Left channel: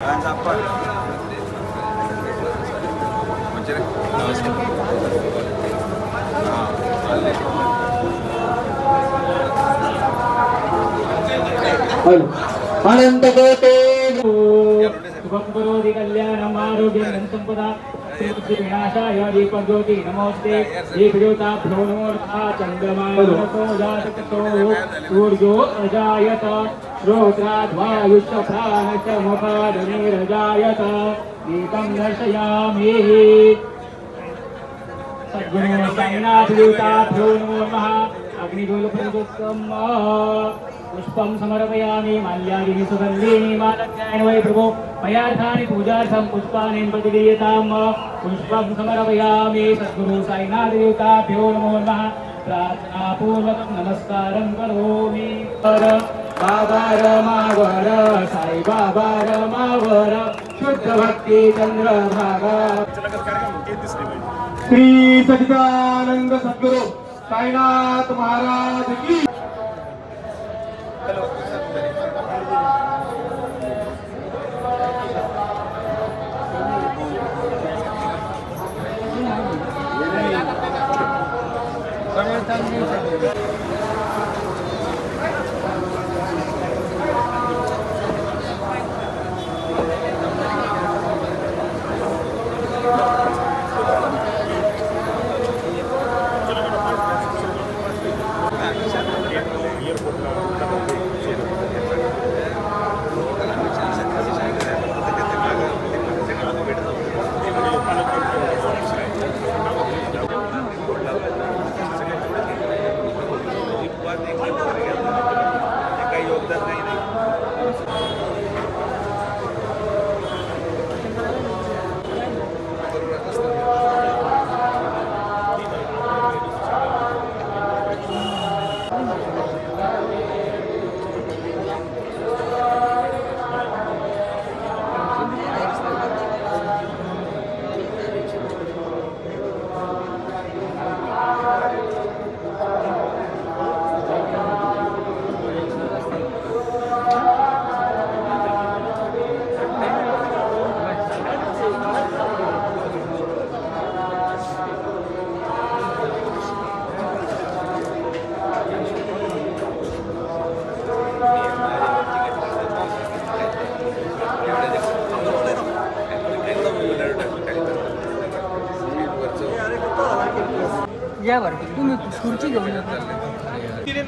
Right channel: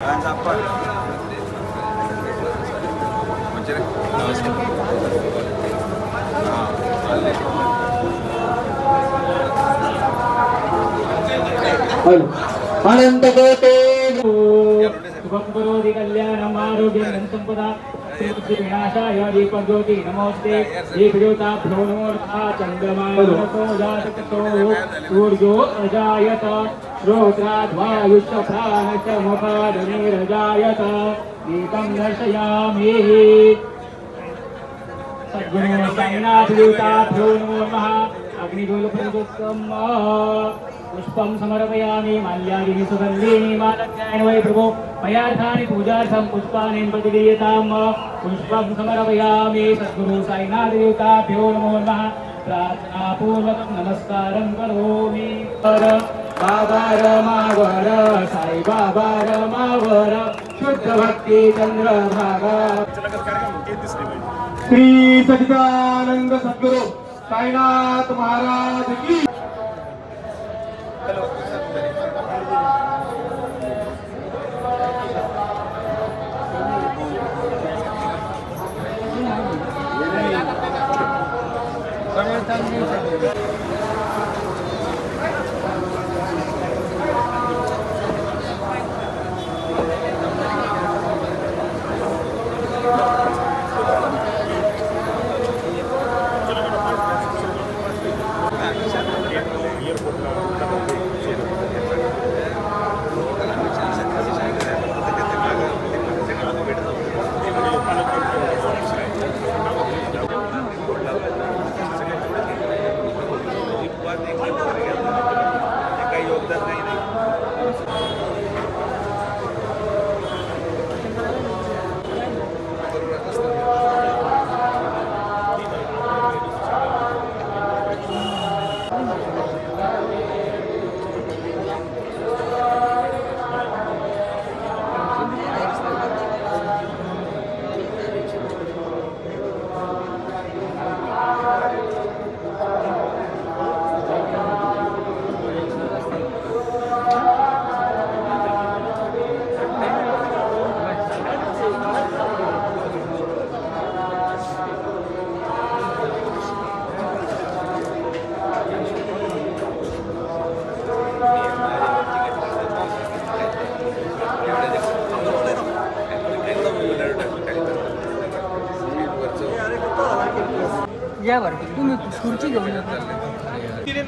अनंत कोटे शुभकरोति कल्याणं आरोग्यं संपदा विनाशाय दीपज्योति नमोस्ते दीपज्योताभ्यो नमो चन्द्रमानसो जातकतो सूर्यो अजायत श्रोत्राद्वायुश्च प्राणश्च मुखादनिरजायत दीपं दर्शयामि सद्गुणो साईनाथदेवताभ्यो नमो नमः अग्निजोलप्रदुत्तम पुष्पं समर्पयामि माल्यादिनि सुगन्धीनि मालज्ञायन वै प्रभो मयार्थानि पूजार्थं पुष्पाणि प्रतिदीयताम् पुष्पं समर्पयामि सद्गुरु साईनाथदेवताभ्यो नमो नमः प्रार्थनापूर्वकं नमस्कारं करोमि बाबा रमावर साई बाबा रमावर शुद्ध भक्ति चंद्रभागा श्री सच्चिदानंद सद्गुरु साईनाथ महाराज की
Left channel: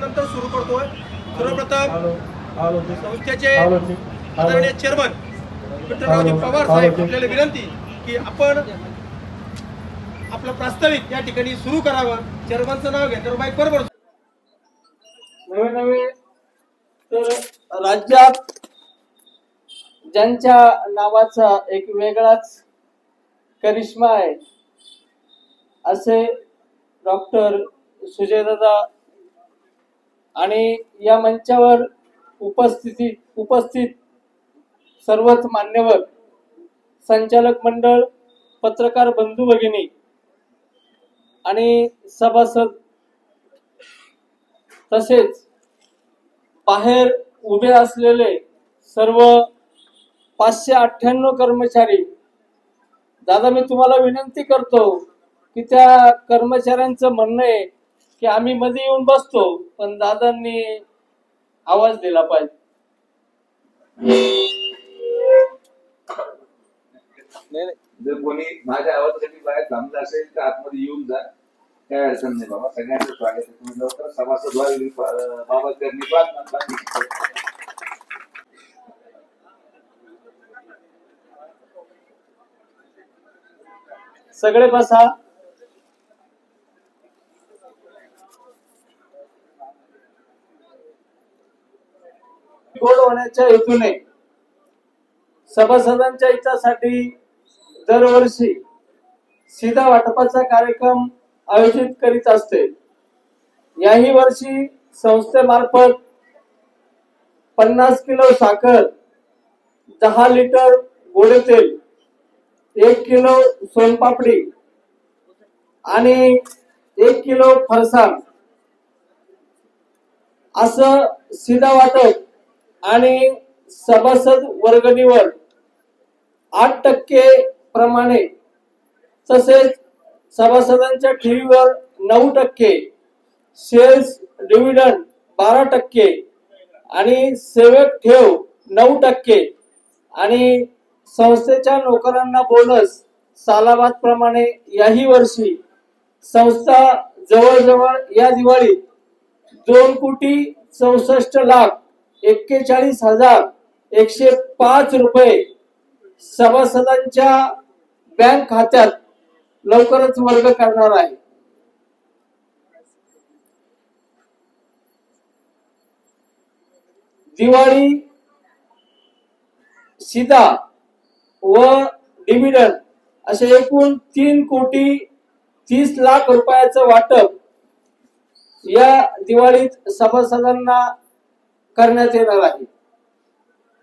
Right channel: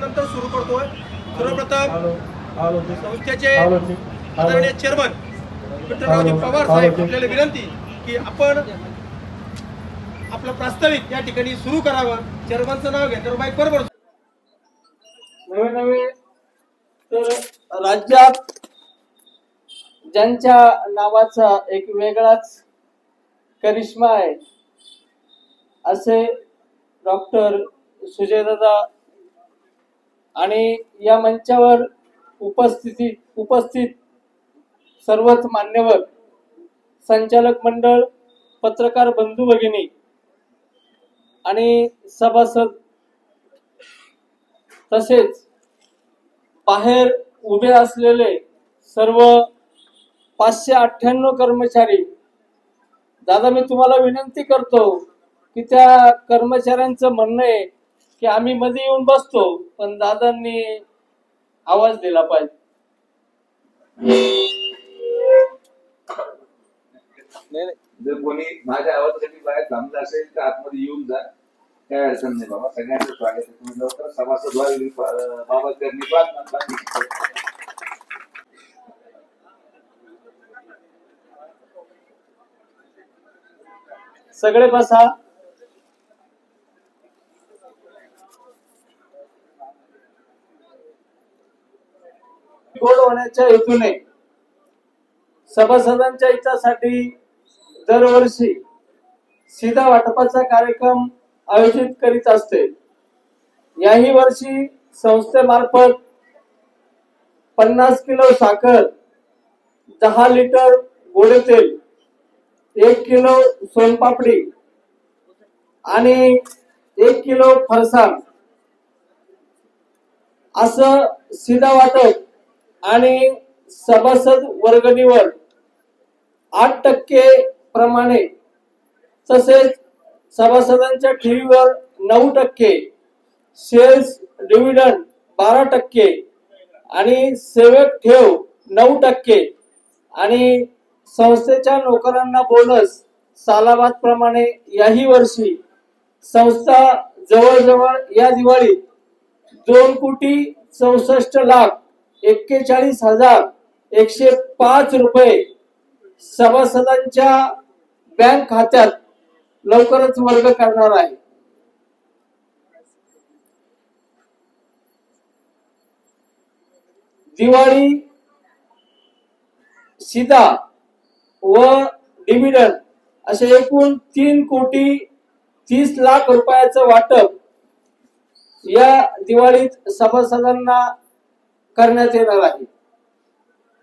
नंतर सुरू करतोय. सर्वप्रथम संस्थेचे आदरणीय चेअरमन विठ्ठलरावजी पवार साहेब आपल्याला विनंती की आपण आपलं प्रास्ताविक या ठिकाणी सुरू करावं. चेअरमनचं नाव घ्या तर माईक बरोबर. नवे तर राज्यात ज्यांच्या नावाचा एक वेगळाच करिश्मा आहे असे डॉक्टर सुजयदादा आणि या मंचावर उपस्थित सर्वच मान्यवर संचालक मंडळ पत्रकार बंधू भगिनी आणि सभासद तसेच बाहेर उभे असलेले सर्व 598 कर्मचारी. दादा मी तुम्हाला विनंती करतो की त्या कर्मचाऱ्यांचं म्हणणं आहे की आम्ही मध्ये येऊन बसतो पण दादांनी आवाज दिला पाहिजे. जर कोणी माझ्या आवाजासाठी बाहेर थांबलं असेल तर आतमध्ये येऊन जा, काय अडचण नाही बाबा. सगळ्यांचं स्वागत आहे. तुम्ही लवकर सभासद व्हावे बाबा करणे प्रार्थना. सगळे बसा. गोड होण्याच्या हेतूने सभासदांच्या हितासाठी दरवर्षी सीधा वाटपाचा कार्यक्रम आयोजित करीत असते. याही वर्षी संस्थेमार्फत 50 किलो साखर, 10 लिटर गोडे तेल, 1 किलो सोनपापडी आणि 1 किलो फरसाण असं सीधा वाटप आणि सभासद वर्गणीवर 8% प्रमाणे, तसेच सभासदांच्या ठेवीवर 9%, सेल्स डिव्हिडंड 12% आणि सेवक ठेव 9% आणि संस्थेच्या नोकरांना बोनस सालाबाद प्रमाणे याही वर्षी संस्था जवळजवळ या दिवाळीत 2,64,41,105 रुपये सभासदांच्या बँक खात्यात लवकरच वर्ग करणार आहे. दिवाळी सीधा व डिव्हिडंड असे एकूण 3,30,00,000 रुपयाचं वाटप या दिवाळीत सभासदांना करण्यात येणार आहे.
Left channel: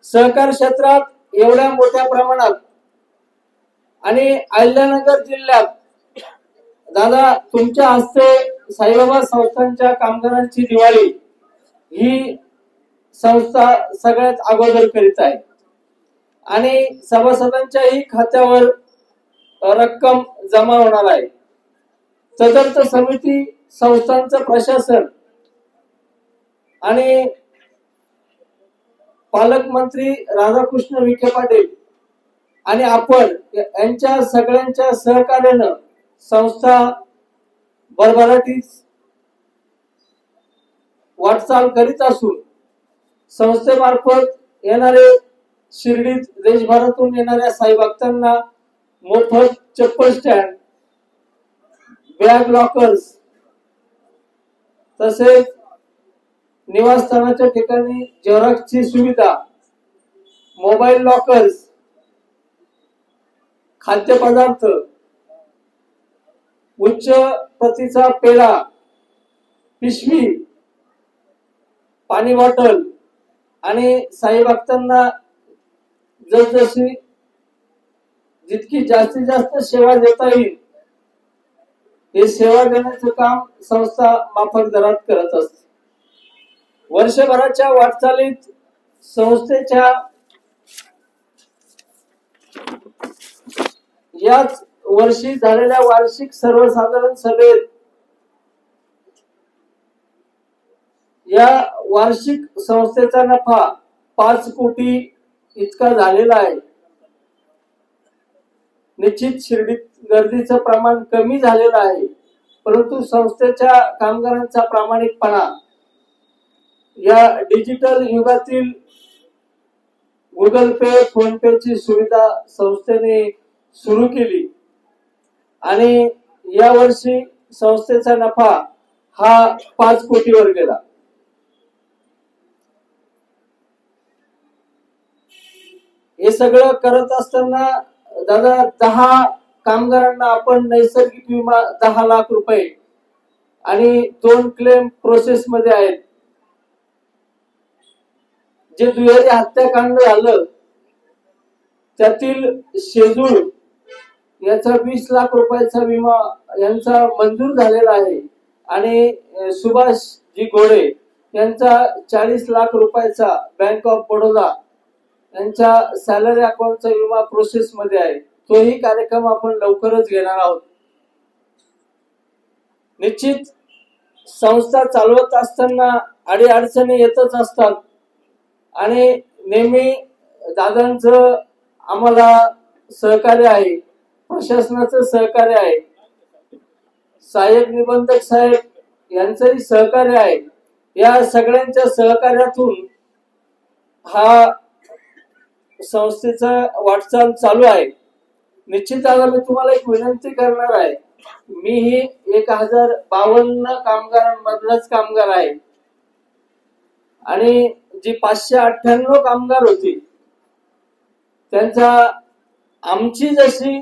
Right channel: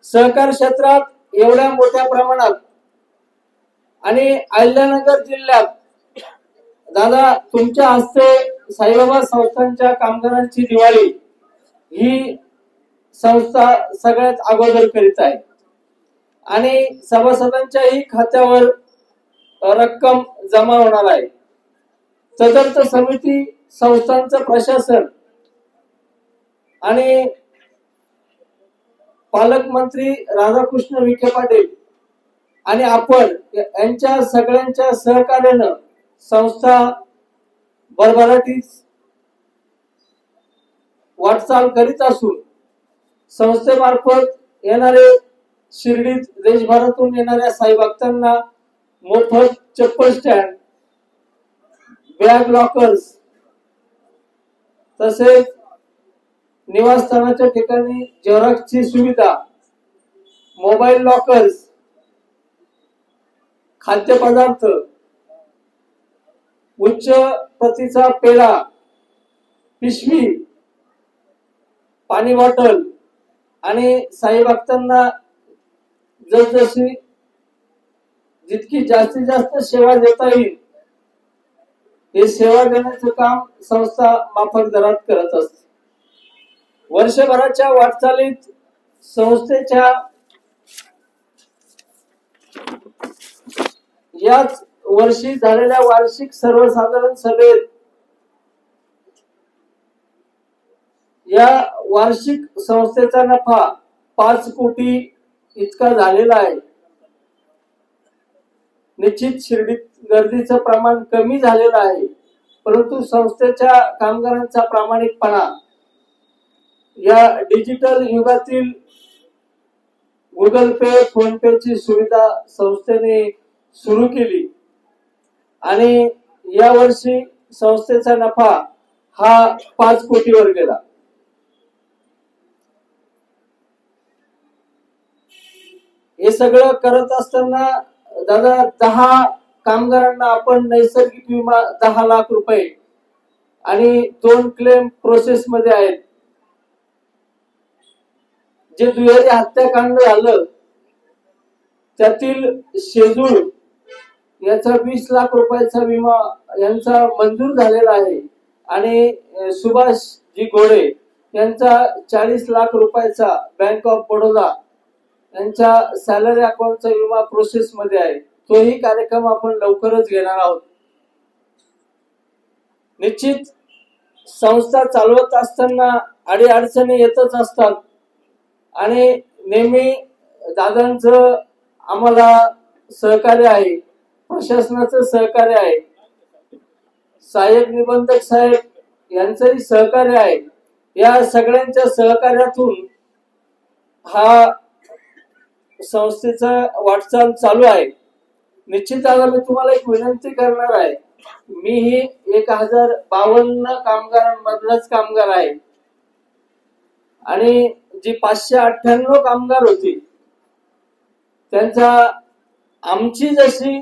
सहकार क्षेत्रात एवढ्या मोठ्या प्रमाणात आणि अहिल्यानगर जिल्ह्यात दादा तुमच्या हस्ते साईबाबा संस्थांच्या कामगारांची दिवाळी ही संस्था सगळ्यात अगोदर करीत आहे आणि सभासदांच्याही खात्यावर रक्कम जमा होणार आहे. तदर्थ समिती, संस्थांचं प्रशासन आणि पालकमंत्री राधाकृष्ण विखे पाटील आणि आपण यांच्या सगळ्यांच्या सहकार्यानं संस्था भरभराटीस वाटचाल करीत असून संस्थेमार्फत येणारे शिर्डीत देशभरातून येणाऱ्या साई भक्तांना मोफत चप्पल स्टँड, बॅग लॉकर्स, तसेच निवासस्थानाच्या ठिकाणी झेरॉक्सची सुविधा, मोबाईल लॉकर्स, खाद्यपदार्थ, उच्च प्रतीचा पेढा, पिशवी, पाणी बॉटल आणि साई भक्तांना जसजशी जितकी जास्तीत जास्त सेवा देता येईल हे सेवा देण्याचं काम संस्था माफक दरात करत असते. वर्षभराच्या वाटचालीत संस्थेच्या याच वर्षी झालेल्या वार्षिक सर्वसाधारण सभेत या वार्षिक संस्थेचा नफा 5 कोटी इतका झालेला आहे. निश्चित शिर्डीत गर्दीचं प्रमाण कमी झालेलं आहे, परंतु संस्थेच्या कामगारांचा प्रामाणिकपणा, या डिजिटल युगातील गुगल पे, फोन पे ची सुविधा संस्थेने सुरू केली आणि या वर्षी संस्थेचा नफा हा 5 कोटीवर गेला. हे सगळं करत असताना दादा 10 कामगारांना आपण नैसर्गिक विमा 10 लाख रुपये आणि 2 क्लेम प्रोसेस मध्ये आहेत. जे दुहेरी हत्याकांड झालं त्यातील शेजूळ याचा 20 लाख रुपयाचा विमा यांचा मंजूर झालेला आहे आणि सुभाष जी घोडे यांचा 40 लाख रुपयाचा बँक ऑफ बडोदा यांच्या सॅलरी अकाउंटचा विमा प्रोसेस मध्ये आहे. तोही कार्यक्रम आपण लवकरच घेणार आहोत. निश्चित संस्था चालवत असताना अडीअडचणी येतच असतात आणि नेहमी दादांचं आम्हाला सहकार्य आहे, प्रशासनाचं सहकार्य आहे, सहाय्यक निबंधक साहेब यांचंही सहकार्य आहे. या सगळ्यांच्या सहकार्यातून हा संस्थेचा वाटचाल चालू आहे. निश्चित आता मी तुम्हाला एक विनंती करणार आहे. मी ही 1052 कामगारांमधलाच कामगार आहे आणि जी 598 कामगार होती त्यांचा आमची जशी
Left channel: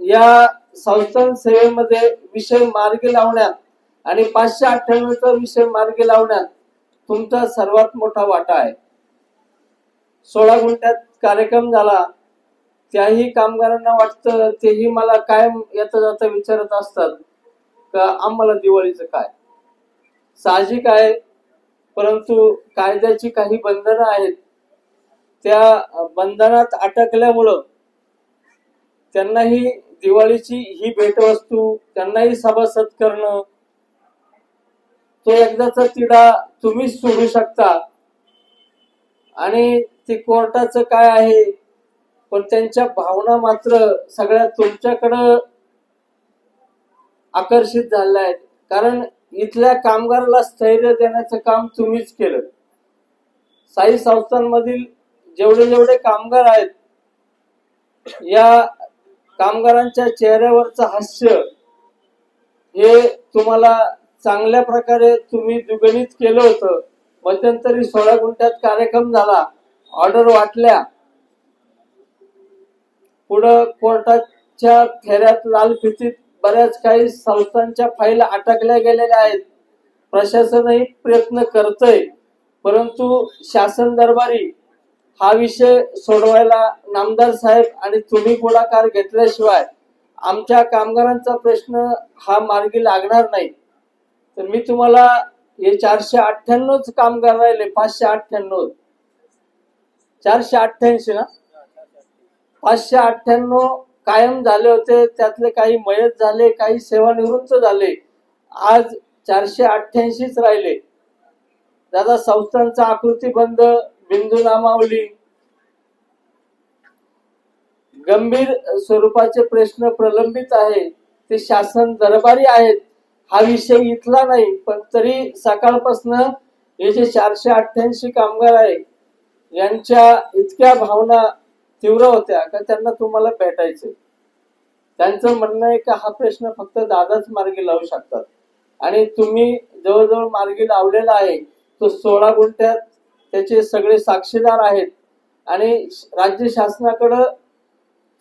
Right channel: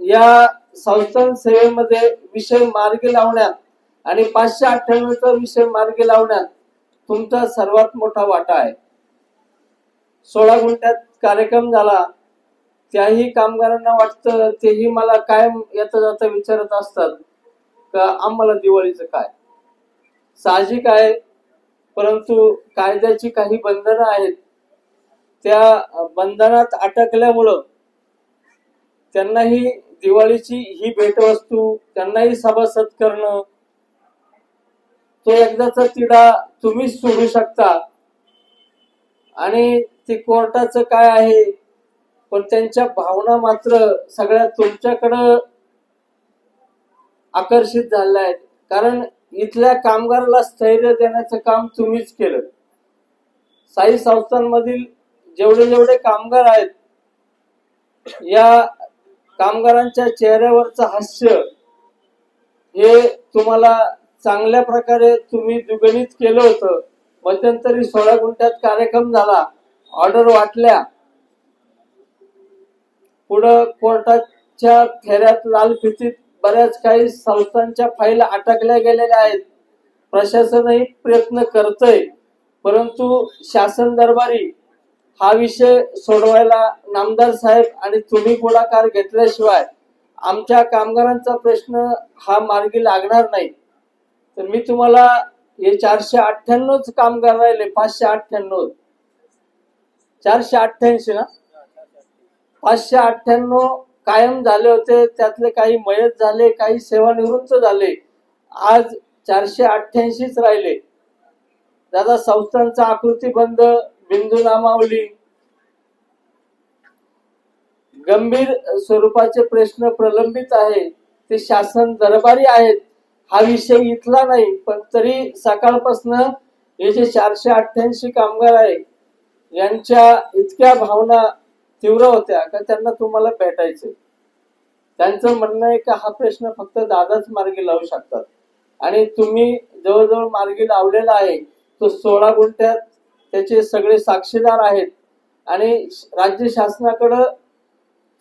या संस्थान सेवेमध्ये विषय मार्गी लावण्यात आणि 598चा विषय मार्गी लावण्यात तुमचा सर्वात मोठा वाटा आहे. 16 गुंठ्यात कार्यक्रम झाला. त्याही कामगारांना वाटतं, तेही मला कायम येता जाता विचारत असतात का आम्हाला दिवाळीचं काय. साहजिक आहे, परंतु कायद्याची काही बंधनं आहेत. त्या बंधनात अटकल्यामुळं त्यांनाही दिवाळीची ही भेटवस्तू, त्यांनाही सभासद करणं, तो एकदाचा तिढा तुम्हीच सोडू शकता. आणि ते कोर्टाचं काय आहे, पण त्यांच्या भावना मात्र सगळ्या तुमच्याकडं आकर्षित झालेल्या आहेत. कारण इथल्या कामगाराला स्थैर्य देण्याचं काम तुम्हीच केलं. साई संस्थांमधील जेवढे जेवढे कामगार आहेत, या कामगारांच्या चेहऱ्यावरचं हास्य हे तुम्हाला चांगल्या प्रकारे तुम्ही दुगणित केलं होतं. मध्यंतरी 16 गुंठ्यात कार्यक्रम झाला, ऑर्डर वाटल्या, पुढं कोर्टाच्या फेऱ्यात लाल फितीत बऱ्याच काही संस्थांच्या फाईल अटकल्या गेलेल्या आहेत. प्रशासनही प्रयत्न करतंय, परंतु शासन दरबारी हा विषय सोडवायला नामदार साहेब आणि तुम्ही पुढाकार घेतल्याशिवाय आमच्या कामगारांचा प्रश्न हा मार्गी लागणार नाही. तर मी तुम्हाला हे 498 कामगार राहिले, 598, 488 ना, 598 कायम झाले होते. त्यातले काही मयत झाले, काही सेवानिवृत्त झाले. आज 488च राहिले. दादा, संस्थांचा आकृतीबंध, बिंदू नामावली, गंभीर स्वरूपाचे प्रश्न प्रलंबित आहे, ते शासन दरबारी आहेत. हा विषय इथला नाही, पण तरी सकाळपासून हे जे 488 कामगार आहे, यांच्या इतक्या भावना तीव्र होत्या का त्यांना तुम्हाला भेटायचे. त्यांचं म्हणणं आहे का हा प्रश्न फक्त दादाच मार्गी लावू शकतात, आणि तुम्ही जवळजवळ मार्गी लावलेला आहे. तो 16 गुंठ्यात त्याचे सगळे साक्षीदार आहेत, आणि राज्य शासनाकडं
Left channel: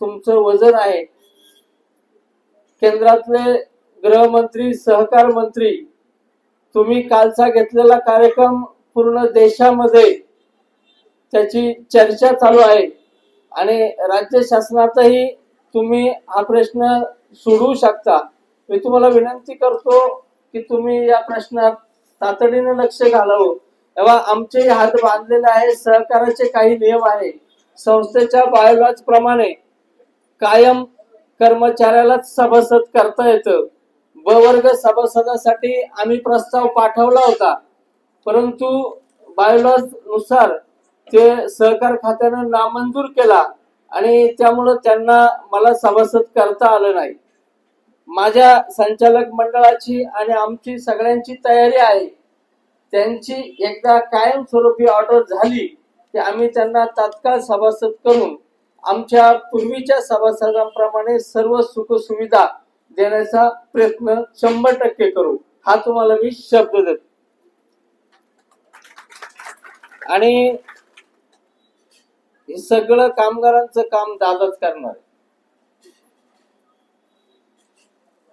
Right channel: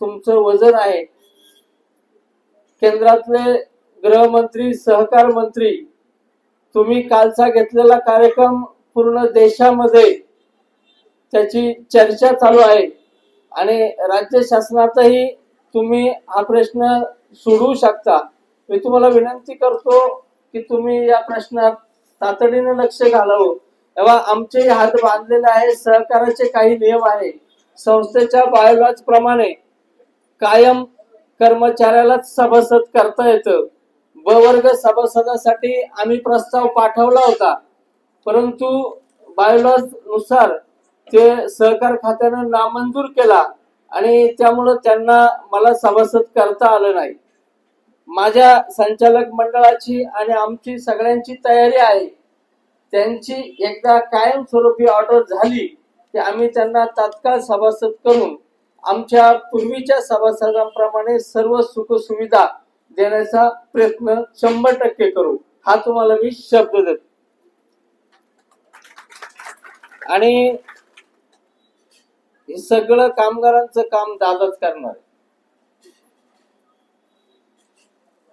तुमचं वजन आहे. केंद्रातले गृहमंत्री, सहकार मंत्री, तुम्ही कालचा घेतलेला कार्यक्रम पूर्ण देशामध्ये त्याची चर्चा चालू आहे, आणि राज्य शासनातही तुम्ही हा प्रश्न सोडवू शकता. मी तुम्हाला विनंती करतो की तुम्ही या प्रश्नात तातडीने लक्ष घालावं. तेव्हा आमचे हात बांधलेले आहे. सहकाराचे काही नियम आहे. संस्थेच्या बायोलॉज प्रमाणे कायम कर्मचाऱ्यालाच सभासद करता येतं. ब वर्ग सभासदासाठी आम्ही प्रस्ताव पाठवला होता, परंतु बायोलॉज नुसार ते सहकार खात्यानं नामंजूर केला, आणि त्यामुळे त्यांना मला सभासद करता आलं नाही. माझ्या संचालक मंडळाची आणि आमची सगळ्यांची तयारी आहे. त्यांची एकदा कायमस्वरूपी ऑर्डर झाली की आम्ही त्यांना तात्काळ सभासद करून आमच्या पूर्वीच्या सभासदांप्रमाणे सर्व सुख सुविधा देण्याचा प्रयत्न 100% करू. हा तुम्हाला मी शब्द देतो. आणि हे सगळं कामगारांचं काम दादाच करणार.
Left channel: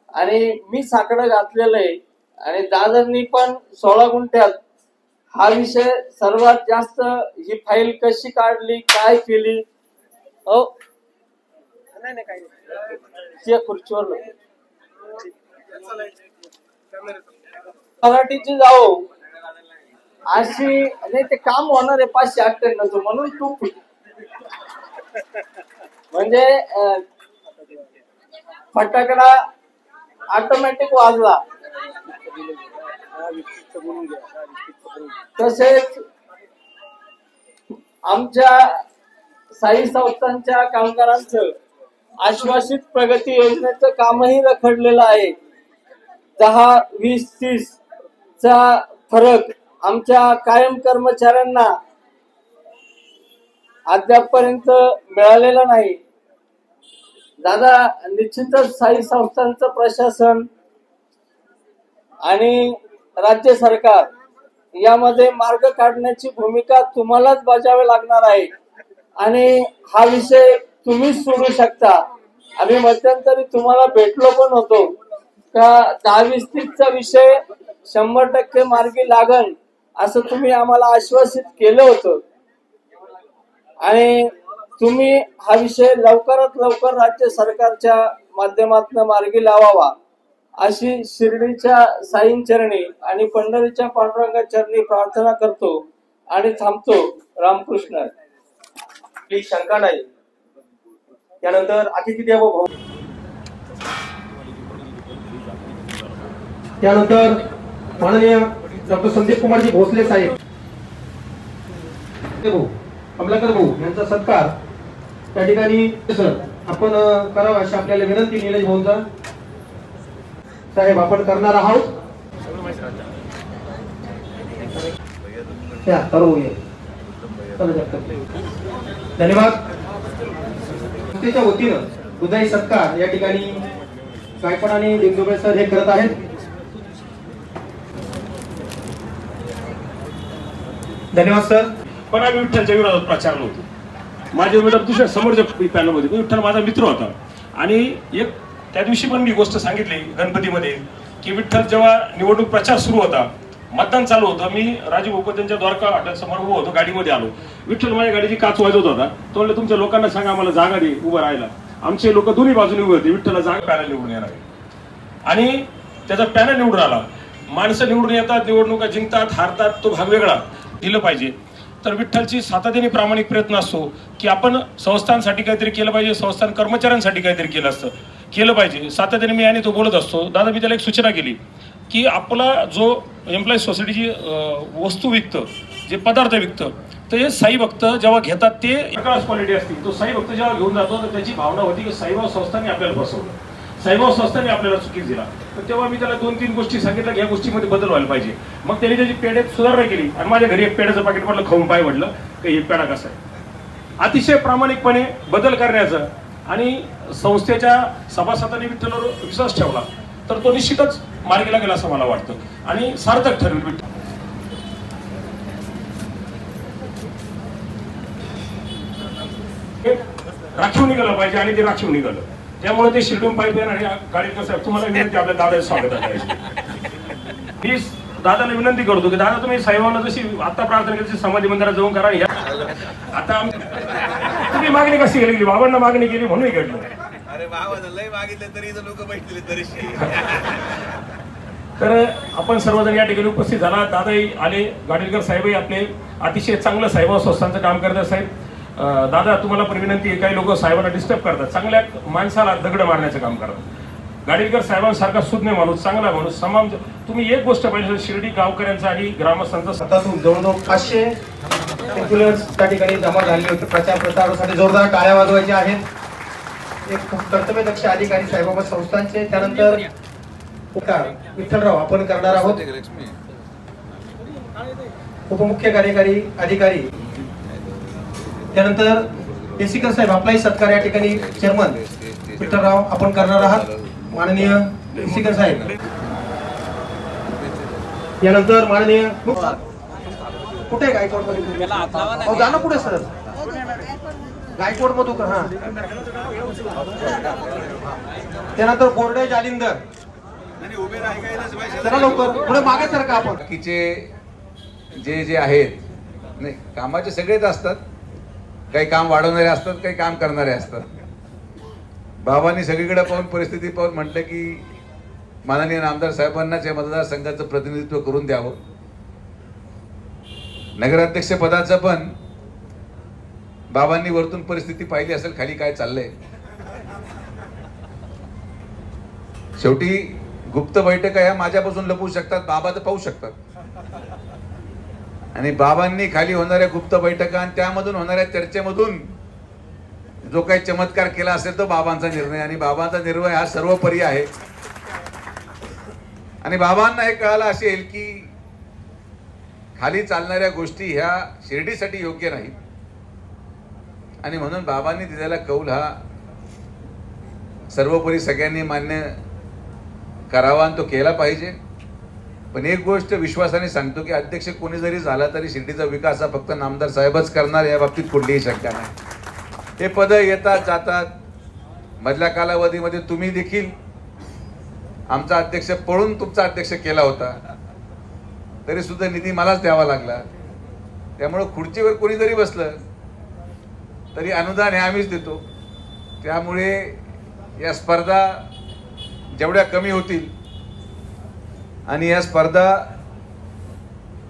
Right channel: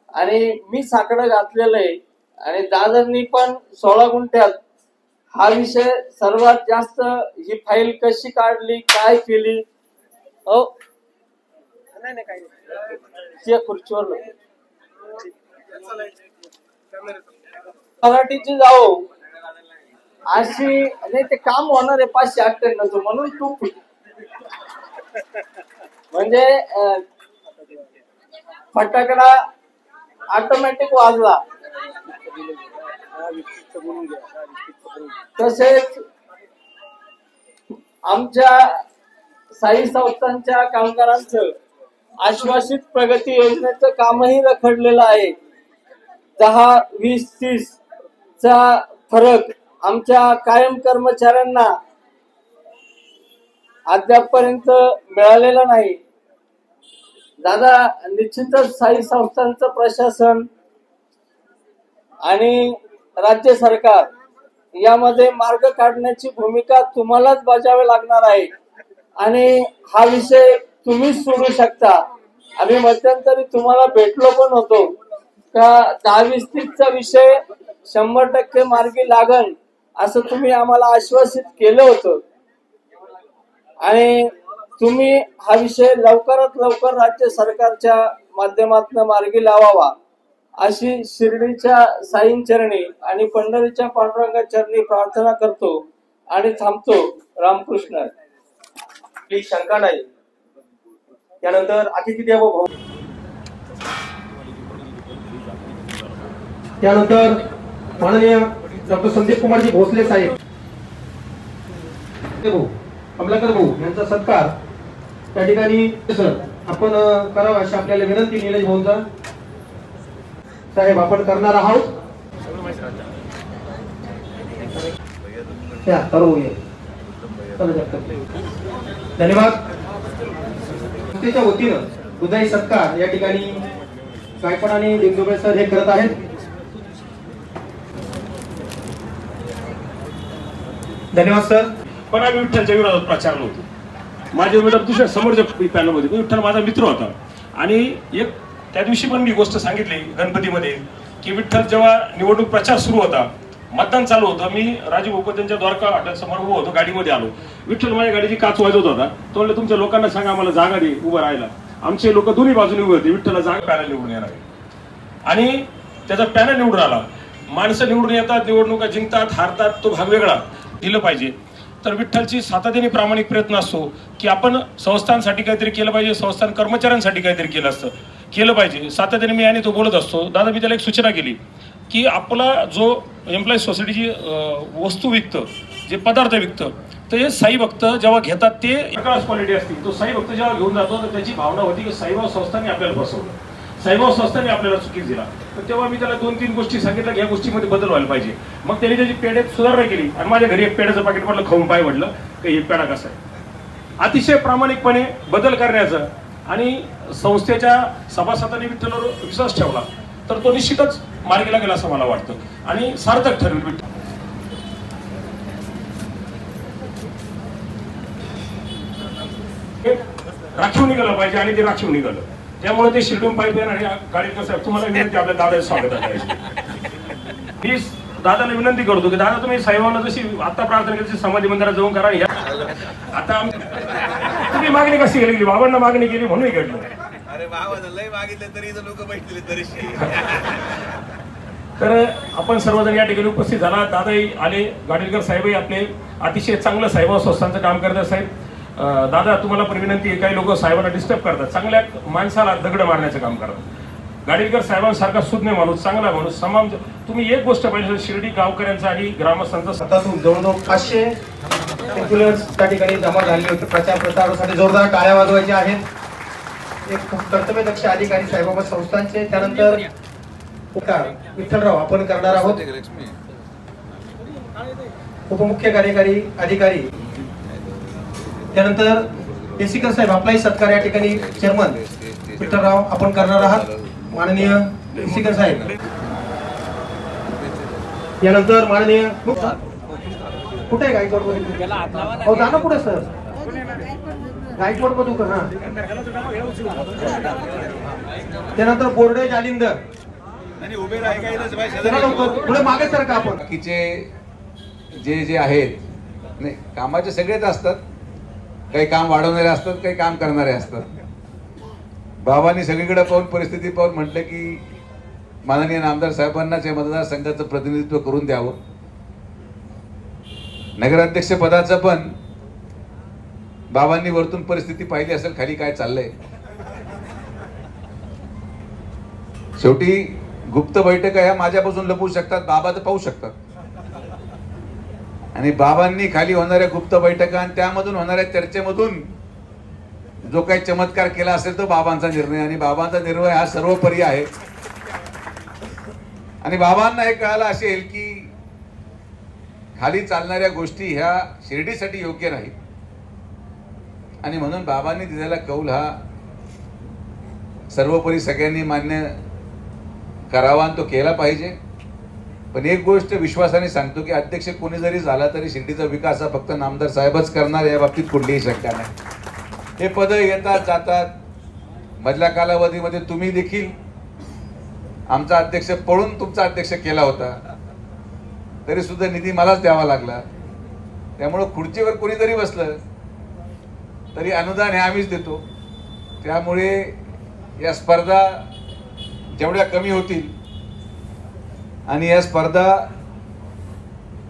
आणि मी साकडं घातलेलं आहे, आणि दादांनी पण 16 गुंठ्यात हा विषय सर्वात जास्त, ही फाईल कशी काढली, काय केली, खुर्चीवर मराठीची जाओ अशी नाही, ते काम होणार आहे 598 म्हणून तू म्हणजे फटाकडा ऑटोमॅटिक वाजला. तसेच आमच्या साई संस्थांच्या कामगारांचं आश्वासित प्रगती योजनेचं कामही रखडलेलं आहे. 10, 20, 30 चा फरक आमच्या कायम कर्मचाऱ्यांना अद्यापपर्यंत मिळालेला नाही. दादा, निश्चितच साई संस्थांचं प्रशासन आणि राज्य सरकार यामध्ये मार्ग काढण्याची भूमिका तुम्हालाच बजावावी लागणार आहे, आणि हा विषय तुम्हीच सोडू शकता. आम्ही मध्यंतरी तुम्हाला भेटलो पण होतो का 10-20-30चा विषय 100% मार्गी लागन असं तुम्ही आम्हाला आश्वासित केलं होतं, आणि तुम्ही हा विषय लवकरात लवकर राज्य सरकारच्या माध्यमातून मार्गी लावावा अशी शिर्डीच्या साईंचरणी आणि पंढरीच्या पांडुरंगा चरणी प्रार्थना करतो आणि थांबतो. रामकृष्ण. ही शंका नाही. त्यानंतर अतिथी देवो भव, त्यानंतर माननीय डॉक्टर संदीप कुमारजी भोसले साहेब भाऊ कमलाकर भाऊ यांचा सत्कार त्या ठिकाणी सर आपण करावा अशी आपल्याला विनंती निलेश भाऊंचा. साहेब आपण करणार आहोत. धन्यवाद. संस्थेच्या वतीनं हृदय सत्कार या ठिकाणी गायकवाड आणि दिंडोबे सर हे करत आहेत. धन्यवाद सर. पण आम्ही विठ्ठलच्या विरोधात प्रचार नव्हतो. माझ्या विरोधात दुसऱ्या समोरच्या पॅनलमध्ये विठ्ठल माझा मित्र होता. आणि एक त्या दिवशी पण मी गोष्ट सांगितली गणपतीमध्ये की विठ्ठल जेव्हा निवडणूक प्रचार सुरू होता, मतदान चालू होतं, मी राजीव उपाध्यायांच्या द्वारका हॉटेल समोर उभं होतो, गाडीमध्ये आलो. विठ्ठल माझ्या गाडीची काच वाजवत होता. तो म्हणलं तुमच्या लोकांना सांगा आम्हाला जागा दे उभं राहायला. आमचे लोक दोन्ही बाजूने उभे होते. विठ्ठलला जागा पॅनल निवडून येणार आहे आणि त्याचा पॅनल निवडून आला. माणसं निवडून येतात, निवडणुका जिंकतात, हारतात, तो भाग वेगळा. दिलं पाहिजे. तर विठ्ठलची सातत्याने प्रामाणिक प्रयत्न असतो की आपण संस्थांसाठी काहीतरी केलं पाहिजे, संस्थान कर्मचाऱ्यांसाठी काहीतरी केलं पाहिजे. सातत्याने मी आणि तो बोलत असतो. दादा मी त्याला एक सूचना केली की आपला जो एम्प्लॉई सोसायटीची वस्तू विकतं, जे पदार्थ विकतं, ते साई भक्त जेव्हा घेतात ते एकाच क्वालिटी असते. तो साई भक्त जेव्हा घेऊन जातो तर त्याची भावना होती की साईबाबा संस्थांनी आपल्याला फसवलं, साईबाबा संस्थांनी आपल्याला चुकीच दिला. तर तेव्हा मी त्याला 2-3 गोष्टी सांगितल्या की या गोष्टीमध्ये बदल व्हायला पाहिजे. मग त्याने त्याची पेढ्यात सुधारणा केली आणि माझ्या घरी एक पेढ्याचं पाकिट पडलं, खाऊन पाय म्हटलं की हे पेढा कसा आहे. अतिशय प्रामाणिकपणे बदल करण्याचं आणि संस्थेच्या सभासदांनी विठ्ठलवर विश्वास ठेवला तर तो निश्चितच मार्गीला गेला असं मला वाटतं आणि सार्थक ठरेल. विठ्ठल राखीव निघालं पाहिजे आणि ते राखीव निघालं. त्यामुळे ते शिल्डून पाईप आणि गाडीकर साहेब तुम्हाला विनंती, आपल्या दादाचं स्वागत आहे. मी दादाला विनंती करतो की दादा तुम्ही साहेबांना जशी आता प्रार्थना केली समाधी मंदिरात जाऊन करा. आता तुम्ही मागणी कशी केली? बाबांना मागणी केली म्हणून घडलं. अरे बाबा लय मागितलं तरी लोक बैठले तरीशी. तर आपण सर्वजण या ठिकाणी उपस्थित झाला. दादाही आले, गाडीलकर साहेबही आपले अतिशय चांगलं साहेब संस्थांचं काम करतात. साहेब दादा तुम्हाला पण विनंती आहे, काही लोक साहेबांना डिस्टर्ब करतात, चांगल्या माणसाला दगड मारण्याचं काम करतात. गाडीलकर साहेबांसारखा सुज्ञ माणूस, चांगला माणूस, समाज. तुम्ही एक गोष्ट पाहिजे, शिर्डी गावकऱ्यांचा आणि ग्रामस्थांचा स्वतःतून जवळजवळ 500 इन्फ्लुएन्स त्या ठिकाणी जमा झाले होते. प्रचार प्रसारासाठी जोरदार टाळ्या वाजवायच्या आहेत. एक कर्तव्यदक्ष अधिकारी साईबाबा संस्थांचे. त्यानंतर विठ्ठलराव आपण करणार आहोत. उपमुख्य कार्यकारी अधिकारी, त्यानंतर एसीकर साहेब आपलाही सत्कार या ठिकाणी चेअरमन विठ्ठलराव आपण करणार आहात. माननीय एसीकर साहेब. यानंतर माननीय कुठे गायकवाड हो जाणं कुठे सर गायकवाड मधून हा. त्यानंतर बोर्डे जालिंदर उभे पुढे मागे सर का आपण बाकीचे जे आहेत नाही कामाचे सगळेच असतात. काही काम वाढवणारे असतात, काही काम करणारे असतात. बाबांनी सगळीकडे पाहून परिस्थिती पाहून म्हटलं की माननीय आमदार साहेबांनाच या मतदारसंघाचं प्रतिनिधित्व करून द्यावं. नगराध्यक्ष पदाचं पण बाबांनी वरतून परिस्थिती पाहिली असेल खाली काय चाललंय. शेवटी गुप्त बैठका ह्या माझ्यापासून लपवू शकतात, बाबा तर पाहू शकतात. आणि बाबांनी खाली होणाऱ्या गुप्त बैठका आणि त्यामधून होणाऱ्या चर्चेमधून जो काही चमत्कार केला असेल तो बाबांचा निर्णय. आणि बाबांचा निर्णय हा सर्वोपरी आहे. आणि बाबांना हे कळालं असेल की खाली चालणाऱ्या गोष्टी ह्या शिर्डीसाठी योग्य नाही. आणि म्हणून बाबांनी दिलेला कौल हा सर्वोपरी सगळ्यांनी मान्य करावा आणि तो केला पाहिजे. पण एक गोष्ट विश्वासाने सांगतो की अध्यक्ष कोणी जरी झाला तरी शिर्डीचा विकास हा फक्त नामदार साहेबच करणार, या बाबतीत कुठलीही शंका नाही. हे पद येतात जातात. मधल्या कालावधीमध्ये तुम्ही देखील आमचा अध्यक्ष पळून तुमचा अध्यक्ष केला होता, तरी सुद्धा निधी मलाच द्यावा लागला. त्यामुळं खुर्चीवर कोणी जरी बसलं तरी अनुदान हे आम्हीच देतो. त्यामुळे या स्पर्धा जेवढ्या कमी होतील आणि या स्पर्धा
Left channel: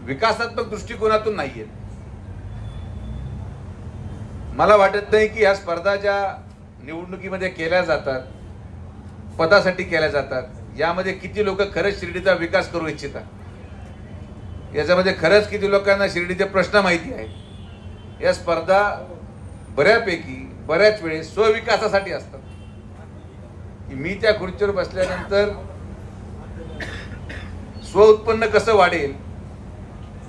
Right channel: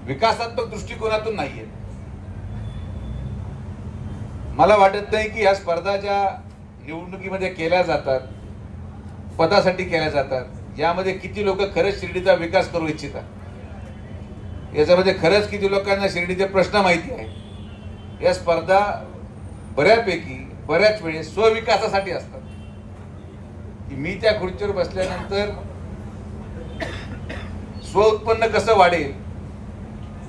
विकासात्मक दृष्टिकोनातून नाहीये. मला वाटत नाही की या स्पर्धा ज्या निवडणुकीमध्ये केल्या जातात, पदासाठी केल्या जातात, यामध्ये किती लोक खरंच शिर्डीचा विकास करू इच्छितात, याच्यामध्ये खरंच किती लोकांना शिर्डीचे प्रश्न माहिती आहे, या स्पर्धा बऱ्याच वेळेस स्वविकासासाठी असतात. मी त्या खुर्चीवर बसल्यानंतर स्व उत्पन्न कसं वाढेल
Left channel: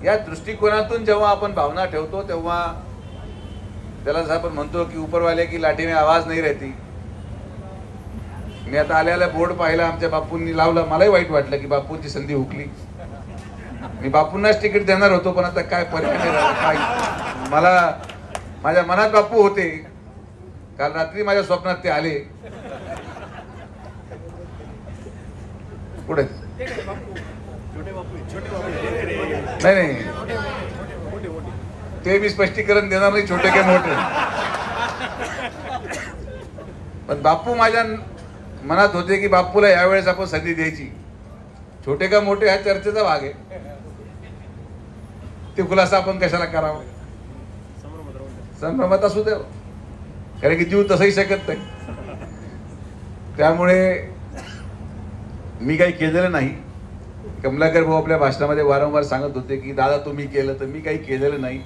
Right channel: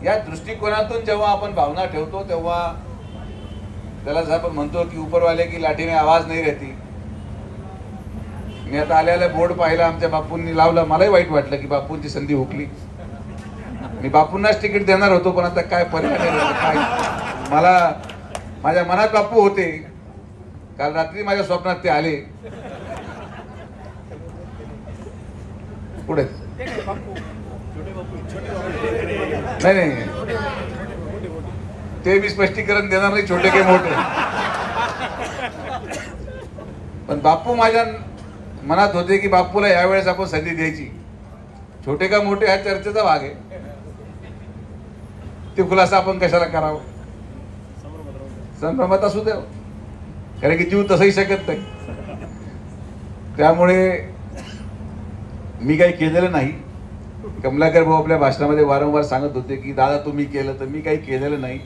या दृष्टिकोनातून जेव्हा आपण भावना ठेवतो तेव्हा त्याला जर आपण म्हणतो की ऊपरवाले की लाठी में आवाज नहीं रहती. मी आता आल्याला बोर्ड पाहिला, आमच्या बापूंनी लावला, मलाही वाईट वाटलं की बापूंची संधी हुकली. मी बापूंनाच तिकीट देणार होतो, पण आता काय फरक मला माझ्या मनात बापू होते. काल रात्री माझ्या स्वप्नात ते आले. पुढे नाही ते मी स्पष्टीकरण देणार नाही, छोटे काय मोठे. पण बापू माझ्या मनात होते की बापूला यावेळेस आपण संधी द्यायची. छोटे का मोठे हा चर्चेचा भाग आहे, ते खुलासा आपण कशाला करावं. संभ्रमात असू द्या, कारण की जीव तसंही शकत नाही. त्यामुळे मी काही केलेलं नाही. कमलाकर भाऊ आपल्या भाषणामध्ये वारंवार सांगत होते की दादा तुम्ही केलं, तर मी काही केलेलं नाही.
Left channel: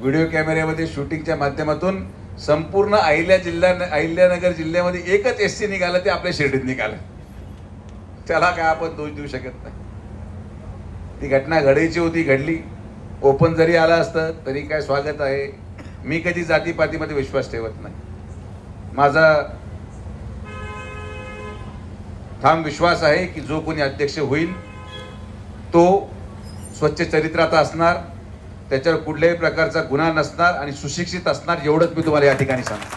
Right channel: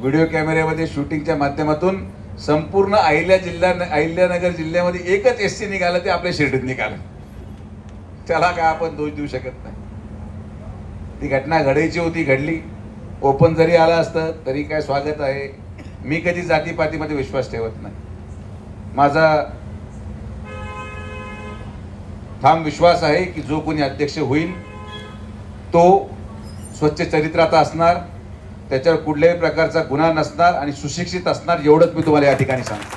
व्हिडिओ कॅमेऱ्यामध्ये शूटिंगच्या माध्यमातून संपूर्ण अहिल्यानगर जिल्ह्यामध्ये एकच SC निघालं, ते आपल्या शिर्डीत निघालं. त्याला काय आपण दोष देऊ शकत नाही. ती घटना घडायची होती, घडली. ओपन जरी आला असतं तरी काय स्वागत आहे. मी कधी जातीपातीमध्ये विश्वास ठेवत नाही. माझा ठाम विश्वास आहे की जो कोणी अध्यक्ष होईल तो स्वच्छ चरित्राचा असणार, त्याच्यावर कुठल्याही प्रकारचा गुन्हा नसणार आणि सुशिक्षित असणार, एवढंच मी तुम्हाला या ठिकाणी सांगतो.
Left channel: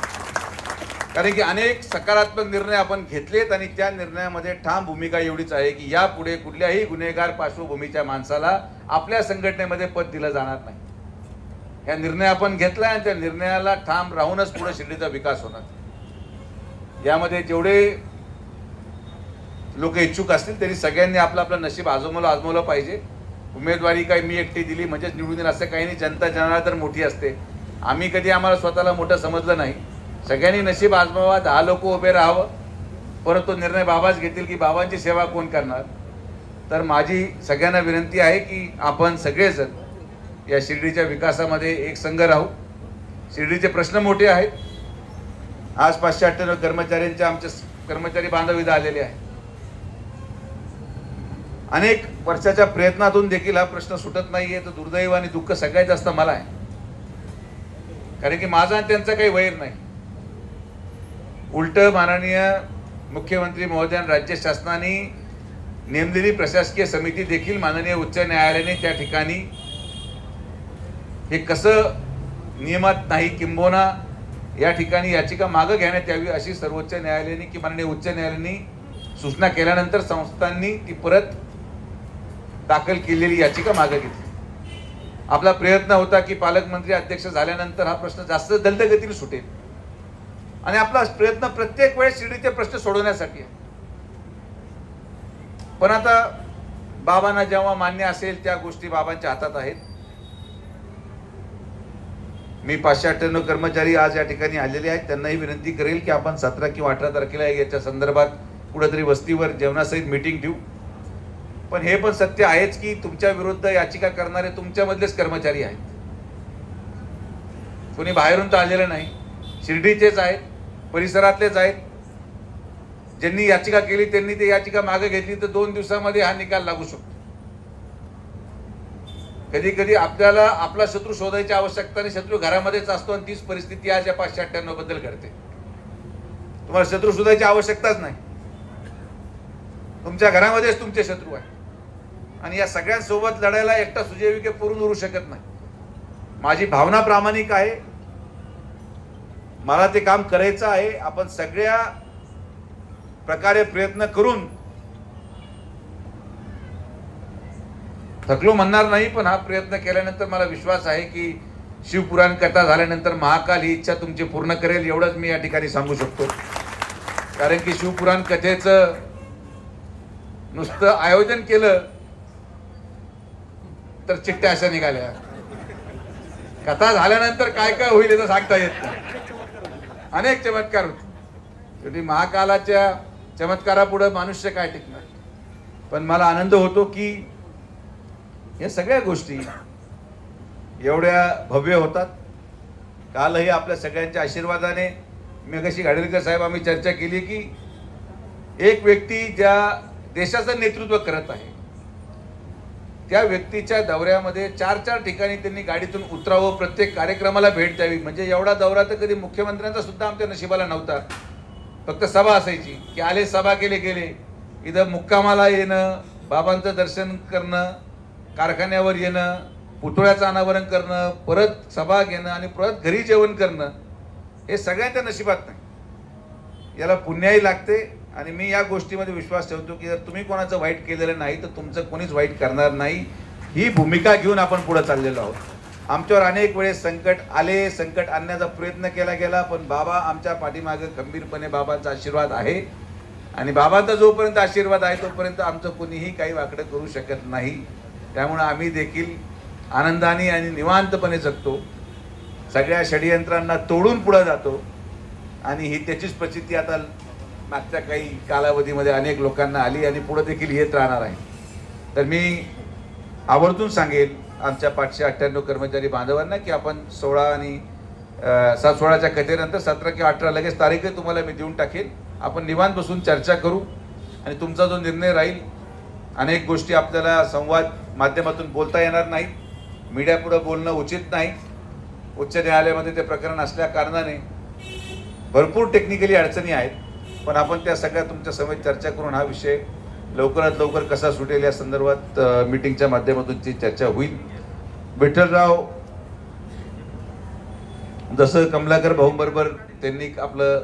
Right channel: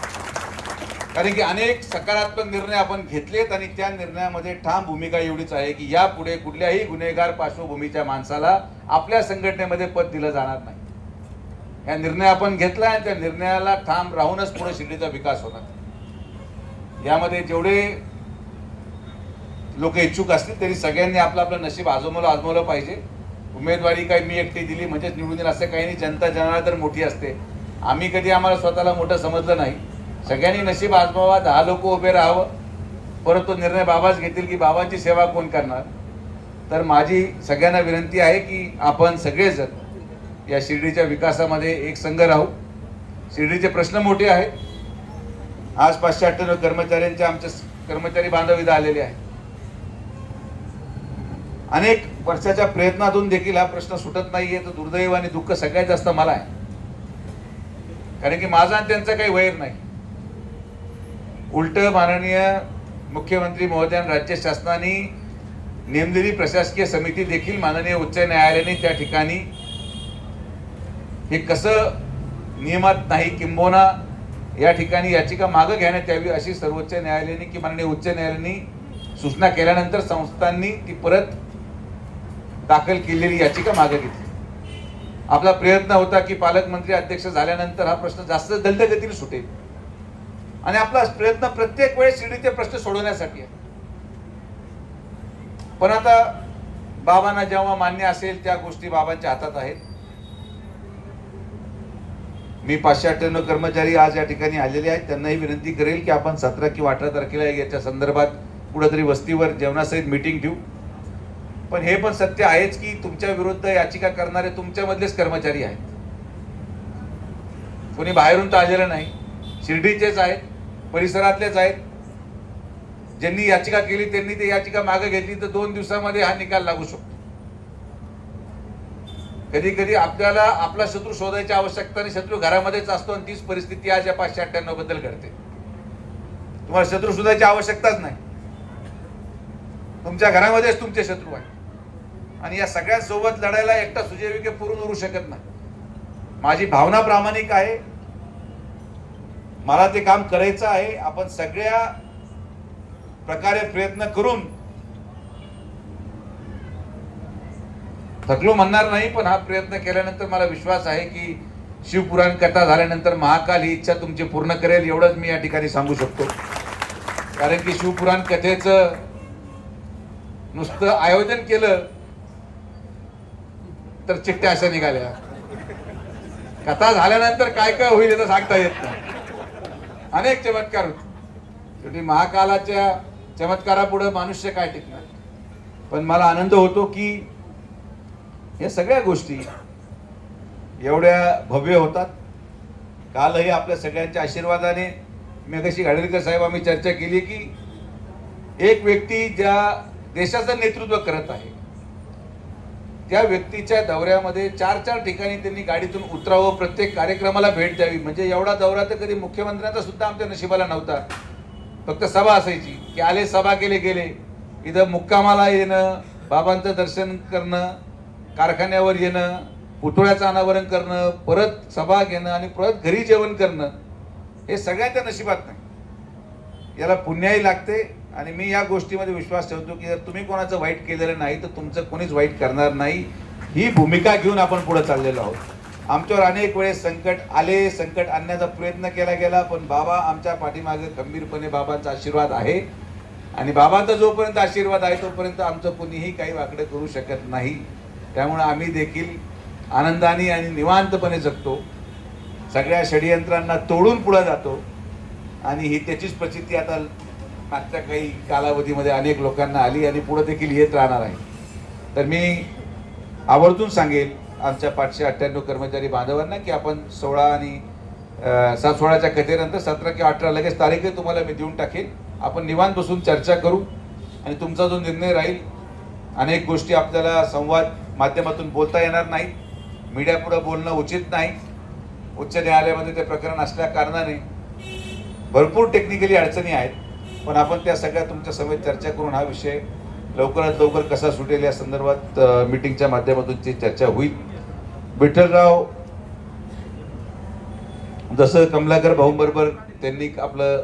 कारण की अनेक सकारात्मक निर्णय आपण घेतलेत आणि त्या निर्णयामध्ये ठाम भूमिका एवढीच आहे की यापुढे कुठल्याही गुन्हेगार पार्श्वभूमीच्या माणसाला आपल्या संघटनेमध्ये पद दिलं जाणार नाही. या निर्णय आपण घेतला आणि त्या निर्णयाला ठाम राहूनच पुढे शिर्डीचा विकास होणार. यामध्ये जेवढे लोक इच्छुक असतील तरी सगळ्यांनी आपलं आपलं नशीब आजमावलं पाहिजे. उमेदवारी काही मी एकटी दिली म्हणजेच निवडून येईल असं काही नाही. जनता जनार्दन मोठी असते. आम्ही कधी आम्हाला स्वतःला मोठं समजलं नाही. सगळ्यांनी नशीब आजमावा, 10 लोक उभे राहावं, परंतु निर्णय बाबाच घेतील की बाबांची सेवा कोण करणार. तर माझी सगळ्यांना विनंती आहे की आपण सगळेजण या शिर्डीच्या विकासामध्ये एक संघ राहू. शिर्डीचे प्रश्न मोठे आहेत. आज 598 कर्मचाऱ्यांचे आमचे कर्मचारी बांधव इथं आलेले आहेत. अनेक वर्षाच्या प्रयत्नातून देखील हा प्रश्न सुटत नाहीये. तर दुर्दैव आणि दुःख सगळ्यात जास्त मला आहे, कारण की माझा आणि त्यांचा काही वैर नाही. उलट माननीय मुख्यमंत्री महोदय राज्य शासनाने नेमलेली प्रशासकीय समिती देखील माननीय उच्च न्यायालयाने त्या ठिकाणी हे कसं नियमात नाही, किंबहुना या ठिकाणी याचिका मागे घेण्यात यावी अशी सर्वोच्च न्यायालयाने की माननीय उच्च न्यायालयाने सूचना केल्यानंतर संस्थांनी ती परत दाखल केलेली याचिका मागे घेतली. आपला प्रयत्न होता की पालकमंत्री अध्यक्ष झाल्यानंतर हा प्रश्न जास्त जलदगतीने सुटेल आणि आपला प्रयत्न प्रत्येक वेळेस शिर्डीचे प्रश्न सोडवण्यासाठी आहे. पण आता बाबांना जेव्हा मान्य असेल त्या गोष्टी बाबांच्या हातात आहेत. मी 598 कर्मचारी आज या ठिकाणी आलेले आहेत. त्यांनाही विनंती करेल की आपण 17 किंवा 18 तारखेला याच्या संदर्भात कुठेतरी वस्तीवर जेवणासहित मीटिंग ठेवू. पण हे पण सत्य आहेच की तुमच्या विरुद्ध याचिका करणारे तुमच्यामधलेच कर्मचारी आहेत. कोणी बाहेरून तर आलेलं नाही, शिर्डीचेच आहेत, परिसरातलेच आहेत. ज्यांनी याचिका केली त्यांनी ती याचिका मागे घेतली तर 2 दिवसामध्ये हा निकाल लागू शकतो. कधी कधी आपल्याला आपला शत्रू शोधायची आवश्यकता नाही, शत्रू घरामध्येच असतो आणि तीच परिस्थिती आज या 598 बद्दल घडते. तुम्हाला शत्रू शोधायची आवश्यकताच नाही, तुमच्या घरामध्येच तुमचे शत्रू आहे आणि या सगळ्यांसोबत लढायला एकटा सुजय विखे पुरून उरू शकत नाही. माझी भावना प्रामाणिक आहे, मला ते काम करायचं आहे. आपण सगळ्या प्रकारे प्रयत्न करून थकलो म्हणणार नाही, पण हा प्रयत्न केल्यानंतर मला विश्वास आहे की शिवपुराण कथा झाल्यानंतर महाकाल ही इच्छा तुमची पूर्ण करेल, एवढंच मी या ठिकाणी सांगू शकतो. कारण की शिवपुराण कथेचं नुसतं आयोजन केलं तर चिठ्ठ्या अशा निघाल्या. कथा झाल्यानंतर काय काय होईल याचं सांगता येत नाही. अनेक चमत्कार होते. शेवटी महाकालाच्या चमत्कारापुढे मनुष्य काय टिकणार. पण मला आनंद होतो की या सगळ्या गोष्टी एवढ्या भव्य होतात. कालही आपल्या सगळ्यांच्या आशीर्वादाने मी कशी घाडीलकर साहेब आम्ही चर्चा केली की एक व्यक्ती ज्या देशाचं नेतृत्व करत आहे त्या व्यक्तीच्या दौऱ्यामध्ये 4-4 ठिकाणी त्यांनी गाडीतून उतरावं, प्रत्येक कार्यक्रमाला भेट द्यावी. म्हणजे एवढा दौरा तर कधी मुख्यमंत्र्यांचा सुद्धा आमच्या नशिबाला नव्हता. फक्त सभा असायची की आले, सभा केले गेले. इथं मुक्कामाला येणं, बाबांचं दर्शन करणं, कारखान्यावर येणं, पुतळ्याचं अनावरण करणं, परत सभा घेणं आणि परत घरी जेवण करणं हे सगळ्यांच्या नशिबात नाही. याला पुण्याही लागते. आणि मी या गोष्टीमध्ये विश्वास ठेवतो की जर तुम्ही कोणाचं वाईट केलेलं नाही तर तुमचं कोणीच वाईट करणार नाही. ही भूमिका घेऊन आपण पुढे चाललेलो आहोत. आमच्यावर अनेक वेळेस संकट आले, संकट आणण्याचा प्रयत्न केला गेला, पण बाबा आमच्या पाठीमागे खंबीरपणे बाबांचा आशीर्वाद आहे. आणि बाबांचा जोपर्यंत आशीर्वाद आहे तोपर्यंत आमचं कुणीही काही वाकडं करू शकत नाही. त्यामुळे आम्ही देखील आनंदाने आणि निवांतपणे जगतो, सगळ्या षडयंत्रांना तोडून पुढे जातो. आणि ही त्याचीच प्रचिती आता मागच्या काही कालावधीमध्ये अनेक लोकांना आली आणि पुढे देखील येत राहणार आहे. तर मी आवर्जून सांगेल आमच्या 598 कर्मचारी बांधवांना की आपण 16 आणि 16च्या कथेनंतर 17 किंवा 18 लगेच तारीखही तुम्हाला मी देऊन टाकेन. आपण निवांत बसून चर्चा करू आणि तुमचा जो निर्णय राहील. अनेक गोष्टी आपल्याला संवाद माध्यमातून बोलता येणार नाही, मीडिया पुढे बोलणं उचित नाही. उच्च न्यायालयामध्ये ते प्रकरण असल्या कारणाने भरपूर टेक्निकली अडचणी आहेत. पण आपण त्या सगळ्या तुमच्या समेत चर्चा करून हा विषय लवकरात लवकर कसा सुटेल या संदर्भात मीटिंगच्या माध्यमातून ती चर्चा होईल. विठ्ठलराव जसं कमलाकर भाऊंबरोबर त्यांनी आपलं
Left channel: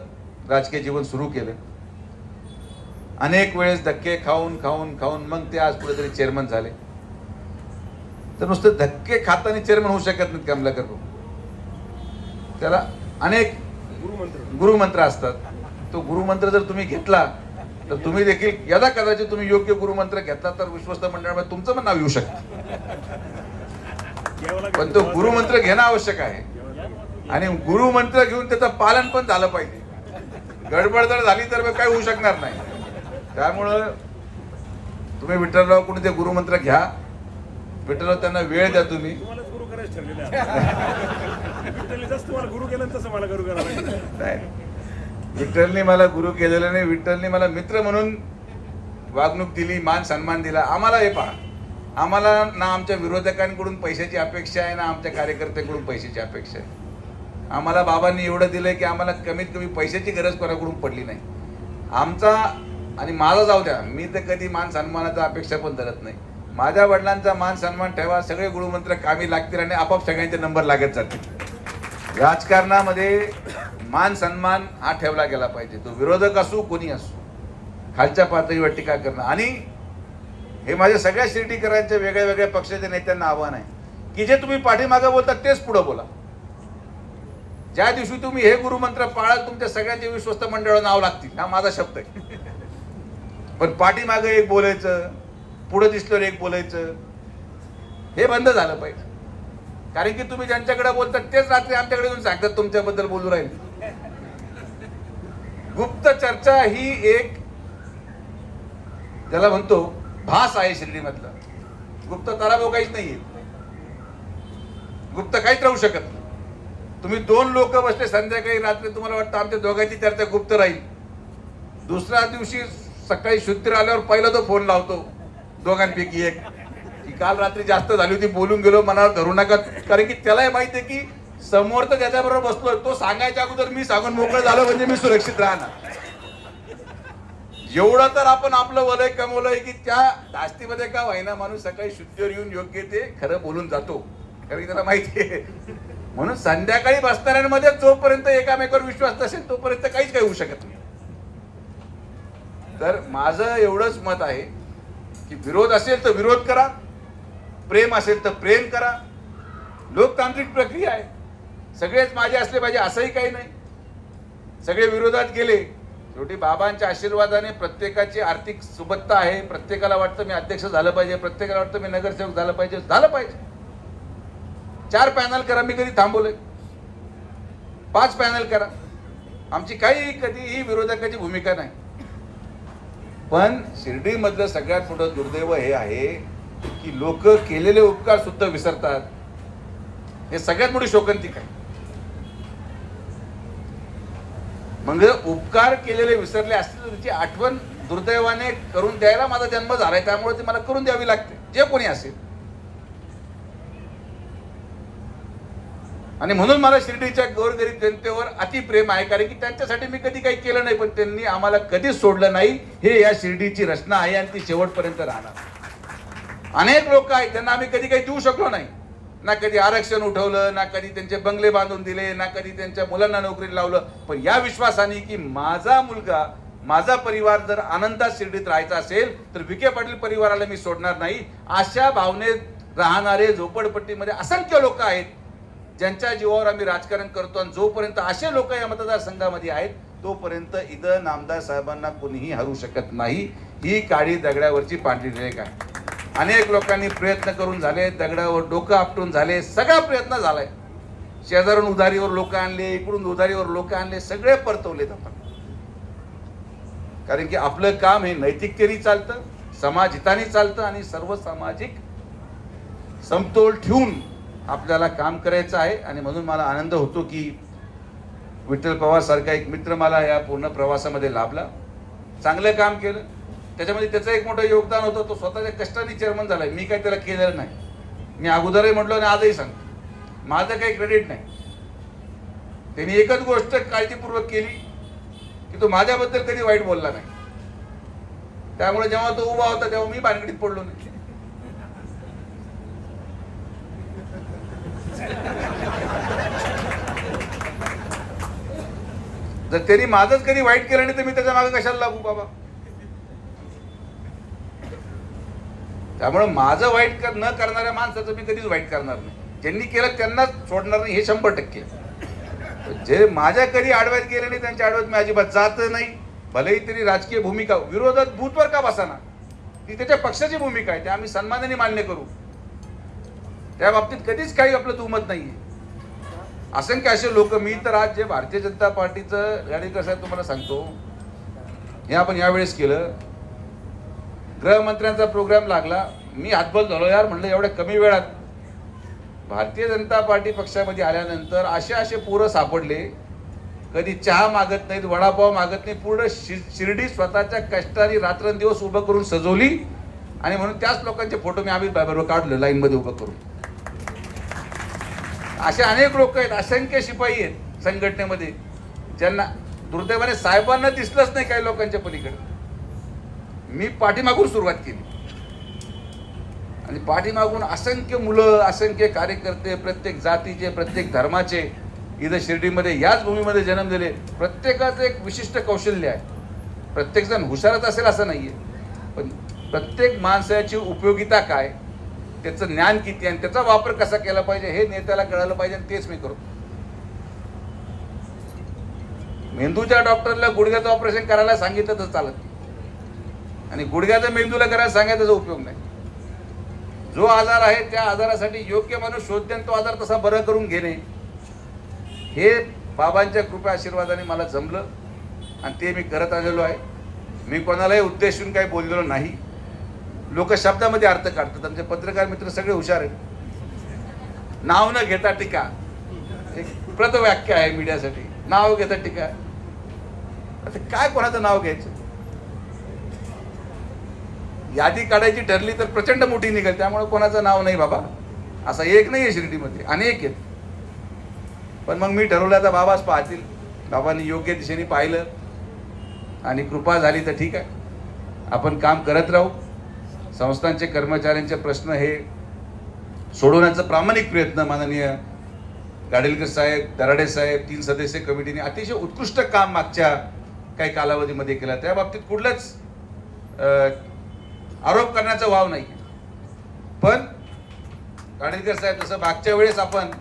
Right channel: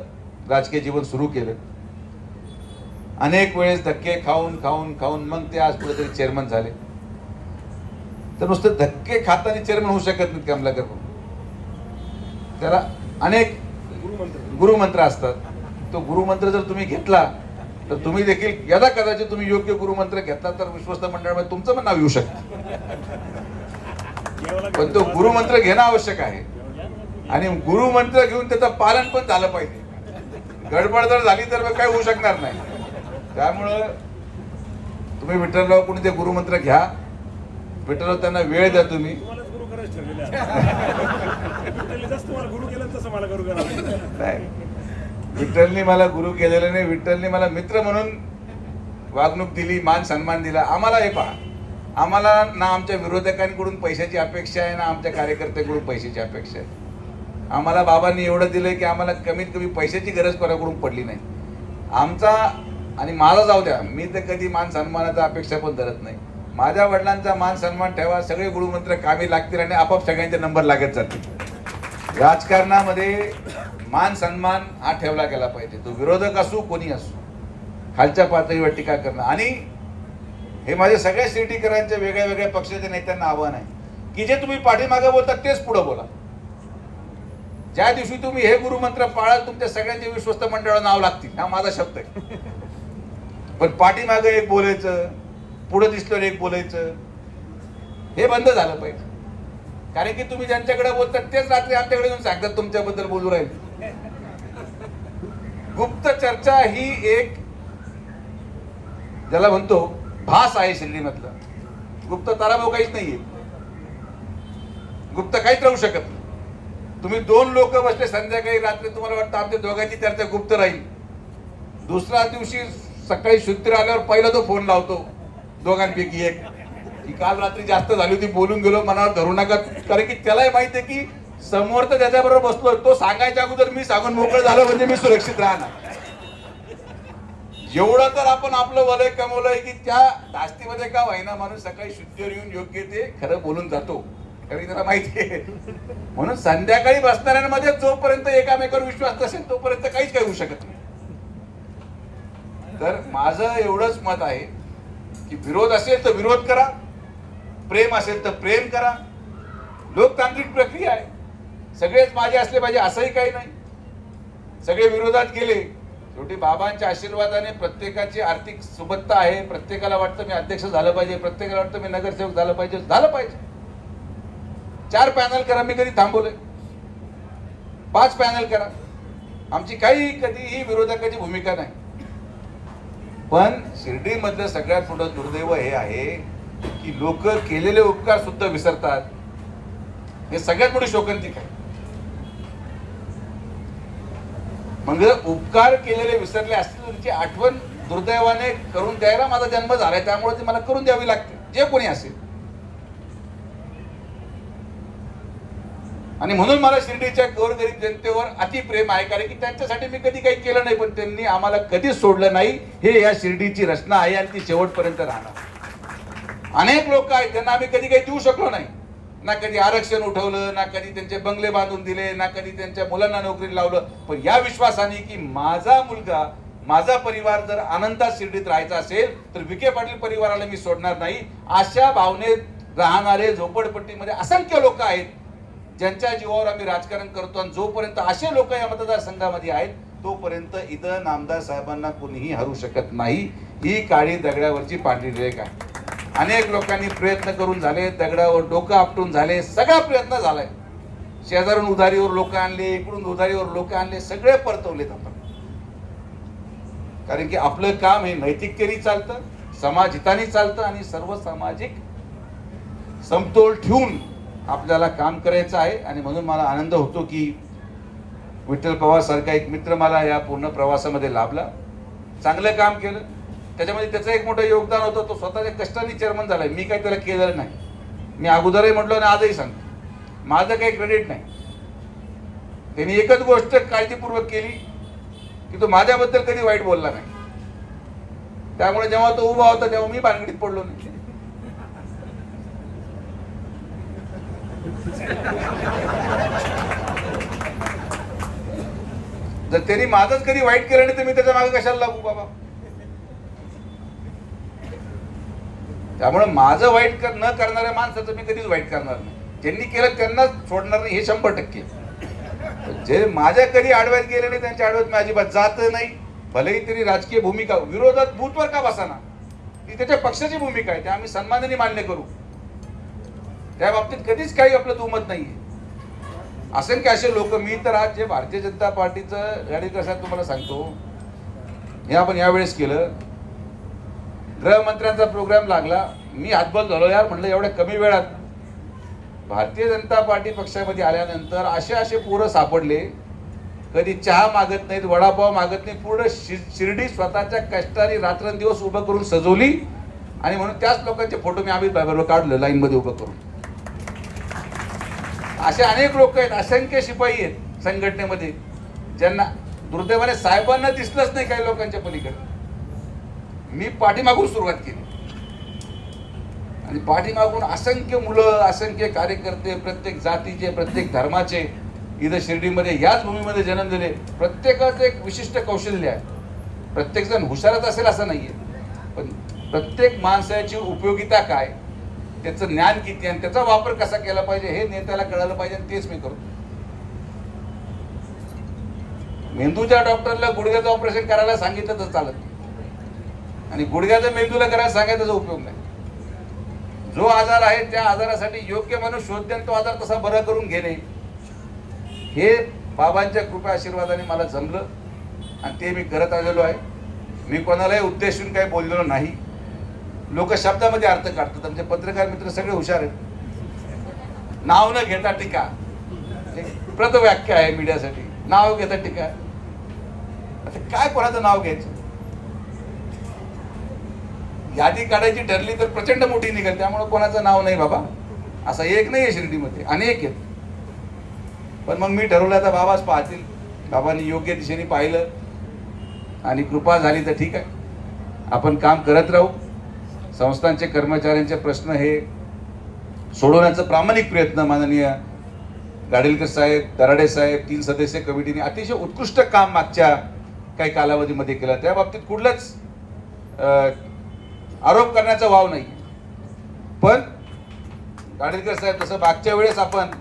राजकीय जीवन सुरू केलं, अनेक वेळेस धक्के खाऊन खाऊन खाऊन मग ते आज कुठेतरी चेअरमन झाले. तर नुसतं धक्के खाताना चेअरमन होऊ शकत नाहीत कमलाकर भाऊ. त्याला अनेक गुरुमंत्र असतात. तो गुरुमंत्र जर तुम्ही घेतला तर तुम्ही देखील यदा कदाचित तुम्ही योग्य गुरुमंत्र घेतला तर विश्वस्त मंडळामध्ये तुमचं पण नाव येऊ शकतं. पण तो गुरुमंत्र घेणं आवश्यक आहे आणि गुरुमंत्र घेऊन त्याचं पालन पण झालं पाहिजे. गडबड जर झाली तर मग काय होऊ शकणार नाही. त्यामुळं तुम्ही विठ्ठलराव कोणी ते गुरुमंत्र घ्या. विठ्ठलराव त्यांना वेळ द्या. तुम्ही गुरु करायचं ठरलेलं तुम्हाला गुरु केलं तसं मला गुरु करायला. विठ्ठलने मला गुरु केलेलं नाही, विठ्ठलने मला मित्र म्हणून वागणूक दिली, मान सन्मान दिला. आम्हाला हे पहा, आम्हाला ना आमच्या विरोधकांकडून पैशाची अपेक्षा आहे ना आमच्या कार्यकर्त्यांकडून पैशाची अपेक्षा आहे. आम्हाला बाबांनी एवढं दिलंय की आम्हाला कमीत कमी पैशाची गरज कोणाकडून पडली नाही. आमचा आणि माझा जाऊ द्या, मी तर कधी मान सन्मानाचा अपेक्षा पण धरत नाही. माझ्या वडिलांचा मान सन्मान ठेवा, सगळे गुरुमंत्र कामी लागतील आणि आपोआप सगळ्यांचे नंबर लागत जातील. राजकारणामध्ये मान सन्मान हा ठेवला गेला पाहिजे. तो विरोधक असू कोणी असू, खालच्या पातळीवर टीका करणं. आणि हे माझ्या सगळ्या शिर्डीकरांच्या वेगळ्या वेगळ्या पक्षाच्या नेत्यांना आव्हान आहे की जे तुम्ही पाठीमागे बोलता तेच पुढे बोला. ज्या दिवशी तुम्ही हे गुरुमंत्र पाळाल तुमच्या सगळ्यांचे विश्वस्त मंडळ नाव लागतील, हा माझा शब्द आहे. पण पाठीमागे एक बोलायचं, पुढे दिसल्यावर एक बोलायचं, हे बंद झालं पाहिजे. कारण की तुम्ही ज्यांच्याकडे बोलतात तेच रात्री आमच्याकडे येऊन सांगतात तुमच्याबद्दल बोलू राहील. गुप्त चर्चा ही एक ज्याला म्हणतो भास आहे शिर्डीमधला. गुप्त ताराभाऊ काहीच नाहीये, गुप्त काहीच राहू शकत नाही. तुम्ही 2 लोक बसले संध्याकाळी रात्री, तुम्हाला वाटतं आमच्या दोघांची चर्चा गुप्त राहील. दुसऱ्या दिवशी सकाळी शुद्ध आल्यावर पहिला तो फोन लावतो दोघांपैकी एक की काल रात्री जास्त झाली होती, बोलून गेलो, मनावर धरू नका. कारण की त्यालाही माहिती आहे की समोर तर त्याच्याबरोबर बसतोय, तो सांगायच्या अगोदर मी सांगून मोकळं झालं म्हणजे मी सुरक्षित राहणार. एवढं तर आपण आपलं वलय कमवलंय की त्या धास्तीमध्ये का व्हायना माणूस सकाळी शुद्धीवर येऊन योग्य ते खरं बोलून जातो, कारण त्याला माहिती आहे. म्हणून संध्याकाळी बसणाऱ्यांमध्ये जोपर्यंत एकामेकावर विश्वास नसेल तोपर्यंत काहीच काही होऊ शकत नाही. तर माझं एवढंच मत आहे की विरोध असेल तर विरोध करा, प्रेम असेल तर प्रेम करा. लोकतांत्रिक प्रक्रिया आहे, सगळेच माझे असले पाहिजे असंही काही नाही. सगळे विरोधात गेले, शेवटी बाबांच्या आशीर्वादाने प्रत्येकाची आर्थिक सुबत्ता आहे. प्रत्येकाला वाटतं मी अध्यक्ष झालं पाहिजे, प्रत्येकाला वाटतं मी नगरसेवक झालं पाहिजे, झालं पाहिजे. 4 पॅनल करा, मी कधी थांबवले. 5 पॅनल करा, आमची काही कधीही विरोधकाची भूमिका नाही, पण शिर्डीमधलं सगळ्यात मोठं दुर्दैव हे आहे की लोक केलेले उपकार सुद्धा विसरतात. हे सगळ्यात मोठी शोकांतिका आहे. मग जर उपकार केलेले विसरले असतील तर त्याची आठवण दुर्दैवाने करून द्यायला माझा जन्म झालाय, त्यामुळे ते मला करून द्यावी लागते, जे कोणी असेल. आणि म्हणून मला शिर्डीच्या गोरगरीब जनतेवर अतिप्रेम आहे, कारण की त्यांच्यासाठी मी कधी काही केलं नाही, पण त्यांनी आम्हाला कधीच सोडलं नाही. हे या शिर्डीची रचना आहे आणि ती शेवटपर्यंत राहणार. अनेक लोक आहेत त्यांना आम्ही कधी काही देऊ शकलो नाही, ना कधी आरक्षण उठवलं, ना कधी त्यांचे बंगले बांधून दिले, ना कधी त्यांच्या मुलांना नोकरी लावलं. पण या विश्वासाने की माझा मुलगा, माझा परिवार जर आनंदात शिर्डीत राहायचा असेल तर विखे पाटील परिवाराला मी सोडणार नाही. अशा भावनेत राहणारे झोपडपट्टीमध्ये असंख्य लोक आहेत ज्यांच्या जीवावर आम्ही राजकारण करतो. आणि जोपर्यंत असे लोक या मतदारसंघामध्ये आहेत तोपर्यंत इथं नामदार साहेबांना कोणीही हरू शकत नाही. ही काळी दगडावरची पांढरी रेख आहे. अनेक लोकांनी प्रयत्न करून झाले, दगडावर डोकं आपटून झाले, सगळा प्रयत्न झालाय. शेजारून उधारीवर लोक आणले, इकडून उधारीवर लोक आणले, सगळे परतवले जातात. कारण की आपलं काम हे नैतिकतेने चालतं, समाजहिताने चालतं आणि सर्व सामाजिक समतोल ठेवून आपल्याला काम करायचं आहे. आणि म्हणून मला आनंद होतो की विठ्ठल पवार सारखा एक मित्र मला या पूर्ण प्रवासामध्ये लाभला. चांगलं काम केलं, त्याच्यामध्ये त्याचं एक मोठं योगदान होतं. तो स्वतःच्या कष्टाने चेअरमन झालाय, मी काही त्याला केलेलं नाही. मी अगोदरही म्हटलो आणि आजही सांगतो, माझं काही क्रेडिट नाही. त्यांनी एकच गोष्ट काळजीपूर्वक केली की तो माझ्याबद्दल कधी वाईट बोलला नाही. त्यामुळे जेव्हा तो उभा होता तेव्हा मी भानगडीत पडलो नाही. जर त्यांनी माझंच कधी वाईट केलं नाही तर मी त्याच्या मागे कशाला लागू बाबा. त्यामुळे माझं वाईट न करणाऱ्या माणसाचं मी कधीच वाईट करणार नाही. ज्यांनी केलं त्यांनाच सोडणार नाही, हे 100%. जे माझ्या कधी आडव्यात गेले नाही त्यांच्या आडव्यात मी अजिबात जात नाही. भलेही तरी राजकीय भूमिका विरोधात बूथवर का बसाना, ती त्याच्या पक्षाची भूमिका आहे, ते आम्ही सन्मानाने मान्य करू. त्या बाबतीत कधीच काही आपलं दुमत नाहीये. असंख्य असे लोक, मी तर आज जे भारतीय जनता पार्टीचं रणनीती साहेब तुम्हाला सांगतो, हे आपण यावेळेस केलं. गृहमंत्र्यांचा प्रोग्राम लागला, मी हातबल झालो यार, म्हणलं एवढ्या कमी वेळात भारतीय जनता पार्टी पक्षामध्ये आल्यानंतर असे पोरं सापडले, कधी चहा मागत नाहीत, वडापाव मागत नाही, पूर्ण शिर्डी स्वतःच्या कष्टाने रात्रंदिवस उभं करून सजवली. आणि म्हणून त्याच लोकांचे फोटो मी अमित भाईबरोबर काढले लाईन मध्ये उभं करून. असे अनेक लोक आहेत, असंख्य शिपाई आहेत संघटनेमध्ये, ज्यांना दुर्दैवाने साहेबांना दिसलंच नाही काही लोकांच्या पलीकडे. मी पाठीमागून सुरुवात केली आणि पाठीमागून असंख्य मुलं, असंख्य कार्यकर्ते, प्रत्येक जातीचे, प्रत्येक धर्माचे इथं शिर्डीमध्ये याच भूमीमध्ये जन्मलेले. प्रत्येकाचं एक विशिष्ट कौशल्य आहे. प्रत्येक जण हुशारच असेल असं नाहीये, पण प्रत्येक माणसाची उपयोगिता काय, त्याचं ज्ञान किती आणि त्याचा वापर कसा केला पाहिजे हे नेत्याला कळालं पाहिजे. तेच मी करतो. मेंदूच्या डॉक्टरला गुडघ्याचं ऑपरेशन करायला सांगितलं तर चालत, आणि गुडघ्याचा मेंदूला करायला सांगायचा उपयोग नाही. जो आजार आहे त्या आजारासाठी योग्य माणूस शोधते आणि तो आजार तसा बरा करून घेणे, हे बाबांच्या कृपा आशीर्वादाने मला जमलं आणि ते मी करत आलेलो आहे. मी कोणालाही उद्देशून काही बोललेलो नाही. लोक शब्दामध्ये अर्थ काढतात. आमचे पत्रकार मित्र सगळे हुशार आहेत. नाव न घेता टीका, प्रतव्याख्या आहे मीडियासाठी. नाव घेता टीका, काय कोणाचं नाव घ्यायचं. यादी काढायची ठरली तर प्रचंड मोठी निघेल, त्यामुळे कोणाचं नाव नाही बाबा. असं एक नाही आहे शिर्डीमध्ये, अनेक आहेत. पण मग मी ठरवलं तर बाबाच पाहतील. बाबांनी योग्य दिशेने पाहिलं आणि कृपा झाली तर ठीक आहे, आपण काम करत राहू. संस्थांचे कर्मचाऱ्यांचे प्रश्न हे सोडवण्याचा प्रामाणिक प्रयत्न माननीय गाडेलकर साहेब, दराडे साहेब, 3 सदस्य कमिटीने अतिशय उत्कृष्ट काम मागच्या काही कालावधीमध्ये केलं. त्या बाबतीत कुठलाच आरोप करण्याचा वाव नाही. पण गाडेलकर साहेब, जसं मागच्या वेळेस आपण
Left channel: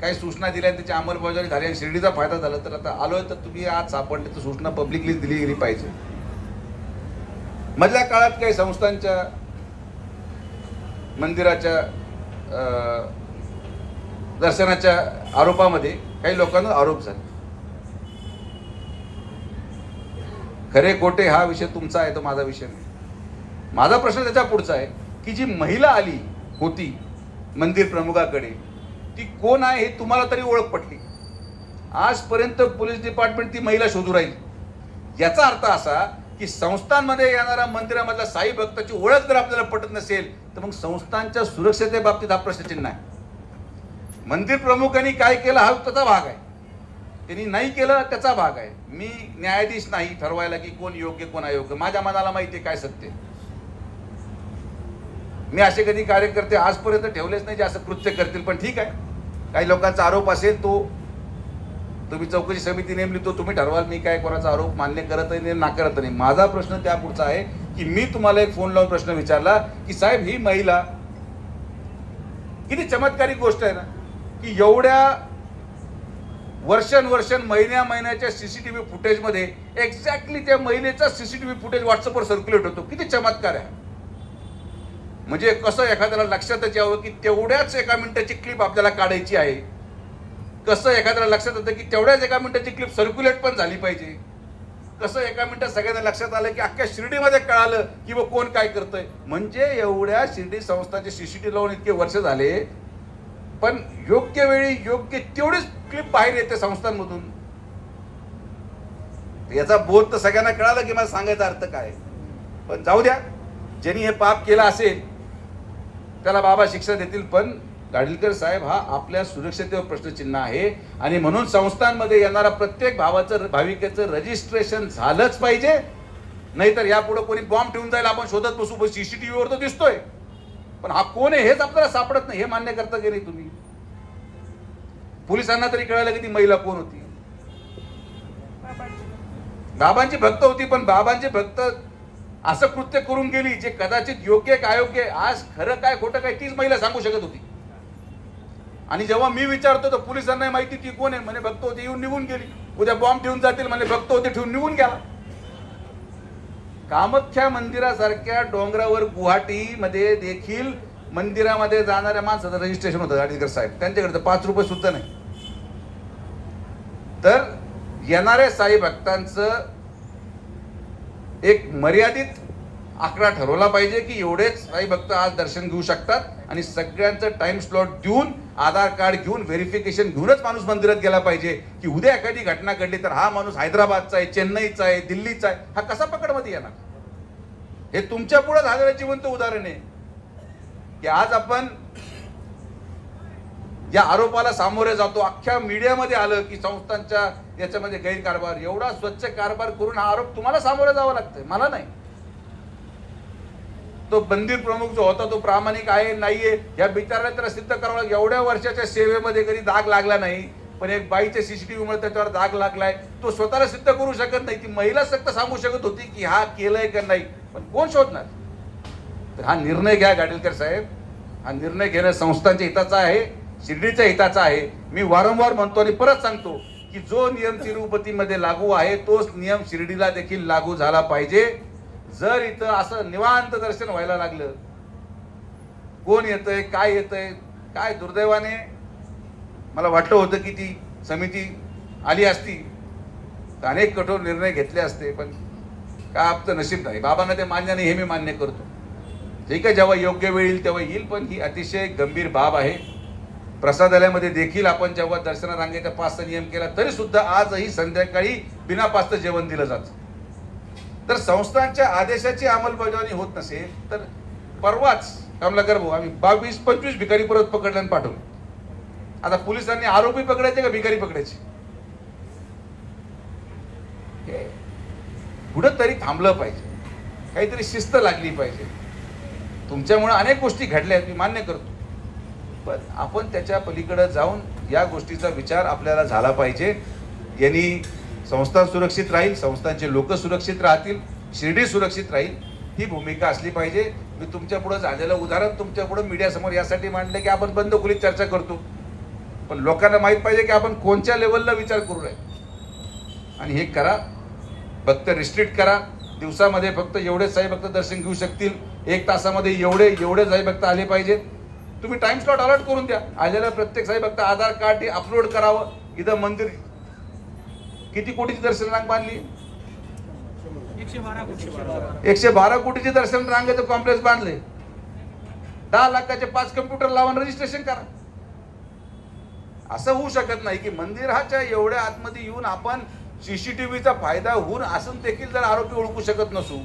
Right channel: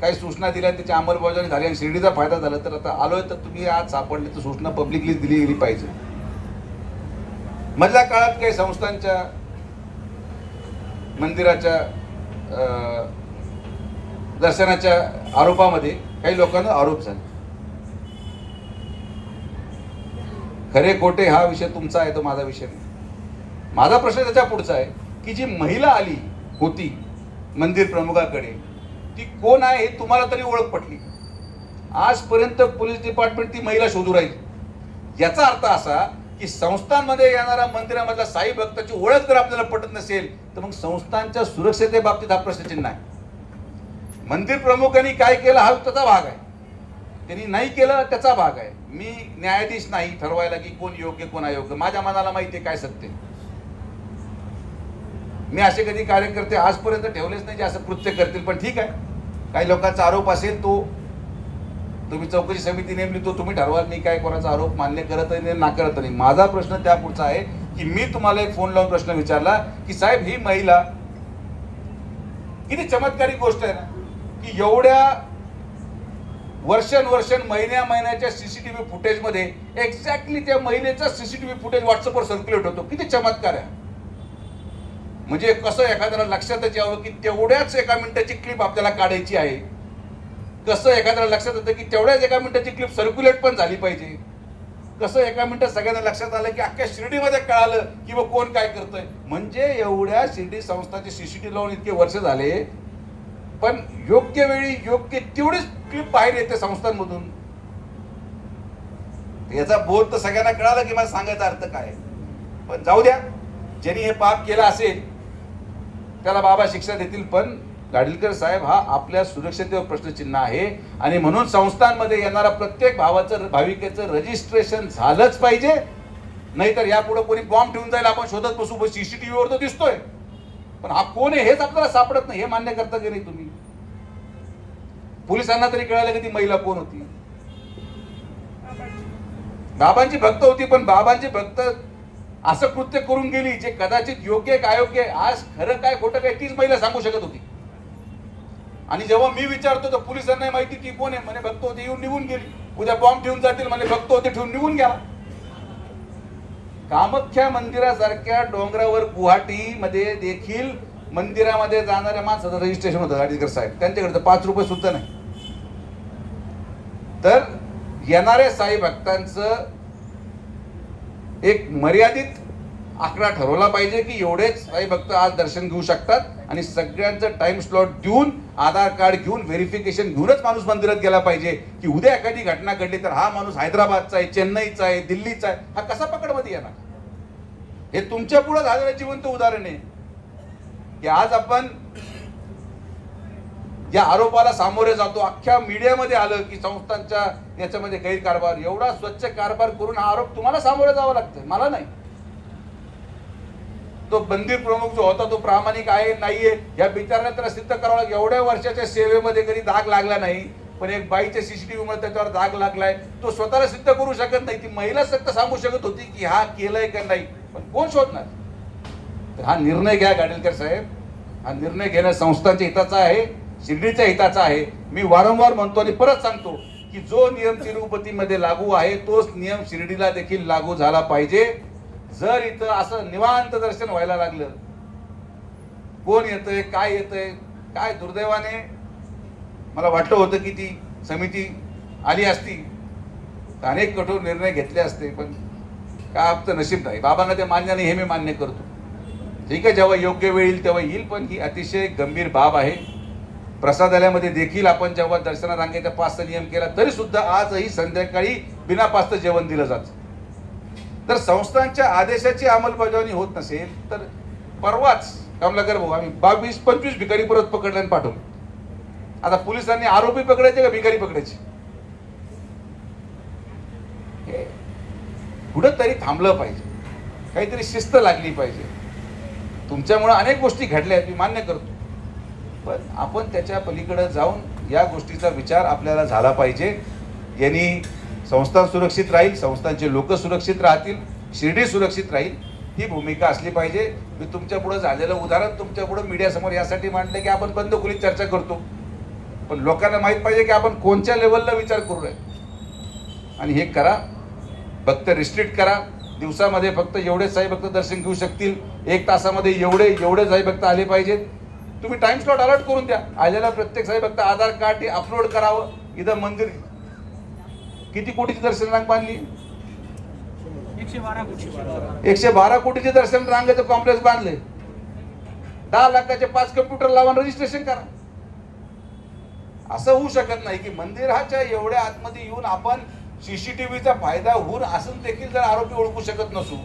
काही सूचना दिल्या त्याची अंमलबजावणी झाली आणि शिर्डीचा फायदा झाला, तर आता आलोय तर तुम्ही आज सापडले तर सूचना पब्लिकली दिली गेली पाहिजे. मधल्या काळात काही संस्थांच्या मंदिराच्या दर्शनाच्या आरोपामध्ये काही लोकांना आरोप झाले. खरे खोटे हा विषय तुमचा आहे, तो माझा विषय नाही. माझा प्रश्न त्याच्या पुढचा आहे की जी महिला आली होती मंदिर प्रमुखाकडे ती कोण आहे हे तुम्हाला तरी ओळख पटली. आजपर्यंत पोलीस डिपार्टमेंट ती महिला शोधू राहील. याचा अर्थ असा की संस्थांमध्ये येणारा मंदिरामधला साई भक्ताची ओळख जर आपल्याला पटत नसेल तर मग संस्थांच्या सुरक्षेबाबतीत हा प्रश्नचिन्ह आहे. मंदिर प्रमुखांनी काय केलं हा त्याचा भाग आहे, त्यांनी नाही केलं त्याचा भाग आहे. मी न्यायाधीश नाही ठरवायला की कोण योग्य कोण अयोग्य. माझ्या मनाला माहिती आहे काय सत्य. मी असे कधी कार्यकर्ते आजपर्यंत ठेवलेच नाही जे असं कृत्य करतील. पण ठीक आहे, काही लोकांचा आरोप असेल तो तुम्ही चौकशी समिती नेमली, तो तुम्ही ठरवाल. मी काय कोणाचा आरोप मान्य करत नाही नाकारत नाही. माझा प्रश्न त्या पुढचा आहे की मी तुम्हाला एक फोन लावून प्रश्न विचारला की साहेब ही महिला किती चमत्कारिक गोष्ट आहे ना की एवढ्या वर्षानुवर्ष महिन्याच्या सीसीटीव्ही फुटेज मध्ये एक्झॅक्टली त्या महिलेचा सीसीटीव्ही फुटेज व्हॉट्सअपवर सर्क्युलेट होतो. किती चमत्कार आहे. म्हणजे कसं एखाद्याला लक्षातच यावं की तेवढ्याच एका मिनिटाची क्लिप आपल्याला काढायची आहे. कसं एखाद्याला लक्षात येतं की तेवढ्याच एका मिनिटाची क्लिप सर्क्युलेट पण झाली पाहिजे. कसं एका मिनिटात सगळ्यांना लक्षात आलं की अख्ख्या शिर्डीमध्ये कळालं की कोण काय करतंय. म्हणजे एवढ्या शिर्डी संस्थांचे सीसीटीव्ही लावून इतके वर्ष झाले पण योग्य वेळी योग्य तेवढीच क्लिप बाहेर येते संस्थांमधून. याचा बोध तर सगळ्यांना कळाला की मला सांगायचा अर्थ काय. पण जाऊ द्या, ज्यांनी हे पाप केलं असेल त्याला बाबा शिक्षा देतील. पण गाडीलकर साहेब हा आपल्या सुरक्षेवर प्रश्नचिन्ह आहे आणि म्हणून संस्थांमध्ये येणारा प्रत्येक भाविकेचं रजिस्ट्रेशन झालंच पाहिजे. नाहीतर यापुढे कोणी बॉम्ब ठेवून जाईल आपण शोधत बसू. सीसीटीव्ही वर तो दिसतोय पण हा कोण आहे हेच आपल्याला सापडत नाही. हे मान्य करता की नाही तुम्ही. पोलिसांना तरी कळालं की ती महिला कोण होती. बाबांची भक्त होती पण बाबांची भक्त असं कृत्य करून गेली जे कदाचित योग्य काय अयोग्य आज खरं काय खोटं काय तीच महिला सांगू शकत होती. आणि जेव्हा मी विचारतो तर पोलिसांना माहिती ती कोण आहे. म्हणे भक्त होती येऊन निघून गेली. उद्या बॉम्ब ठेवून जातील म्हणे भक्त होते ठेवून निघून घ्या. कामाख्या मंदिरासारख्या डोंगरावर गुवाहाटी मध्ये देखील मंदिरामध्ये जाणाऱ्या माणसाचं रजिस्ट्रेशन होतं गाडीकर साहेब. त्यांच्याकडे 5 रुपये सुद्धा नाही. तर येणाऱ्या साई भक्तांचं एक मर्यादित आकडा ठरवला पाहिजे की एवढेच साई भक्त आज दर्शन घेऊ शकतात आणि सगळ्यांचं टाइम स्लॉट देऊन आधार कार्ड घेऊन व्हेरिफिकेशन घेऊनच माणूस मंदिरात गेला पाहिजे. की उद्या एखादी घटना घडली तर हा माणूस हैदराबादचा आहे, चेन्नईचा आहे, दिल्लीचा आहे, हा कसा पकडमध्ये येणार. हे तुमच्या पुढे झालेलं जिवंत उदाहरण आहे की आज आपण या आरोपाला सामोरे जातो. अख्ख्या मीडियामध्ये आलं की संस्थांच्या याच्यामध्ये गैरकारभार. एवढा स्वच्छ कारभार करून हा आरोप तुम्हाला सामोरे जावं लागतंय, मला नाही. तो मंदिर प्रमुख जो होता तो प्रामाणिक आहे नाहीये या बिचाराला त्याला सिद्ध करावं लागेल. एवढ्या वर्षाच्या सेवेमध्ये कधी दाग लागला नाही पण एक बाईच्या सीसीटीव्ही मध्ये त्याच्यावर दाग लागलाय. तो स्वतःला सिद्ध करू शकत नाही. ती महिला सत्य सांगू शकत होती की हा केलंय का नाही पण कोण शोधणार. तर हा निर्णय घ्या गाडीलकर साहेब. हा निर्णय घेणं संस्थांच्या हिताचा आहे, शिर्डीच्या हिताचा आहे. मी वारंवार म्हणतो आणि परत सांगतो की जो नियम तिरुपतीमध्ये लागू आहे तोच नियम शिर्डीला देखील लागू झाला पाहिजे. जर इथं असं निवांत दर्शन व्हायला लागलं कोण येतंय काय येतंय काय दुर्दैवाने मला वाटलं होतं की ती समिती आली असती तर अनेक कठोर निर्णय घेतले असते. पण काय आपलं नशीब नाही. बाबांना ते मान्य नाही हे मी मान्य करतो. ठीक आहे, जेव्हा योग्य वेळ येईल तेव्हा येईल. पण ही अतिशय गंभीर बाब आहे. प्रसादालयामध्ये देखील आपण जेव्हा दर्शनात रांगेचा पासचा नियम केला तरी सुद्धा आजही संध्याकाळी बिना पासचं जेवण दिलं जातं. तर संस्थांच्या आदेशाची अंमलबजावणी होत नसेल तर परवाच कमलाकर भाऊ आम्ही 22-25 भिकारी परत पकडले आणि पाठवले. आता पोलिसांनी आरोपी पकडायचे का भिकारी पकडायचे. कुठं तरी थांबलं पाहिजे, काहीतरी शिस्त लागली पाहिजे. तुमच्यामुळे अनेक गोष्टी घडल्या मी मान्य करतो पण आपण त्याच्या पलीकडे जाऊन या गोष्टीचा विचार आपल्याला झाला पाहिजे. यांनी संस्था सुरक्षित राहील, संस्थांचे लोक सुरक्षित राहतील, शिर्डी सुरक्षित राहील ही भूमिका असली पाहिजे. मी तुमच्या पुढे झालेलं उदाहरण तुमच्या पुढे मीडिया समोर यासाठी मांडले की आपण बंद खोलीत चर्चा करतो पण लोकांना माहित पाहिजे की आपण कोणत्या लेवलला विचार करूया. आणि हे करा, फक्त रिस्ट्रिक्ट करा. दिवसामध्ये फक्त एवढे साई भक्त दर्शन घेऊ शकतील. 1 तासामध्ये एवढे साई भक्त आले पाहिजेत. तुम्ही टाइम स्लॉट अलर्ट करून द्या. आलेला प्रत्येक साई भक्त आधार कार्ड हे अपलोड करावं. इथं मंदिर किती कोटीची दर्शन रांग बांधली 112 कोटीचे दर्शन रांगेचं कॉम्प्लेक्स बांधले, 10 लाखाचे 5 कम्प्युटर लावून रजिस्ट्रेशन करा. असं होऊ शकत नाही की मंदिराच्या एवढ्या आतमध्ये येऊन आपण सीसीटीव्हीचा फायदा होऊन असून देखील जर आरोपी ओळखू शकत नसू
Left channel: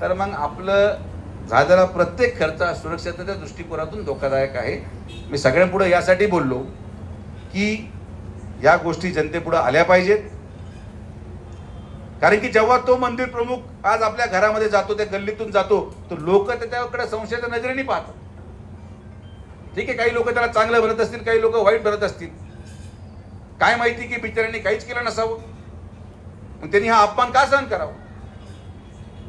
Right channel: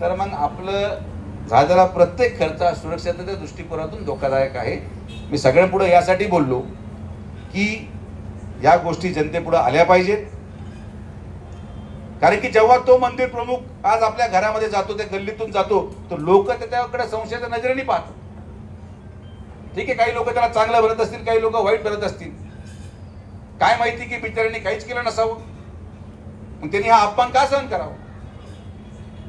तर मग आपलं झालेला प्रत्येक खर्च सुरक्षेच्या दृष्टिकोनातून धोकादायक आहे. मी सगळ्यांपुढे यासाठी बोललो की या गोष्टी जनतेपुढे आल्या पाहिजेत. कारण की जेव्हा तो मंदिर प्रमुख आज आपल्या घरामध्ये जातो, त्या गल्लीतून जातो, तर लोक त्याच्याकडे संशयाच्या नजरेने पाहतात. ठीक आहे, काही लोक त्याला चांगलं भरत असतील, काही लोक वाईट भरत असतील. काय माहिती की बिचाऱ्यांनी काहीच केलं नसावं, त्यांनी हा अपमान का सहन करावा,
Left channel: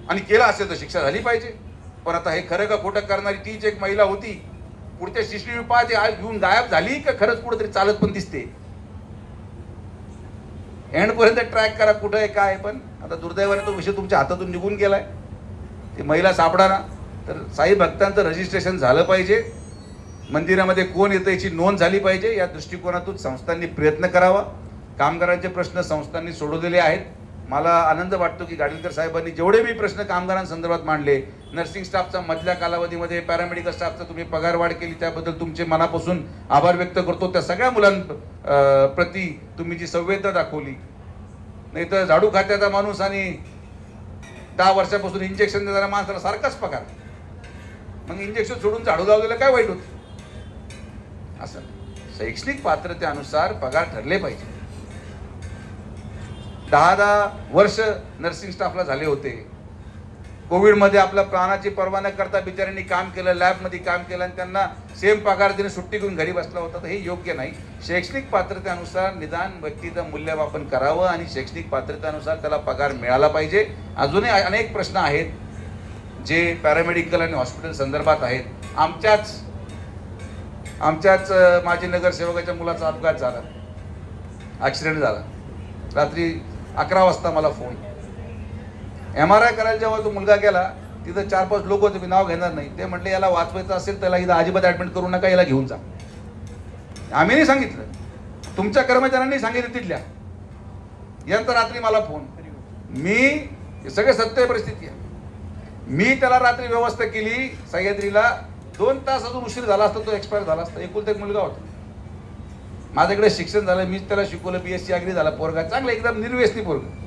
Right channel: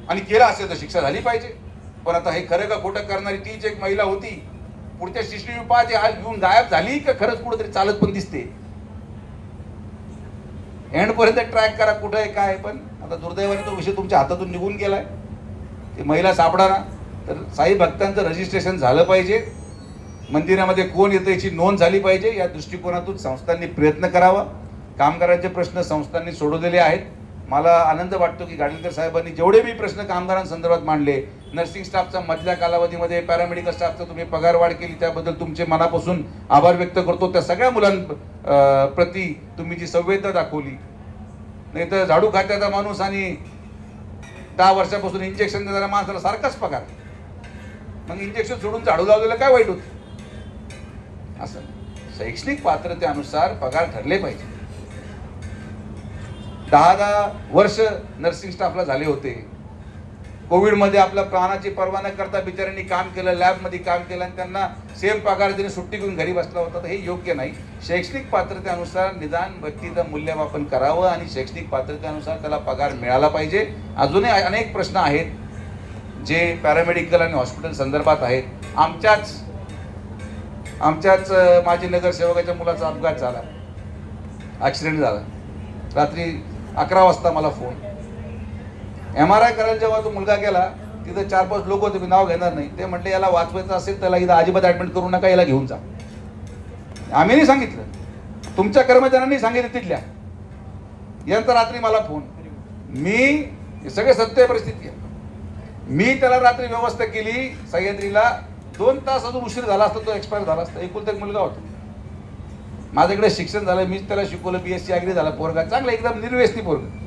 आणि केला असेल तर शिक्षा झाली पाहिजे. पण आता हे खरं का खोटं करणारी तीच एक महिला होती, पुढच्या सीसीटीव्ही पाहते आज घेऊन गायब झाली का खरंच कुठेतरी चालत पण दिसते. एंड पर्यंत ट्रॅक करा कुठं आहे काय. पण आता दुर्दैवाने तो विषय तुमच्या हातातून निघून गेलाय. ती महिला सापडाना तर साई भक्तांचं रजिस्ट्रेशन झालं पाहिजे, मंदिरामध्ये कोण येतं याची नोंद झाली पाहिजे. या दृष्टिकोनातून संस्थांनी प्रयत्न करावा. कामगारांचे प्रश्न संस्थांनी सोडवलेले आहेत. मला आनंद वाटतो की गाडीलकर साहेबांनी जेवढे मी प्रश्न कामगारांसंदर्भात मांडले, नर्सिंग स्टाफचा मधल्या कालावधीमध्ये पॅरामेडिकल स्टाफचा तुम्ही पगार वाढ केली त्याबद्दल तुमचे मनापासून आभार व्यक्त करतो. त्या सगळ्या मुलांप्रती तुम्ही जी संवेदना दाखवली. नाही तर झाडू खात्याचा माणूस आणि 10 वर्षापासून इंजेक्शन देणाऱ्या माणसाला सारखाच पगार, मग इंजेक्शन सोडून झाडू लावलेलं काय वाईट होतं. असं शैक्षणिक पात्रतेनुसार पगार ठरले पाहिजे. 10 वर्ष नर्सिंग स्टाफला झाले होते. कोविड मध्ये आपल्या प्राणाची पर्वा न करता बिचाऱ्यांनी काम केलं, लॅब मध्ये काम केलं आणि त्यांना सेम पगार देऊन सुट्टी घेऊन घरी बसला होता. तर हे योग्य नाही. शैक्षणिक पात्रतेनुसार निदान व्यक्तीचं मूल्यमापन करावं आणि शैक्षणिक पात्रतेनुसार त्याला पगार मिळाला पाहिजे. अजूनही अनेक प्रश्न आहेत जे पॅरामेडिकल आणि हॉस्पिटल संदर्भात आहेत. आमच्याच माजी नगरसेवकाच्या मुलाचा अपघात झाला, ऍक्सिडेंट झाला. रात्री 11 वाजता मला फोन. MRI करायला जेव्हा तो मुलगा गेला तिथं 4-5 लोक होते, मी नाव घेणार नाही. ते म्हटले याला वाचवायचं असेल त्याला इथं अजिबात ऍडमिट करू नका, याला घेऊन जा. आम्ही नाही सांगितलं, तुमच्या कर्मचाऱ्यांनी सांगितलं तिथल्या. यानंतर रात्री मला फोन. मी सगळे सत्य परिस्थिती आहे. मी त्याला रात्री व्यवस्था केली सह्याद्रीला. 2 तास अजून उशीर झाला असता तो एक्सपायर झाला असता. एकुलता एक मुलगा होता. माझ्याकडे शिक्षण झालं, मीच त्याला शिकवलं. BSc अग्री झाला पोरगा, चांगला एकदम निर्व्यसनी पोरगा.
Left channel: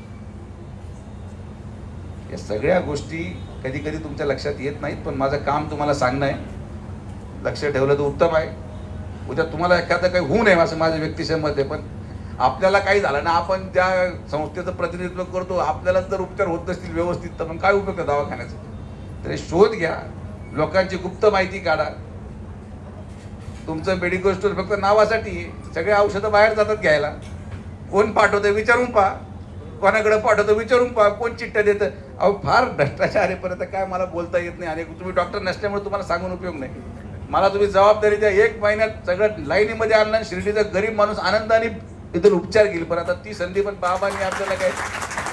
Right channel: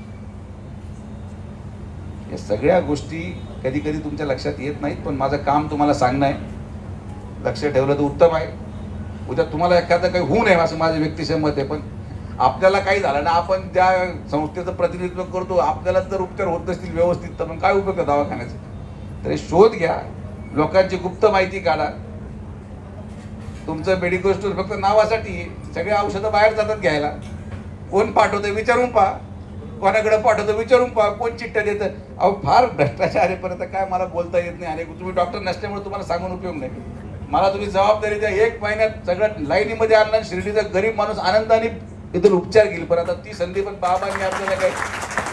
या सगळ्या गोष्टी कधी कधी तुमच्या लक्षात येत नाहीत, पण माझं काम तुम्हाला सांगणं आहे. लक्ष ठेवलं तर उत्तम आहे. उद्या तुम्हाला एखादं काही होऊ नये असं माझं व्यक्तिशय मत आहे. पण आपल्याला काही झालं ना, आपण त्या संस्थेचं प्रतिनिधित्व करतो, आपल्याला जर उपचार होत नसतील व्यवस्थित तर मग काय उपयोग आहे दवाखान्याचा. तर शोध घ्या, लोकांची गुप्त माहिती काढा. तुमचं मेडिकल स्टोर फक्त नावासाठी, सगळे औषधं बाहेर जातात घ्यायला. कोण पाठवतं विचारून पहा, कोणाकडे पाठवतं विचारून पहा, कोण चिठ्ठ्या देतं. अहो फार भ्रष्टाचार आहे. परत काय मला बोलता येत नाही आणि तुम्ही डॉक्टर नसल्यामुळे तुम्हाला सांगून उपयोग नाही. मला तुम्ही जबाबदारी द्या. 1 महिन्यात सगळं लाईनीमध्ये आणलं, शिर्डीचा गरीब माणूस आनंदाने इथे उपचार घेईल. पण आता ती संधी पण बाबांनी आपल्याला काय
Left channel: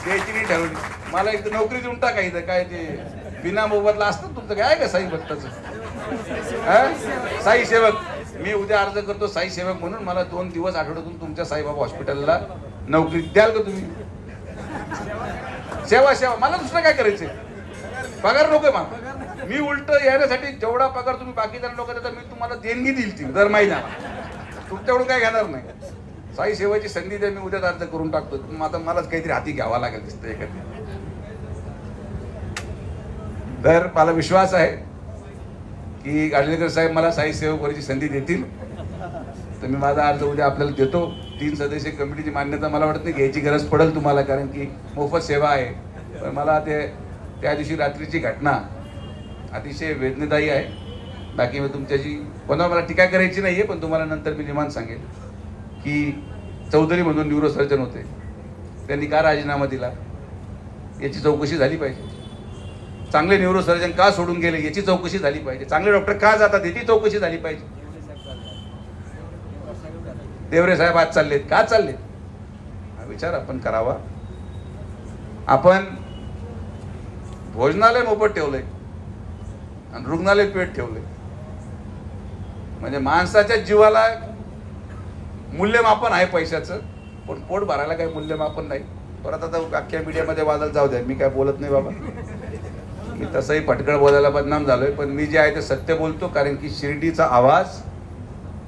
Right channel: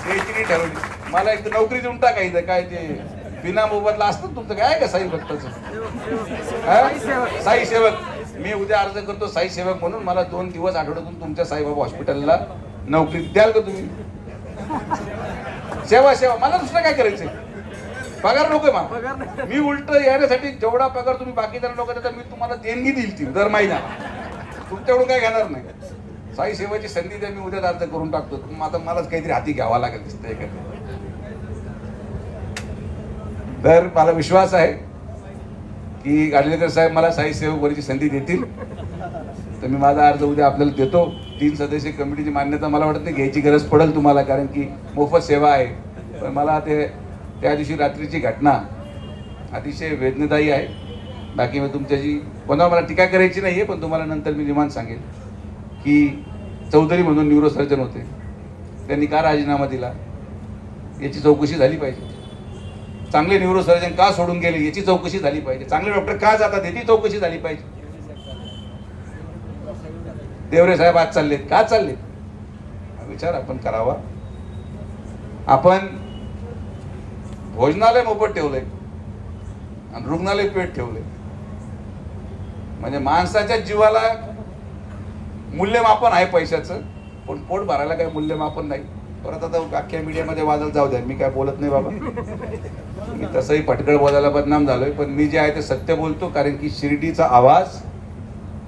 द्यायची ठरवली. मला एक नोकरी देऊन टाकायचं काय ते बिना मोबदला असतं तुमचं काय का साई भक्ताचं साई सेवक. मी उद्या अर्ज करतो साई सेवक म्हणून. मला 2 दिवस आठवड्यातून तुमच्या साईबाबा हॉस्पिटलला नोकरी द्याल का तुम्ही. सेवा सेवा, मला दुसरं काय करायचंय. पगार नकोय मला. मी उलट येण्यासाठी जेवढा पगार तुम्ही बाकीच्या लोकांना मी तुम्हाला देणगी देईल ती दर महिना. तुमच्याकडून काही घेणार नाही. साई सेवाची संधी द्या, मी उद्या अर्ज करून टाकतो. आता मलाच काहीतरी हाती घ्यावा लागेल दिसतंय का. तर मला विश्वास आहे की गाडीलकर साहेब मला साई सेवक वरची संधी देतील. तर मी माझा अर्ज उद्या आपल्याला देतो. 3 सदस्यीय कमिटीची मान्यता मला वाटत नाही घ्यायची गरज पडेल तुम्हाला, कारण की मोफत सेवा आहे. पण मला त्या दिवशी रात्रीची घटना अतिशय वेदनादायी आहे. बाकी मी तुमच्याशी कोणावर मला टीका करायची नाही आहे, पण तुम्हाला नंतर मी निमान सांगेन की चौधरी म्हणून न्यूरोसर्जन होते, त्यांनी का राजीनामा दिला याची चौकशी झाली पाहिजे. चांगले न्यूरोसर्जन का सोडून गेले याची चौकशी झाली पाहिजे. चांगले डॉक्टर का जातात याची चौकशी झाली पाहिजे. देवरे साहेब आज चाललेत, का चाललेत विचार आपण करावा. आपण भोजनालय मोफत ठेवलंय आणि रुग्णालय पेट ठेवलंय. म्हणजे माणसाच्या जीवाला मूल्यमापन आहे पैशाचं, पण पोट भरायला काही मूल्यमापन नाही. परत आता अख्ख्या मीडियामध्ये वादळ जाऊ द्या, मी काय बोलत नाही बाबा, मी तसंही फटकळ बोलायला बदनाम झालोय, पण मी जे आहे ते सत्य बोलतो. कारण की शिर्डीचा आवाज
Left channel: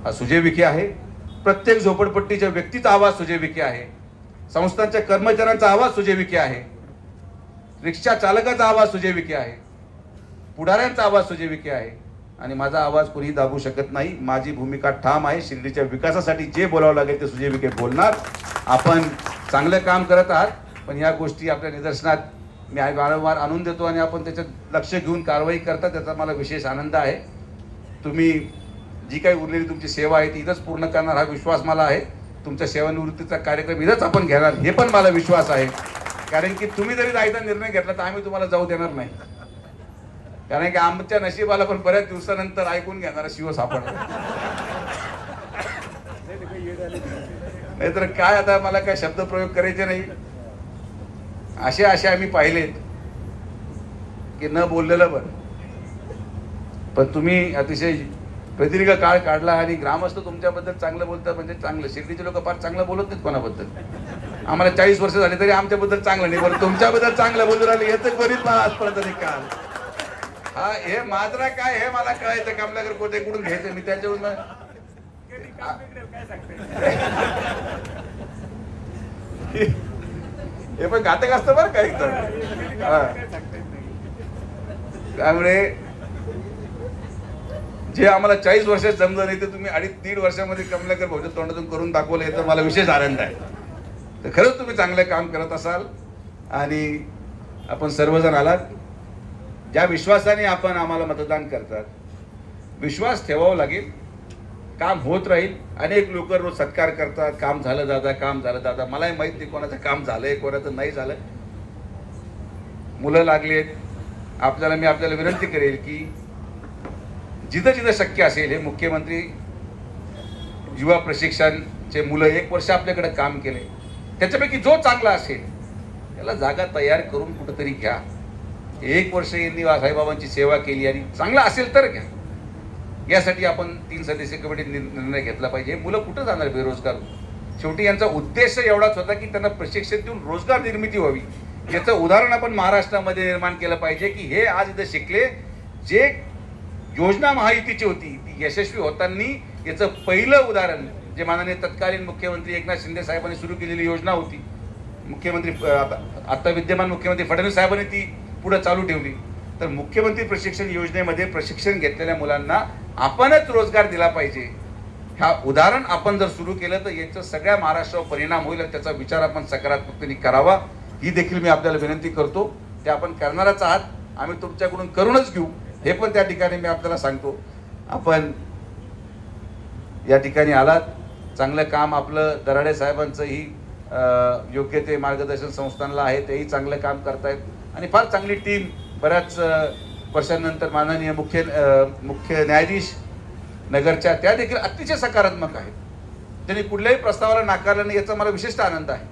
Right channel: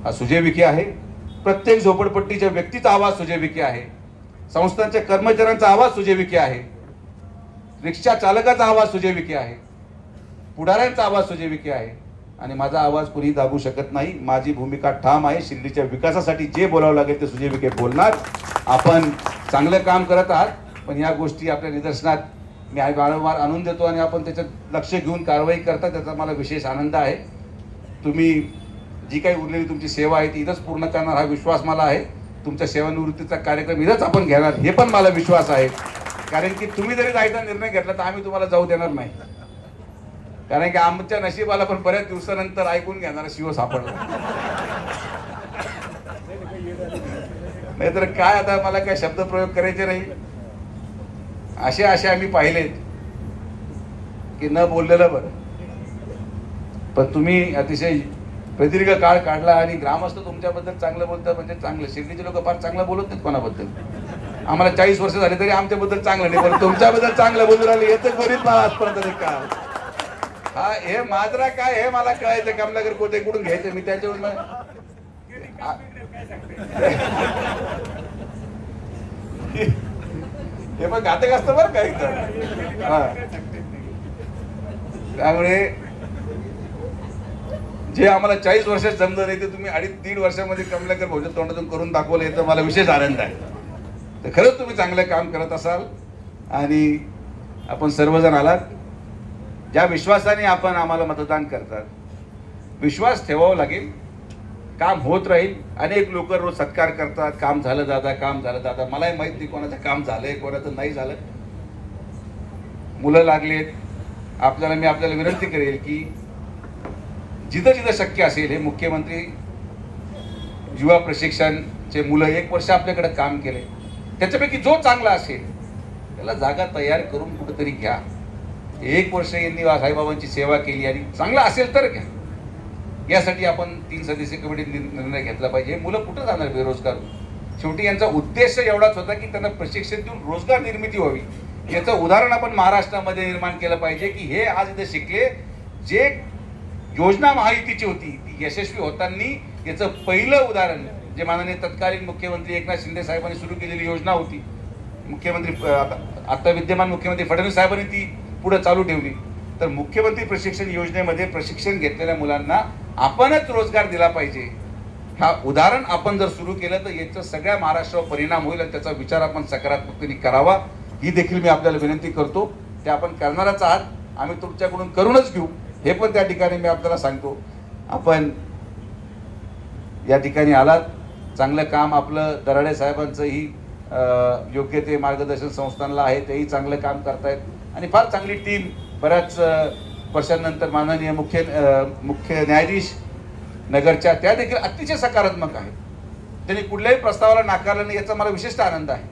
हा सुजय विखे आहे, प्रत्येक झोपडपट्टीच्या व्यक्तीचा आवाज सुजय विखे आहे, संस्थांच्या कर्मचाऱ्यांचा आवाज सुजय विखे आहे, रिक्षा चालकाचा आवाज सुजय विखे आहे, पुढाऱ्यांचा आवाज सुजय विखे आहे. आणि माझा आवाज कोणी दाबू शकत नाही. माझी भूमिका ठाम आहे. शिर्डीच्या विकासासाठी जे बोलावं लागेल ते सुजय विखे बोलणार. आपण चांगलं काम करत आहात, पण या गोष्टी आपल्या निदर्शनात मी वारंवार आणून देतो आणि आपण त्याच्यात लक्ष घेऊन कारवाई करता, त्याचा मला विशेष आनंद आहे. तुम्ही जी काही उरलेली तुमची सेवा आहे ती इथंच पूर्ण करणार हा विश्वास मला आहे. तुमच्या सेवानिवृत्तीचा कार्यक्रम इथंच आपण घेणार हे पण मला विश्वास आहे. कारण की तुम्ही जरी जायचा निर्णय घेतला तर आम्ही तुम्हाला जाऊ देणार नाही. कारण की आमच्या नशिबाला पण बऱ्याच दिवसानंतर ऐकून घेणारा शिव सापडला. नाहीतर काय, आता मला काय शब्दप्रयोग करायचे नाही. असे आम्ही पाहिलेत की न बोललेलं बरं, पण तुम्ही अतिशय प्रदीर्घ काळ काढला आणि ग्रामस्थ तुमच्याबद्दल चांगलं बोलतात. म्हणजे चांगलं, शिर्डीचे लोक फार चांगलं बोलत नाहीत कोणाबद्दल. आम्हाला 40 वर्ष झाले तरी आमच्याबद्दल चांगलं नाही, पण तुमच्याबद्दल चांगलं बोलून राहिले हे तर बरीच आजपर्यंत का. हा, हे माजरा काय हे मला कळायचं, कमलाकर कोटे कडून घ्यायचं मी त्याच्यावरून. हे पण घातक असतं बरं काय. त्यामुळे जे आम्हाला 40 वर्षात जमलं नाही ते तुम्ही 2.5-3 वर्षामध्ये कमलाकर भोजन तोंडातून करून दाखवलं, याचा मला विशेष आनंद आहे. तर खरंच तुम्ही चांगलं काम करत असाल आणि आपण सर्वजण आलात. ज्या विश्वासाने आपण आम्हाला मतदान करतात, विश्वास ठेवावा लागेल. काम होत राहील. अनेक लोक रोज सत्कार करतात, काम झालं दादा, काम झालं दादा. मलाही माहित नाही कोणाचं काम झालंय कोणाचं नाही झालं. मुलं लागलेत. मी आपल्याला विनंती करेल की जिथं जिथं शक्य असेल हे मुख्यमंत्री युवा प्रशिक्षणचे मुलं 1 वर्ष आपल्याकडे काम केले, त्याच्यापैकी जो चांगला असेल त्याला जागा तयार करून कुठेतरी घ्या. 1 वर्ष यांनी साईबाबांची सेवा केली आणि चांगलं असेल तर घ्या. यासाठी आपण 3 सदस्यीय कमिटीने निर्णय घेतला पाहिजे. मुलं कुठं जाणार बेरोजगार? शेवटी यांचा उद्देश एवढाच होता की त्यांना प्रशिक्षण देऊन रोजगार निर्मिती व्हावी. याचं उदाहरण आपण महाराष्ट्रामध्ये निर्माण केलं पाहिजे की हे आज इथे शिकले. जे योजना महायुतीची होती ती यशस्वी होताना याचं पहिलं उदाहरण जे माननीय तत्कालीन मुख्यमंत्री एकनाथ शिंदे साहेबांनी सुरू केलेली योजना होती. मुख्यमंत्री आता विद्यमान मुख्यमंत्री फडणवीस साहेबांनी ती पुढे चालू ठेवली. तर मुख्यमंत्री प्रशिक्षण योजनेमध्ये प्रशिक्षण घेतलेल्या मुलांना आपणच रोजगार दिला पाहिजे. हा उदाहरण आपण जर सुरू केलं तर याचा सगळ्या महाराष्ट्रावर परिणाम होईल. त्याचा विचार आपण सकारात्मकतेने करावा ही देखील मी आपल्याला विनंती करतो. ते आपण करणारच आहात. आम्ही तुमच्याकडून करूनच घेऊ हे पण त्या ठिकाणी मी आपल्याला सांगतो. आपण या ठिकाणी आलात, चांगलं काम आपलं दराडे साहेबांचंही योग्य ते मार्गदर्शन संस्थांना आहे, तेही चांगलं काम करतायत आणि फार चांगली टीम बऱ्याच वर्षांनंतर माननीय मुख्य न्यायाधीश नगरच्या त्या देखील अतिशय सकारात्मक आहे. त्यांनी कुठल्याही प्रस्तावाला नाकारलं नाही याचा मला विशिष्ट आनंद आहे.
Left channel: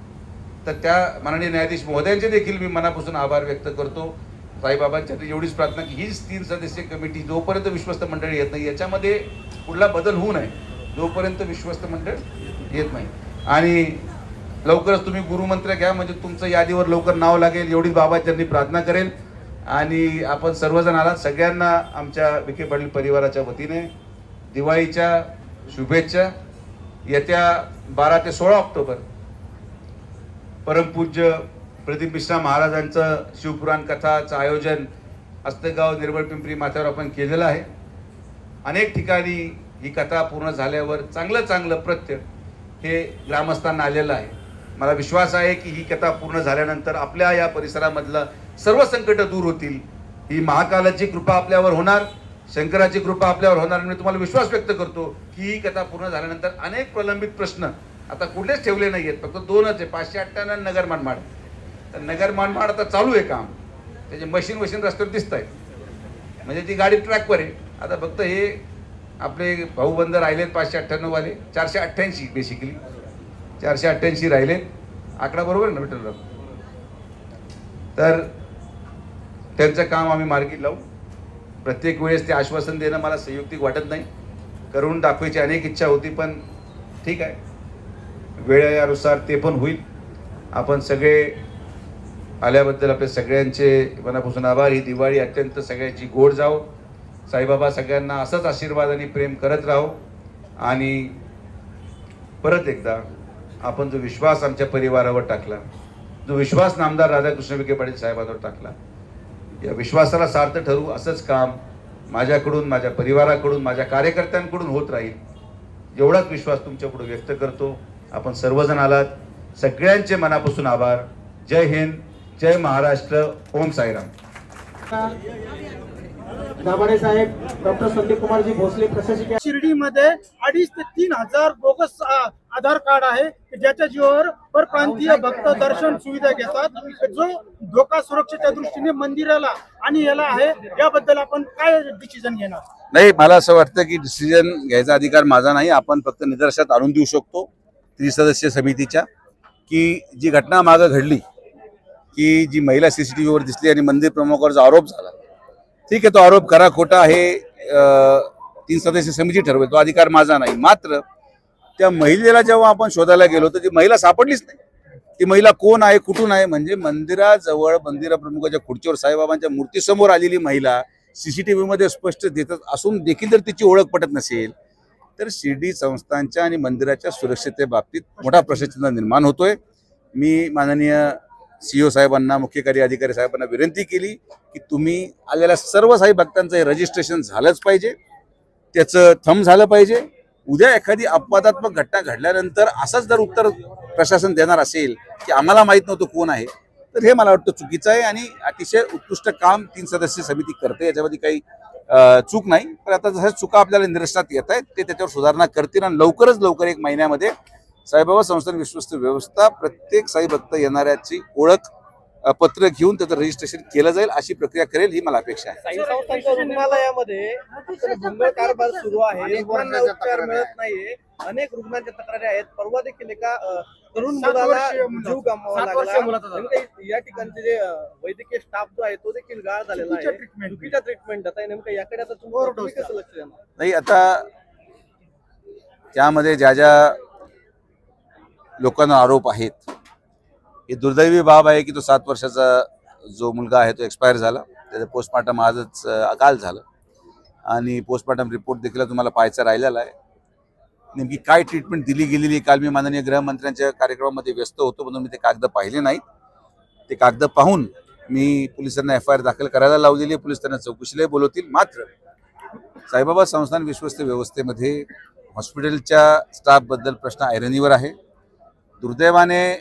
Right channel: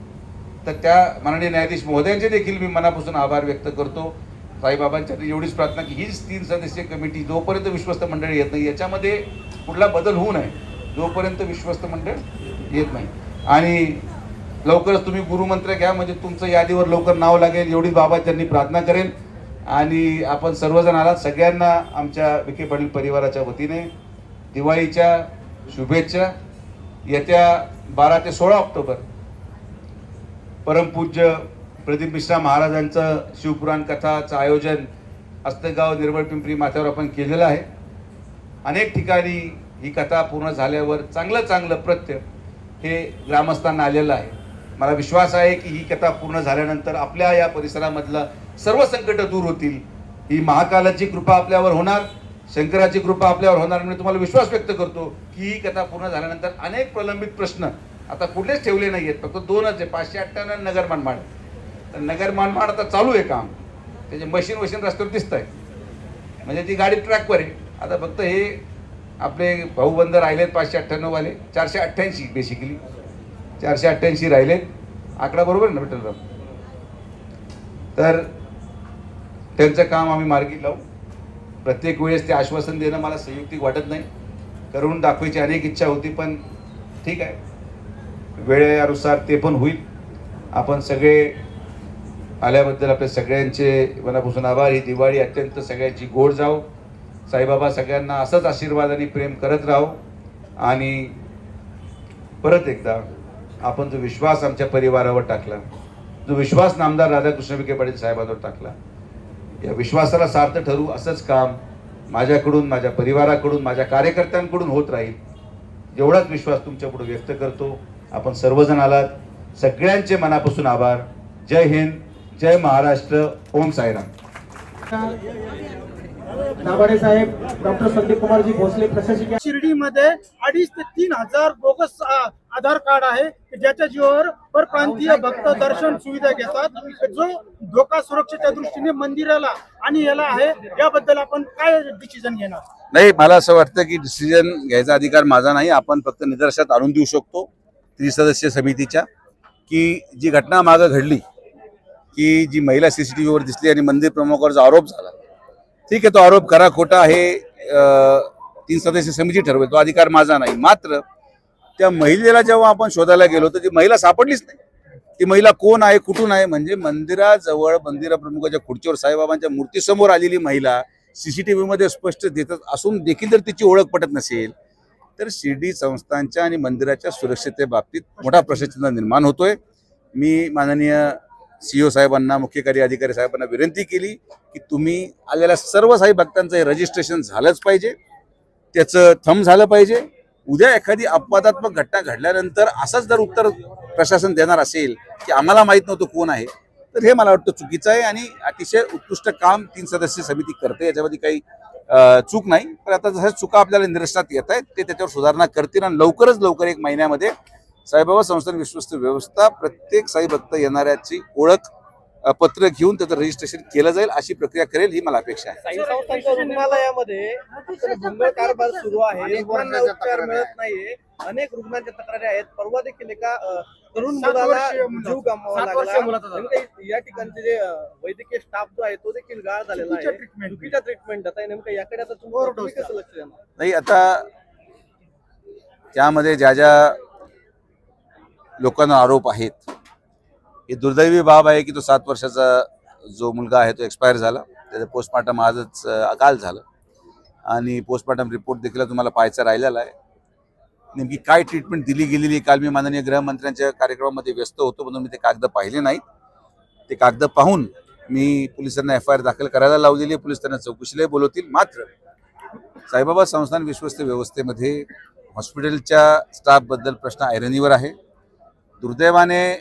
तर त्या माननीय न्यायाधीश महोदयांचे देखील मी मनापासून आभार व्यक्त करतो. साईबाबांच्या एवढीच प्रार्थना की हीच 3 सदस्यीय कमिटी जोपर्यंत विश्वस्त मंडळ येत नाही याच्यामध्ये कुठला बदल होऊ नये, जोपर्यंत विश्वस्त मंडळ येत नाही. आणि लवकरच तुम्ही गुरुमंत्र घ्या म्हणजे तुमचं यादीवर लवकर नाव लागेल एवढी बाबांनी प्रार्थना करेन. आणि आपण सर्वजण आलात. सगळ्यांना आमच्या विखे पाटील परिवाराच्या वतीने दिवाळीच्या शुभेच्छा. येत्या 12 ते 16 ऑक्टोबर परमपूज्य प्रदीप मिश्रा महाराजांचं शिवपुराण कथाचं आयोजन अस्तगाव निर्मळ पिंपरी माथ्यावर आपण केलेलं आहे. अनेक ठिकाणी ही कथा पूर्ण झाल्यावर चांगलं प्रत्य हे ग्रामस्थांना आलेलं आहे. मला विश्वास आहे की ही कथा पूर्ण झाल्यानंतर आपल्या या परिसरामधलं सर्व संकट दूर होतील. ही महाकालाची कृपा आपल्यावर होणार, शंकराची कृपा आपल्यावर होणार. आणि तुम्हाला विश्वास व्यक्त करतो की ही कथा पूर्ण झाल्यानंतर अनेक प्रलंबित प्रश्न आता कुठलेच ठेवले नाहीयेत. फक्त 2च आहे, 558 नगर मनमाड. तर नगर मनमाड आता चालू आहे काम. त्याचे मशीन रस्त्यावर दिसत आहे म्हणजे ती गाडी ट्रॅकवर आहे. आता फक्त हे आपले भाऊबंद राहिलेत 598 वाले, 488 बेसिकली 488 राहिलेत. आकडा बरोबर ना विठ्ठल? तर त्यांचं काम आम्ही मार्गी लावू. प्रत्येक वेळेस ते आश्वासन देणं मला संयुक्तिक वाटत नाही. करून दाखवायची अनेक इच्छा होती पण ठीक आहे, वेळेनुसार ते पण होईल. आपण सगळे आल्याबद्दल आपल्या सगळ्यांचे मनापासून आभार. ही दिवाळी अत्यंत सगळ्यांची गोड जाओ. साईबाबा सगळ्यांना असंच आशीर्वाद आणि प्रेम करत राहो. आणि परत एकदा आपण जो विश्वास आमच्या परिवारावर टाकला, जो विश्वास नामदार राधाकृष्ण विखे पाटील साहेबांवर टाकला, या विश्वासाला सार्थ ठरू असंच काम माझ्याकडून, माझ्या परिवाराकडून, माझ्या कार्यकर्त्यांकडून होत राहील एवढाच विश्वास तुमच्या पुढे व्यक्त करतो. आपण सर्वजण आलात, सगळ्यांचे मनापासून आभार. जय हिंद, जय महाराष्ट्र. ओम साईराम. दाभाडे साहेब, डॉक्टर संदीप कुमारजी भोसले प्रशासकीय. शिर्डीमध्ये 2,500 ते 3,000 बोगस आधार कार्ड आहे ज्याच्या जीवावर परप्रांतीय भक्त दर्शन सुविधा घेतात, जो धोका सुरक्षेच्या दृष्टीने मंदिराला आणि याला आहे. याबद्दल आपण काय डिसिजन घेणार? नाही, मला असं वाटतं की डिसिजन घ्यायचा अधिकार माझा नाही. आपण फक्त निदर्शनात आणून देऊ शकतो त्रिसदस्यीय समितीच्या की जी घटना मागं घडली, की जी महिला CCTVवर दिसली आणि मंदिर प्रमुखावर जो आरोप झाला, ठीक आहे, तो आरोप खरा खोटा आहे 3 सदस्यीय समिती ठरवेल, तो अधिकार माझा नाही. मात्र त्या महिलेला जेव्हा आपण शोधायला गेलो तर ती महिला सापडलीच नाही. ती महिला कोण आहे, कुठून आहे, म्हणजे मंदिराजवळ मंदिर प्रमुखाच्या खुर्चीवर साईबाबांच्या मूर्तीसमोर आलेली महिला CCTV मध्ये स्पष्ट देतात असून देखील जर तिची ओळख पटत नसेल तर शिर्डी संस्थांच्या आणि मंदिराच्या सुरक्षिततेबाबतीत मोठा प्रश्नचिन्ह निर्माण होतोय. मी माननीय CEO साहेबांना, मुख्य कार्य अधिकारी साहेबांना विनंती केली की तुम्ही आलेल्या सर्व साई भक्तांचं हे रजिस्ट्रेशन झालंच पाहिजे, त्याचं थंब झालं पाहिजे. उद्या एखादी अपवादात्मक घटना घडल्यानंतर असंच जर उत्तर प्रशासन देणार असेल की आम्हाला माहीत नव्हतं कोण आहे, तर हे मला वाटतं चुकीचं आहे. आणि अतिशय उत्कृष्ट काम 3 सदस्यीय समिती करते, याच्यामध्ये काही चूक नाही. पण आता जसं चुका आपल्याला निदर्शनात येत आहेत ते त्याच्यावर सुधारणा करतील आणि लवकरच लवकर 1 महिन्यामध्ये साईबाबा संस्थान विश्वस्त व्यवस्था प्रत्येक साई भक्त येणाऱ्याची ओळख पत्र घेऊन त्याचं रजिस्ट्रेशन केलं जाईल अशी प्रक्रिया करेल, ही मला अपेक्षा आहे. साई संस्थांच्या रुग्णालयामध्ये भंगळ कारभार सुरू आहे, रुग्णांना उपचार मिळत नाहीये, अनेक रुग्णांच्या तक्रारी आहेत. परवा देखील एका तरुण मुलाला जीव गमवावा लागला. या ठिकाणचे जे वैद्यकीय स्टाफ जो आहे तो देखील गाळ झालेला आहे, चुकीच्या ट्रीटमेंट आता नेमकं याकडे आता तुम्ही कसं लक्ष देणार? नाही, आता त्यामध्ये ज्या ज्या लोकांना आरोप आहेत, ही दुर्दैवी बाब आहे की तो 7 वर्षाचा जो मुलगा आहे तो एक्सपायर झाला. त्याचं पोस्टमार्टम आजच काल झालं आणि पोस्टमार्टम रिपोर्ट देखील तुम्हाला पाहायचा राहिलेला आहे. नेमकी काय ट्रीटमेंट दिली गेलेली, काल मी माननीय गृहमंत्र्यांच्या कार्यक्रमामध्ये व्यस्त होतो म्हणून मी ते कागद पाहिले नाहीत. ते कागद पाहून मी पोलिसांना FIR दाखल करायला लावलेली आहे. पोलीस त्यांना चौकशीलाही बोलवतील. मात्र साईबाबा संस्थान विश्वस्त व्यवस्थेमध्ये हॉस्पिटलच्या स्टाफबद्दल प्रश्न ऐरणीवर आहे. दुर्दैवाने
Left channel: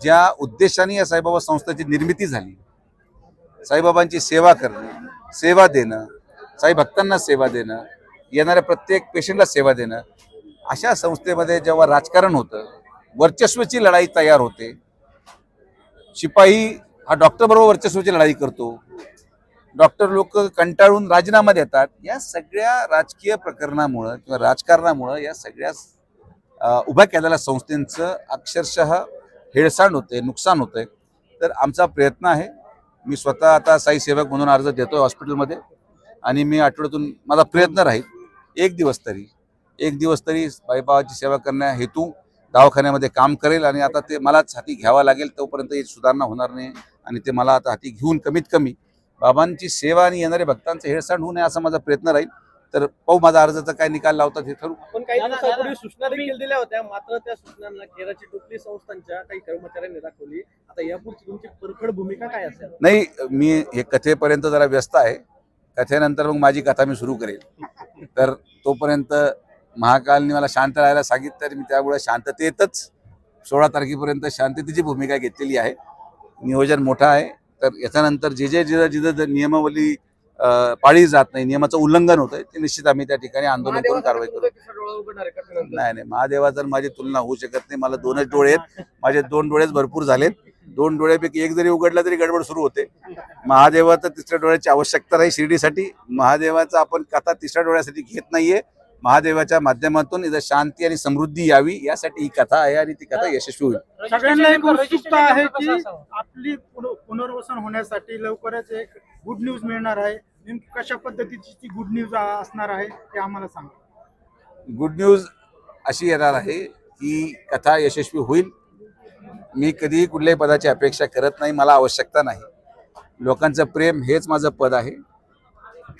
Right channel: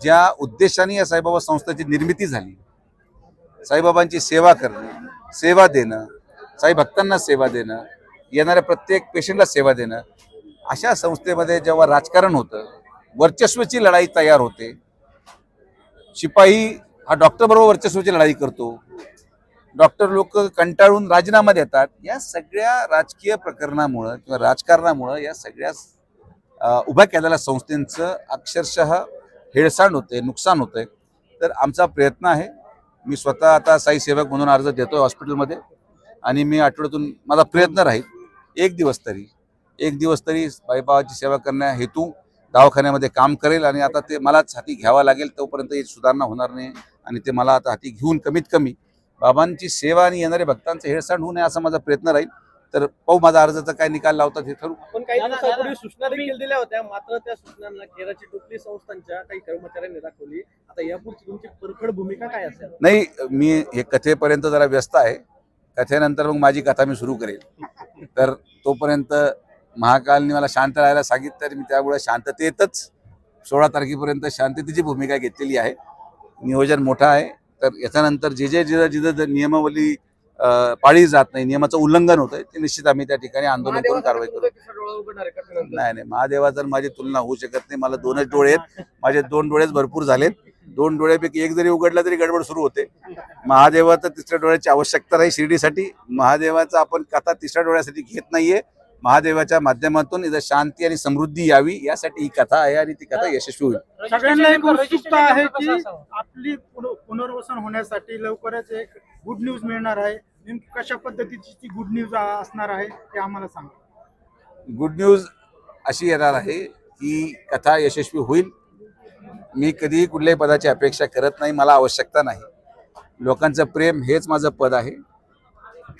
ज्या उद्देशाने या साईबाबा संस्थेची निर्मिती झाली, साईबाबांची सेवा करणं, सेवा देणं, साई भक्तांना सेवा देणं, येणाऱ्या प्रत्येक पेशंटला सेवा देणं, अशा संस्थेमध्ये जेव्हा राजकारण होतं, वर्चस्वाची लढाई तयार होते, शिपाई हा डॉक्टर बरोबर वर्चस्वाची लढाई करतो, डॉक्टर लोक कंटाळून राजीनामा देतात, या सगळ्या राजकीय प्रकरणामुळं किंवा राजकारणामुळं या सगळ्या उभ्या केलेल्या संस्थेचं अक्षरशः हेळसांड होते, नुकसान होतंय. तर आमचा प्रयत्न आहे, मी स्वतः आता साई सेवक म्हणून अर्ज देतोय हॉस्पिटलमध्ये आणि मी आठवड्यातून माझा प्रयत्न राहील एक दिवस तरी साईबाबाची सेवा करण्या हेतू दवाखान्यामध्ये काम करेल. आणि आता ते मलाच हाती घ्यावा लागेल, तोपर्यंत ही सुधारणा होणार नाही आणि ते मला आता हाती घेऊन कमीत कमी बाबांची सेवा आणि येणाऱ्या भक्तांचं हेळसांड होऊ नये असा माझा प्रयत्न राहील. तर पाहू माझा अर्जाचा काय निकाल लावतात हे ठरू. आपण काही दिवसापूर्वी सूचना देखील दिल्या होत्या, मात्र त्या सूचनांना खेराची टोपली संस्थांच्या काही कर्मचाऱ्यांनी दाखवली. आता यापुढची तुमची परखड भूमिका काय असेल? नाही, मी हे कथेपर्यंत जरा व्यस्त आहे. कथेनंतर मग माझी कथा मी सुरू करेल. तर तोपर्यंत महाकालने मला शांत राहायला सांगितलं, तर मी त्यामुळे शांततेतच 16 तारखेपर्यंत शांततेची भूमिका घेतलेली आहे. नियोजन मोठं आहे. तर याच्यानंतर जिथं नियमावली पाळली जात नाही, नियमाचं उल्लंघन होतंय, ते निश्चित आम्ही त्या ठिकाणी आंदोलन करून कारवाई करू. नाही, महादेवाचा माझी तुलना होऊ शकत नाही. मला 2च डोळे आहेत. माझे 2 डोळेच भरपूर झालेत. 2 डोळ्यापैकी एक जरी उघडला तरी गडबड सुरू होते. महादेवाचं 3ऱ्या डोळ्याची आवश्यकता नाही शिर्डीसाठी. महादेवाचा आपण कथा 3ऱ्या डोळ्यासाठी घेत नाहीये. महादेवाच्या माध्यमातून इथं शांती आणि समृद्धी यावी यासाठी ही कथा आहे आणि ती कथा यशस्वी होईल. सगळ्यांना एक उत्सुकता आहे की आपली पुनर्वसन होण्यासाठी लवकरच एक गुड न्यूज मिळणार आहे. नेमकी कशा पद्धतीची ती गुड न्यूज असणार आहे ते आम्हाला सांगा. गुड न्यूज अशी येणार आहे की कथा यशस्वी होईल. मी कधीही कुठल्याही पदाची अपेक्षा करत नाही, मला आवश्यकता नाही. लोकांचं प्रेम हेच माझं पद आहे.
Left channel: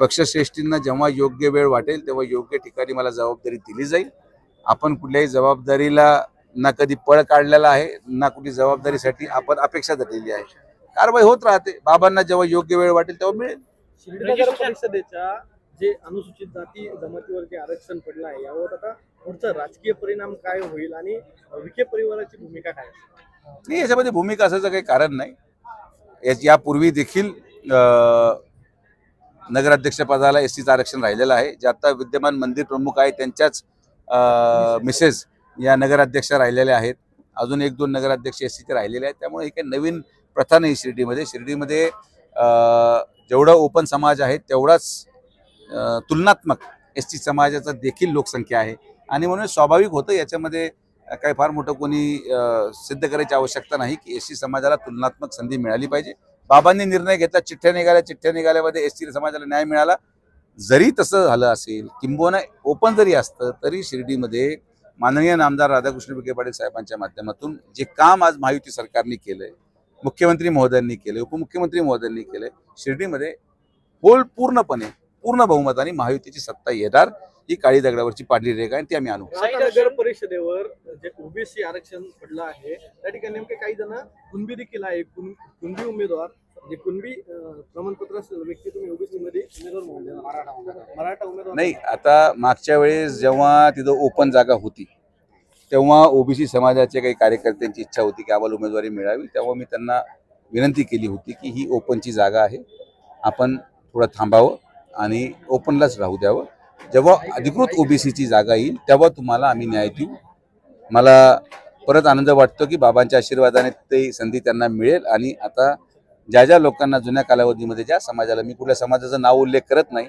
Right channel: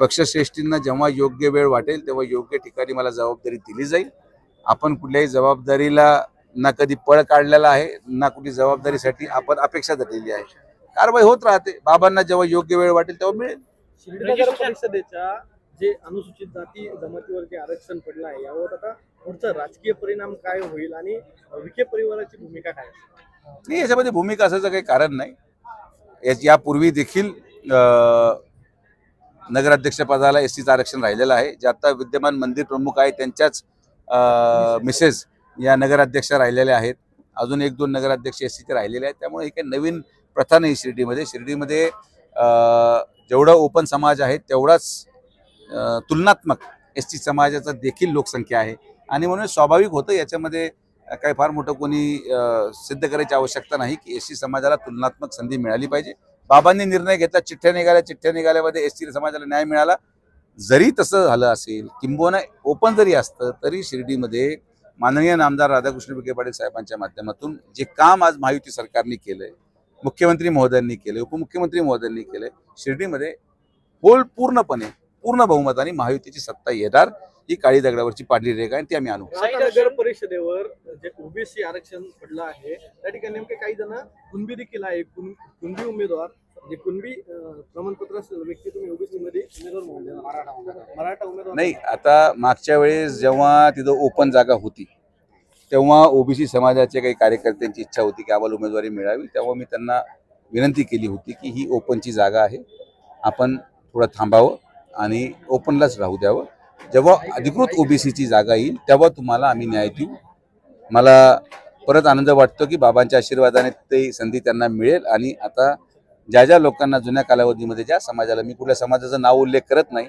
पक्षश्रेष्ठींना जेव्हा योग्य वेळ वाटेल तेव्हा योग्य ठिकाणी मला जबाबदारी दिली जाईल. आपण कुठल्याही जबाबदारीला ना कधी पळ काढलेला आहे, ना कुठली जबाबदारीसाठी आपण अपेक्षा धरलेली आहे. कारवाई होत राहते. बाबांना जेव्हा योग्य वेळ वाटेल तेव्हा मिळेल. नगर परिषदेच्या जे अनुसूचित जाती जमातीवर जे आरक्षण पडलं आहे यावर आता पुढचा राजकीय परिणाम काय होईल आणि विखे परिवाराची भूमिका काय? नाही, याच्यामध्ये भूमिका असायचं काही कारण नाही. यापूर्वी देखील नगराध्यक्ष पदाला एसटीचं आरक्षण राहिलेलं आहे. जे आता विद्यमान मंदिर प्रमुख आहे त्यांच्याच मिसेस या नगराध्यक्ष राहिलेल्या आहेत. अजून 1-2 नगराध्यक्ष एसटीचे राहिलेले आहेत. त्यामुळे ही काही नवीन प्रथा नाही शिर्डीमध्ये जेवढा ओपन समाज आहे तेवढाच तुलनात्मक एसटी समाजाचा देखील लोकसंख्या आहे. आणि म्हणून स्वाभाविक होतं, याच्यामध्ये काही फार मोठं कोणी सिद्ध करायची आवश्यकता नाही की एसटी समाजाला तुलनात्मक संधी मिळाली पाहिजे. बाबांनी निर्णय घेतला, चिठ्ठ्या निघाल्यामध्ये एसटी समाजाला न्याय मिळाला. जरी तसं झालं असेल, किंबहुना ओपन जरी असतं तरी शिर्डीमध्ये माननीय नामदार राधाकृष्ण विखे पाटील साहेबांच्या माध्यमातून जे काम आज महायुती सरकारने केलंय, मुख्यमंत्री महोदयांनी केलंय, उपमुख्यमंत्री महोदयांनी केलंय, शिर्डीमध्ये पूर्णपणे पूर्ण बहुमताने महायुतीची सत्ता येणार. ही काळी दगडावरची पांढरी रेखा आहे, ती आम्ही आणू. नगर परिषदेवर जे ओबीसी आरक्षण पडलं आहे त्या ठिकाणी नेमके काही जण कुणबी देखील आहे. कुणबी उमेदवार जे कुणबी प्रमाणपत्र असलेलं व्यक्ती तुम्ही ओबीसी मध्ये उमेदवार म्हणून देणार, मराठा उमेदवार नाही. आता मागच्या वेळेस जेव्हा तिथं ओपन जागा होती तेव्हा ओबीसी समाजाचे काही कार्यकर्त्यांची इच्छा होती की आम्हाला उमेदवारी मिळावी. तेव्हा मी त्यांना विनंती केली होती की ही ओपनची जागा आहे, आपण थोडं थांबावं आणि ओपनलाच राहू द्यावं. जेव्हा अधिकृत ओबीसीची जागा येईल तेव्हा तुम्हाला आम्ही न्याय देऊ. मला परत आनंद वाटतो की बाबांच्या आशीर्वादाने ते संधी त्यांना मिळेल. आणि आता ज्या लोकांना जुन्या कालावधीमध्ये ज्या समाजाला, मी कुठल्या समाजाचं नाव उल्लेख करत नाही,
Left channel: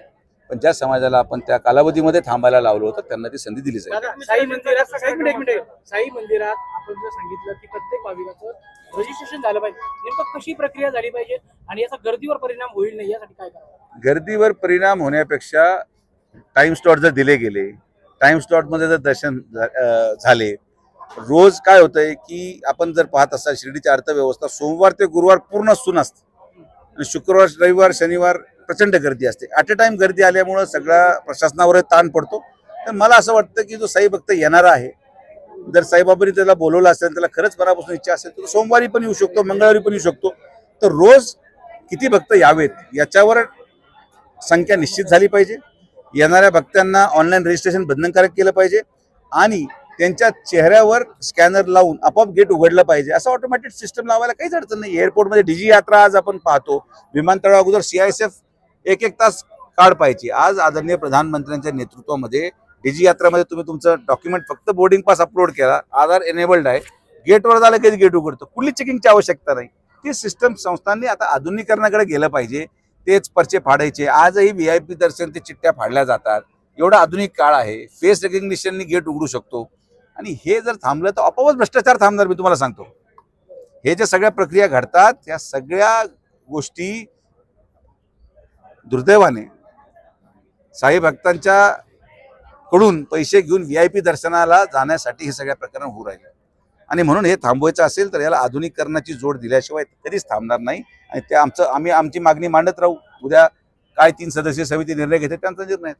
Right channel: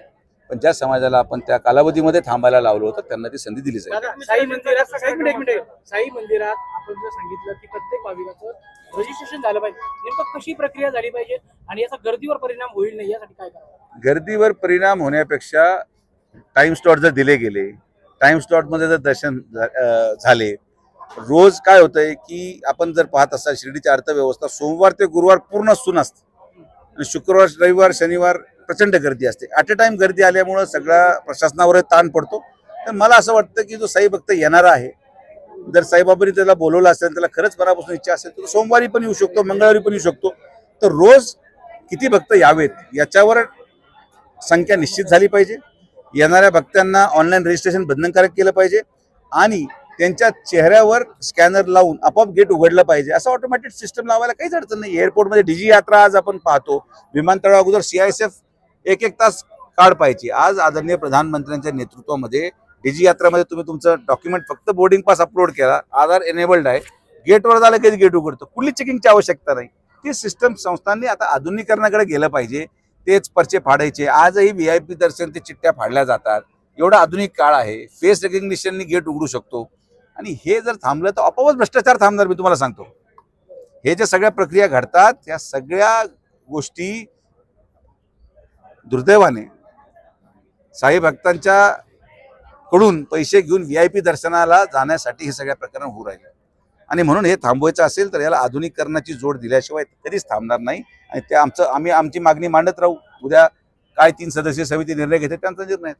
पण ज्या समाजाला आपण त्या कालावधीमध्ये थांबायला लावलं होतं त्यांना ती संधी दिली जाईल. साई मंदिरात आपण जर सांगितलं की प्रत्येक भाविकाचं रजिस्ट्रेशन झालं पाहिजे, नेमकं कशी प्रक्रिया झाली पाहिजे आणि याचा गर्दीवर परिणाम होईल नाही यासाठी काय करावं? गर्दीवर परिणाम होण्यापेक्षा टाइम स्लॉट जर दिले गेले, टाइम स्लॉटमध्ये जर दर्शन झाले, रोज काय होतंय की आपण जर पाहत असाल शिर्डीची अर्थव्यवस्था सोमवार ते गुरुवार पूर्ण सुन असते आणि शुक्रवार, रविवार, शनिवार प्रचंड गर्दी असते. ॲट अ टाइम गर्दी आल्यामुळं सगळ्या प्रशासनावर ताण पडतो. तर मला असं वाटतं की जो साई भक्त येणारा आहे, जर साईबाबांनी त्याला बोलवलं असेल, त्याला खरंच मनापासून इच्छा असेल तर सोमवारी पण येऊ शकतो, मंगळवारी पण येऊ शकतो. तर रोज किती भक्त यावेत याच्यावर संख्या निश्चित झाली पाहिजे. येणाऱ्या भक्तांना ऑनलाईन रजिस्ट्रेशन बंधनकारक केलं पाहिजे आणि त्यांच्या चेहऱ्यावर स्कॅनर लावून आपोआप गेट उघडलं पाहिजे. असं ऑटोमॅटिक सिस्टम लावायला काहीच अडचण नाही. एअरपोर्टमध्ये डीजी यात्रा आज आपण पाहतो, विमानतळा अगोदर CISF 1-1 तास काढ पाहिजे. आज आदरणीय प्रधानमंत्र्यांच्या नेतृत्वामध्ये डीजी यात्रामध्ये तुम्ही तुमचं डॉक्युमेंट फक्त बोर्डिंग पास अपलोड केला, आधार एनेबल्ड आहे, गेटवर झालं की गेट उघडतं, कुठली चेकिंगची आवश्यकता नाही. ती सिस्टम संस्थांनी आता आधुनिकीकरणाकडे गेलं पाहिजे. तेच पर्चे फाडायचे, आजही VIP दर्शन ते चिठ्ठ्या फाडल्या जातात. एवढा आधुनिक काळ आहे, फेस रेकग्निशननी गेट उघडू शकतो. आणि हे जर थांबलं तर आपोआपच भ्रष्टाचार थांबणार. मी तुम्हाला सांगतो, हे जे सगळ्या प्रक्रिया घडतात या सगळ्या गोष्टी दुर्दैवाने साई भक्तांच्या कडून पैसे घेऊन VIP दर्शनाला जाण्यासाठी हे सगळ्या प्रकरण होऊ राहिले. आणि म्हणून हे थांबवायचं असेल तर याला आधुनिकीकरणाची जोड दिल्याशिवाय कधीच थांबणार नाही. आणि ते आम्ही आमची मागणी मांडत राहू. उद्या काय 3 सदस्यीय समिती निर्णय घेते त्यांचा निर्णय.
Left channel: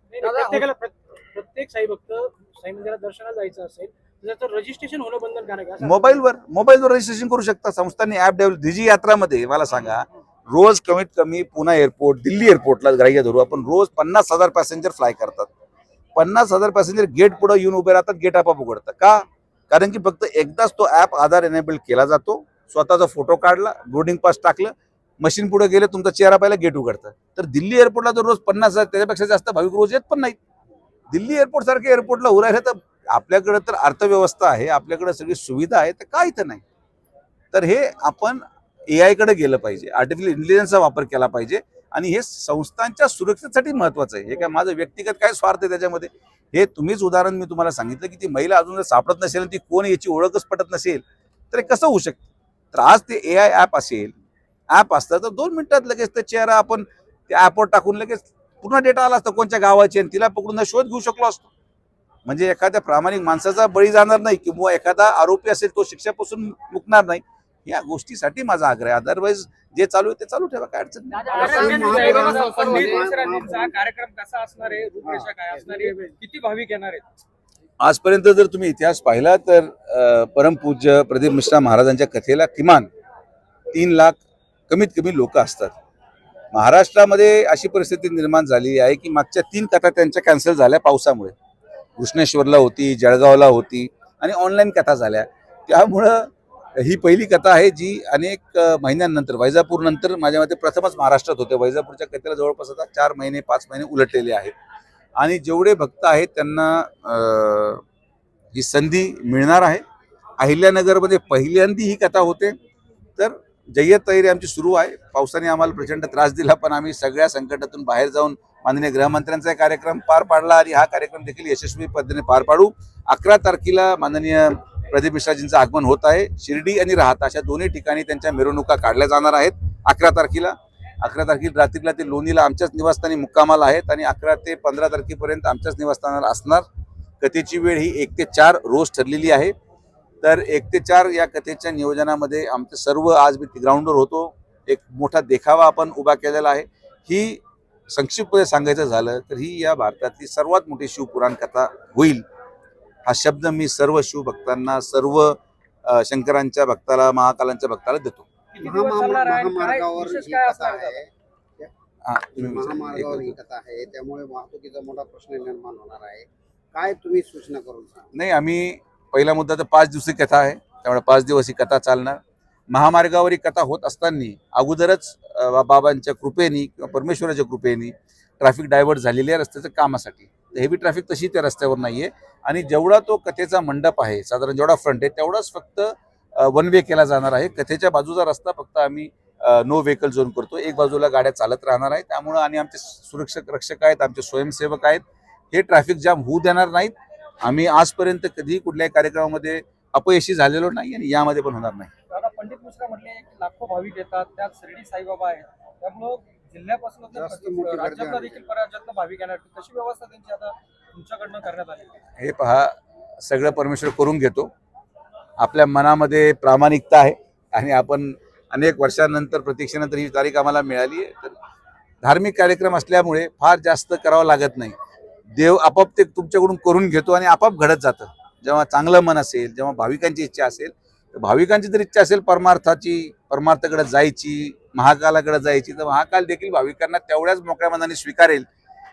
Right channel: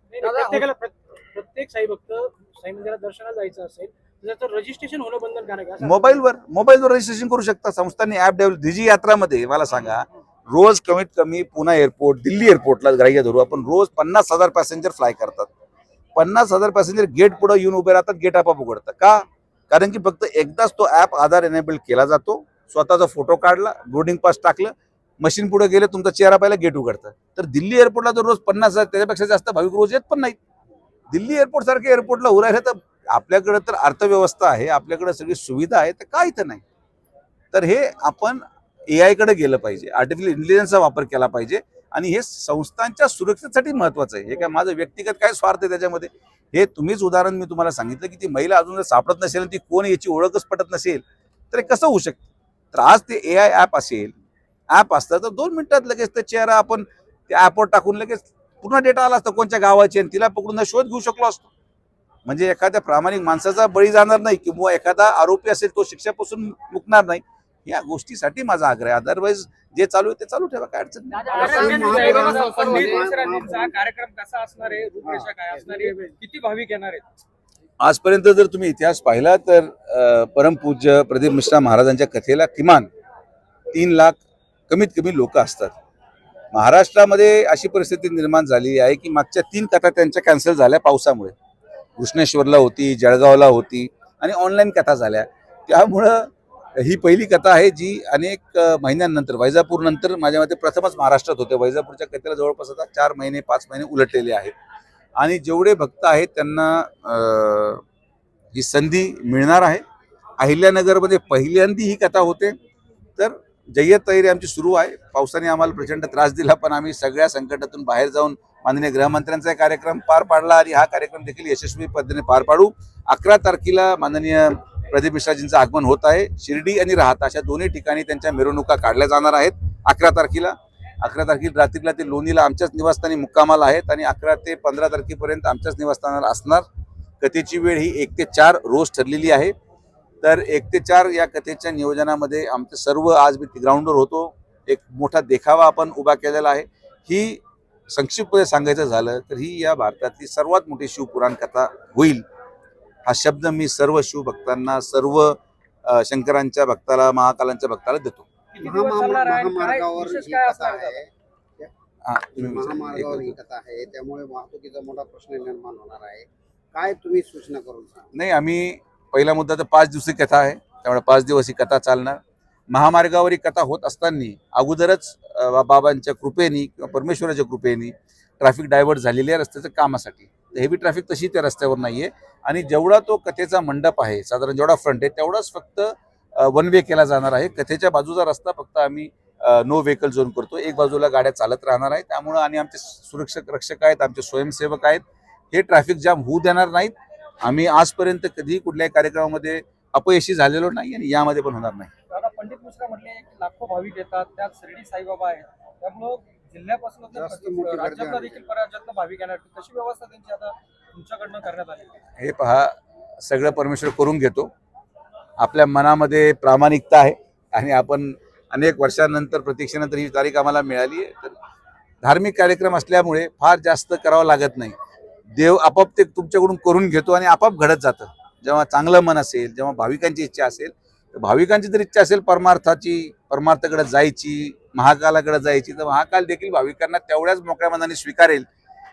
प्रत्येक साई भक्त साई मंदिरात दर्शनाला जायचं असेल त्याचं रजिस्ट्रेशन होणं बंधनकारक आहे. मोबाईलवर रजिस्ट्रेशन करू शकता. संस्थांनी ऍप डेव्हलप. डीजी यात्रामध्ये मला सांगा, रोज कमीत कमी पुणे एअरपोर्ट, दिल्ली एअरपोर्टला ग्राह्य धरू आपण, रोज 50,000 पॅसेंजर फ्लाय करतात. 50,000 पॅसेंजर गेट पुढे येऊन उभे राहतात, गेट आपोआप उघडतं. का? कारण की फक्त एकदाच तो ऍप आधार एनेबल केला जातो. स्वतःचा फोटो काढला, बोर्डिंग पास टाकलं, मशीन पुढे गेले, तुमचा चेहरा पाहिला, गेट उघडतं. तर दिल्ली एअरपोर्टला जर रोज 50,000 त्याच्यापेक्षा जास्त भाविक रोज येत पण नाहीत. दिल्ली एअरपोर्ट सारख्या एअरपोर्टला उरायला तर आपल्याकडे तर अर्थव्यवस्था आहे, आपल्याकडे सगळी सुविधा आहे, तर का इथं नाही? तर हे आपण AI कडे गेलं पाहिजे, आर्टिफिशियल इंटेलिजन्सचा वापर केला पाहिजे. आणि हे संस्थांच्या सुरक्षेसाठी महत्वाचं आहे. हे काय माझं व्यक्तिगत काय स्वार्थ आहे त्याच्यामध्ये? हे तुम्हीच उदाहरण मी तुम्हाला सांगितलं की ती महिला अजून जर सापडत नसेल, ती कोण याची ओळखच पटत नसेल, तर हे कसं होऊ शकतं? तर आज ते AI ॲप असेल, ॲप असतं तर 2 मिनिटात लगेच ते चेहरा आपण त्या ॲपवर टाकून लगेच पूर्ण डेटा आला असता कोणत्या गावाची, आणि तिला पकडून शोध घेऊ शकलो असतो. म्हणजे एखाद्या प्रामाणिक माणसाचा बळी जाणार नाही किंवा एखादा आरोपी असेल तो शिक्षापासून मुकणार नाही, या गोष्टीसाठी माझा आग्रह आहे. अदरवाईज जे चालू आहे ते चालू ठेवा, काय अडचण नाही. कार्यक्रम कसा असणार आहे, रूपरेषा काय असणार आहे, किती भाविक येणार आहेत? आजपर्यंत जर तुम्ही इतिहास पाहिला तर परमपूज्य प्रदीप मिश्रा महाराजांच्या कथेला किमान 3 लाख कमीत कमी लोक असतात. महाराष्ट्रामध्ये अशी परिस्थिती निर्माण झाली आहे की मागच्या 3 कथा त्यांच्या कॅन्सल झाल्या पावसामुळे. कृष्णेश्वरला होती, जळगावला होती आणि ऑनलाईन कथा झाल्या. त्यामुळं ही पहिली कथा आहे जी अनेक महिन्यांनंतर, वैजापूर नंतर माझ्या मते प्रथमच महाराष्ट्रात होते. वैजापूरच्या कथेला जवळपास आता 4 महिने 5 महिने उलटलेले आहेत आणि जेवढे भक्त आहेत त्यांना ही संधी मिळणार आहे. अहिल्यानगरमध्ये पहिल्यांदी ही कथा होते. तर जय्यत तयारी आमची सुरू आहे. पावसाने आम्हाला प्रचंड त्रास दिला, पण आम्ही सगळ्या संकटातून बाहेर जाऊन माननीय गृहमंत्र्यांचा कार्यक्रम पार पाडला आणि हा कार्यक्रम देखील यशस्वी पद्धतीने पार पाडू. 11 तारखेला माननीय प्रदीप मिश्राजींचं आगमन होत आहे. शिर्डी आणि राहता अशा दोन्ही ठिकाणी त्यांच्या मिरवणुका काढल्या जाणार आहेत. 11 तारखेला रात्रीला ते लोणीला आमच्याच निवासस्थानी मुक्कामाला आहेत आणि 11 ते 15 तारखेपर्यंत आमच्याच निवासस्थानाला असणार. कथेची वेळ ही 1 ते 4 रोज ठरलेली आहे. तर 1 ते 4 या कथेच्या नियोजनामध्ये आमचं सर्व, आज मी ग्राउंडवर होतो, एक मोठा देखावा आपण उभा केलेला आहे. ही संक्षिप्तपणे सांगायचं झालं तर ही या भारतातली सर्वात मोठी शिवपुराण कथा होईल. हा शब्द मी सर्व शिवभक्तांना, सर्व शंकरांच्या भक्ताला, महाकालांच्या भक्ताला देतो. महामार्गावर ही कथा आहे, त्यामुळे वाहतुकीचा मोठा प्रश्न निर्माण होणार आहे. काय तुम्ही सूचना करून सांगा? नाही, आम्ही पहिला मुद्दा तर 5 दिवसीय कथा आहे, त्यामुळे 5 दिवस ही कथा चालणार. महामार्गावर ही कथा होत असताना अगोदरच बाबांच्या कृपेने किंवा परमेश्वराच्या कृपेने ट्रॅफिक डायव्हर्ट झालेली आहे रस्त्याच्या कामासाठी. तर हेवी ट्रॅफिक तशी त्या रस्त्यावर नाही आहे आणि जेवढा तो कथेचा मंडप आहे, साधारण जेवढा फ्रंट आहे तेवढाच फक्त 1 वे केला जाणार आहे. कथेच्या बाजूचा रस्ता फक्त आम्ही नो व्हेकल झोन करतो. एक बाजूला गाड्या चालत राहणार आहेत. त्यामुळं आणि आमचे सुरक्षक रक्षक आहेत, आमचे स्वयंसेवक आहेत, हे ट्रॅफिक जाम होऊ देणार नाहीत. आम्ही आजपर्यंत कधी कुठल्याही कार्यक्रमामध्ये अपयशी झालेलो नाही आणि यामध्ये पण होणार नाही. दादा, पंडित मिश्रा म्हटले की लाखो भाविक येतात, त्यात शिर्डी साईबाबा आहेत, त्यामुळं जिल्ह्यापासून राज्यातला देखील राज्यातला भाविक येणार. कशी व्यवस्था त्यांची आता तुमच्याकडनं करण्यात आली? हे पहा, सगळं परमेश्वर करून घेतो. आपल्या मनामध्ये प्रामाणिकता आहे आणि आपण अनेक वर्षांनंतर, प्रतीक्षेनंतर ही तारीख आम्हाला मिळाली आहे. तर धार्मिक कार्यक्रम असल्यामुळे फार जास्त करावं लागत नाही. देव आपोआप ते तुमच्याकडून करून घेतो आणि आपोआप घडत जातं. जेव्हा चांगलं मन असेल, जेव्हा भाविकांची इच्छा असेल, तर भाविकांची जर इच्छा असेल परमार्थाकडे जायची, महाकालाकडे जायची, तर महाकाल देखील भाविकांना तेवढ्याच मोकळ्या मनाने स्वीकारेल.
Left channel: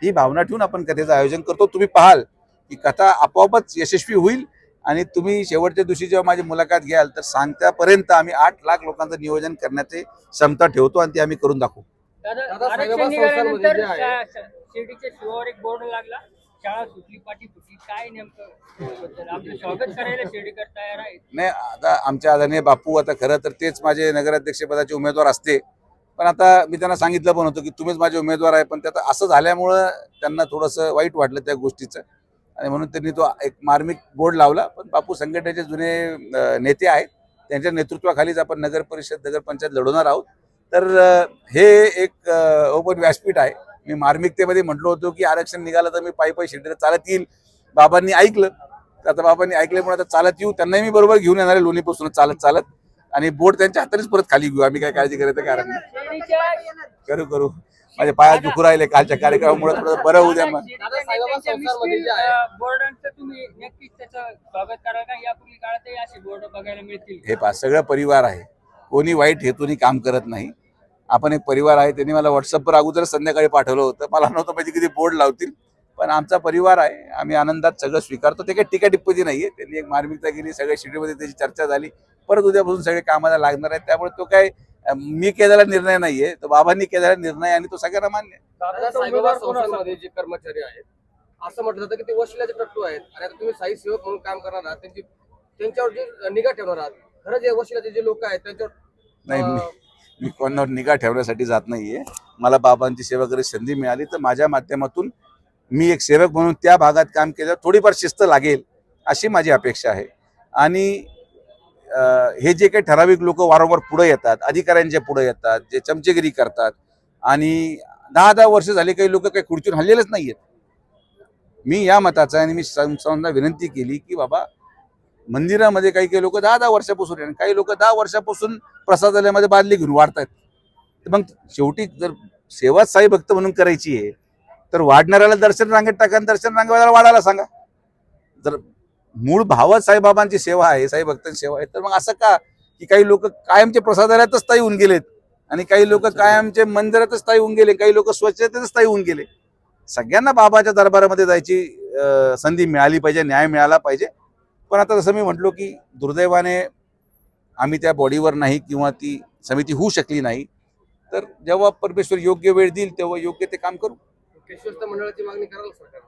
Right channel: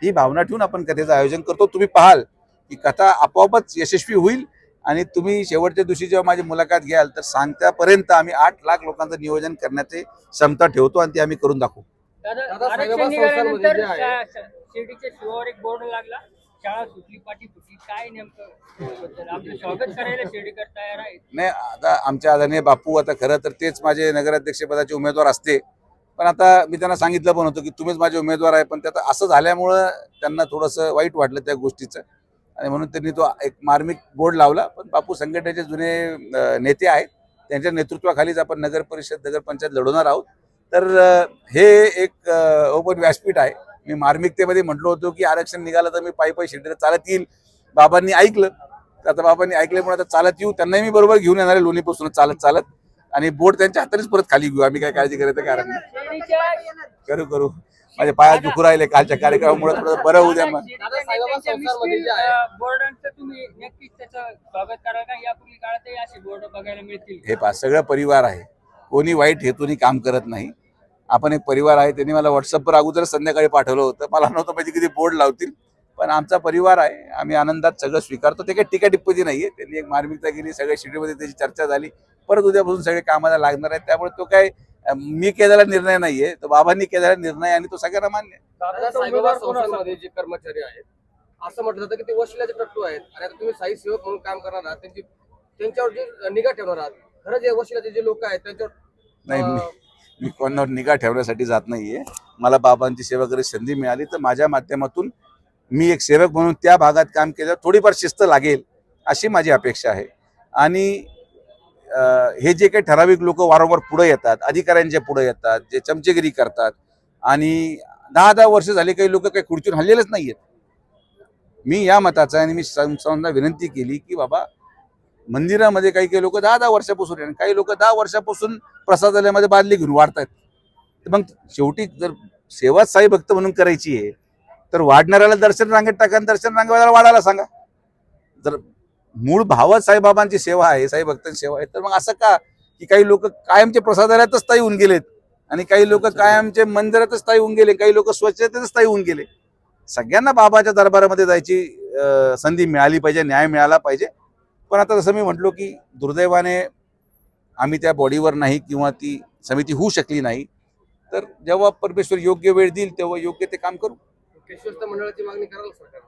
ही भावना ठेवून आपण कथेचं आयोजन करतो. तुम्ही पाहाल की कथा आपोआपच यशस्वी होईल आणि तुम्ही शेवटच्या दिवशी जेव्हा माझी मुलाखत घ्याल तर सांगत्यापर्यंत आम्ही 8 लाख लोकांचं नियोजन करण्याची क्षमता ठेवतो आणि ती आम्ही करून दाखवू. शिर्डीच्या शिवावर एक बोर्ड लागला, शाळा सुटली पाठी फुटली, काय नेमकं आपलं स्वागत करायला शिर्डीकर तयार आहे? नाही, आता आमच्या आदरणीय बापू, आता खरं तर तेच माझे नगराध्यक्षपदाचे उमेदवार असते, पण आता मी त्यांना सांगितलं पण होतं की तुम्हीच माझे उमेदवार आहे. पण त्यात असं झाल्यामुळं त्यांना थोडंसं वाईट वाटलं त्या गोष्टीचं आणि म्हणून त्यांनी तो एक मार्मिक बोर्ड लावला. पण बापू संघटनेचे जुने नेते आहेत, त्यांच्या नेतृत्वाखालीच आपण नगर परिषद, नगरपंचायत लढवणार आहोत. तर हे एक ओपन व्यासपीठ आहे. मी मार्मिकतेमध्ये म्हटलो होतो की आरक्षण निघालं तर मी पायी शिर्डीला चालत येईल. बाबांनी ऐकलं, तर आता बाबांनी ऐकल्यामुळे आता चालत येऊ. त्यांनाही मी बरोबर घेऊन येणार आहे लोणीपासून चालत आणि बोर्ड त्यांच्या हातानेच परत खाली घेऊ. आम्ही काय काळजी करायचं कारण नाही. करू माझे पायात दुखू राहिले कालच्या कार्यक्रमामुळे, थोडं बरं होऊ द्या. हे पहा, सगळं परिवार आहे, कोणी वाईट हेतूने काम करत नाही. आपण एक परिवार आहे. त्यांनी मला व्हॉट्सअपवर अगोदर संध्याकाळी पाठवलं होतं, मला नव्हतं माहिती किती बोर्ड लावतील, पण आमचा परिवार आहे, आम्ही आनंदात सगळं स्वीकारतो. ते काही टीका टिप्पणी नाहीये. त्यांनी एक मार्मिकता केली, सगळ्या शिर्डीमध्ये त्याची चर्चा झाली. परत उद्यापासून सगळे कामाला लागणार आहेत. त्यामुळे तो काय मी केलेला निर्णय नाहीये, तो बाबांनी केलेला निर्णय आणि तो सगळ्यांना मान्य आहे. जे कर्मचारी आहेत असं म्हटलं जातं की ते वशिल्याचे टट्टू आहेत आणि आता तुम्ही साई सेवक म्हणून काम करणार आहात, त्यांच्यावर जे निगा ठेवणार आहात, खरंच जे वशिल्याचे जे लोक आहेत त्यांच्यावर नाही, मी कोणावर निगा ठेवण्यासाठी जात नाहीये. मला बाबांची सेवा करायची संधी मिळाली तर माझ्या माध्यमातून मी एक सेवक म्हणून त्या भागात काम केलं, थोडीफार शिस्त लागेल अशी माझी अपेक्षा आहे. आणि हे जे काही ठराविक लोक वारंवार पुढे येतात, अधिकाऱ्यांच्या पुढे येतात, जे चमचेगिरी करतात आणि 10-10 वर्ष झाले काही लोक काही खुर्चीवर हल्लेलेच नाहीयेत. मी या मताचा आणि मी संस्थांना विनंती केली की बाबा मंदिरामध्ये काही काही लोक 10-10 वर्षापासून आणि काही लोक 10 वर्षापासून प्रसादालयामध्ये बादली घेऊन वाढतात. तर मग शेवटी जर सेवा साई भक्त म्हणून करायची आहे तर वाढणाऱ्याला दर्शन रांगेत टाका आणि दर्शन रांगेवाल्याला वाढायला सांगा. जर मूळ भावच साईबाबांची सेवा आहे, साई भक्तांची सेवा आहे, तर मग असं का की काही लोक कायमचे प्रसादालयातच स्थायी होऊन गेलेत आणि काही लोक कायमचे मंदिरातच स्थायी होऊन गेले, काही लोक स्वच्छतेतच स्थायी होऊन गेले. सगळ्यांना बाबाच्या दरबारामध्ये जायची संधी मिळाली पाहिजे, न्याय मिळाला पाहिजे. पण आता जसं मी म्हटलो की दुर्दैवाने आम्ही त्या बॉडीवर नाही किंवा ती समिती होऊ शकली नाही, तर जेव्हा परमेश्वर योग्य वेळ देईल तेव्हा योग्य ते काम करू. विश्वस्त मंडळाची मागणी कराल सरकार?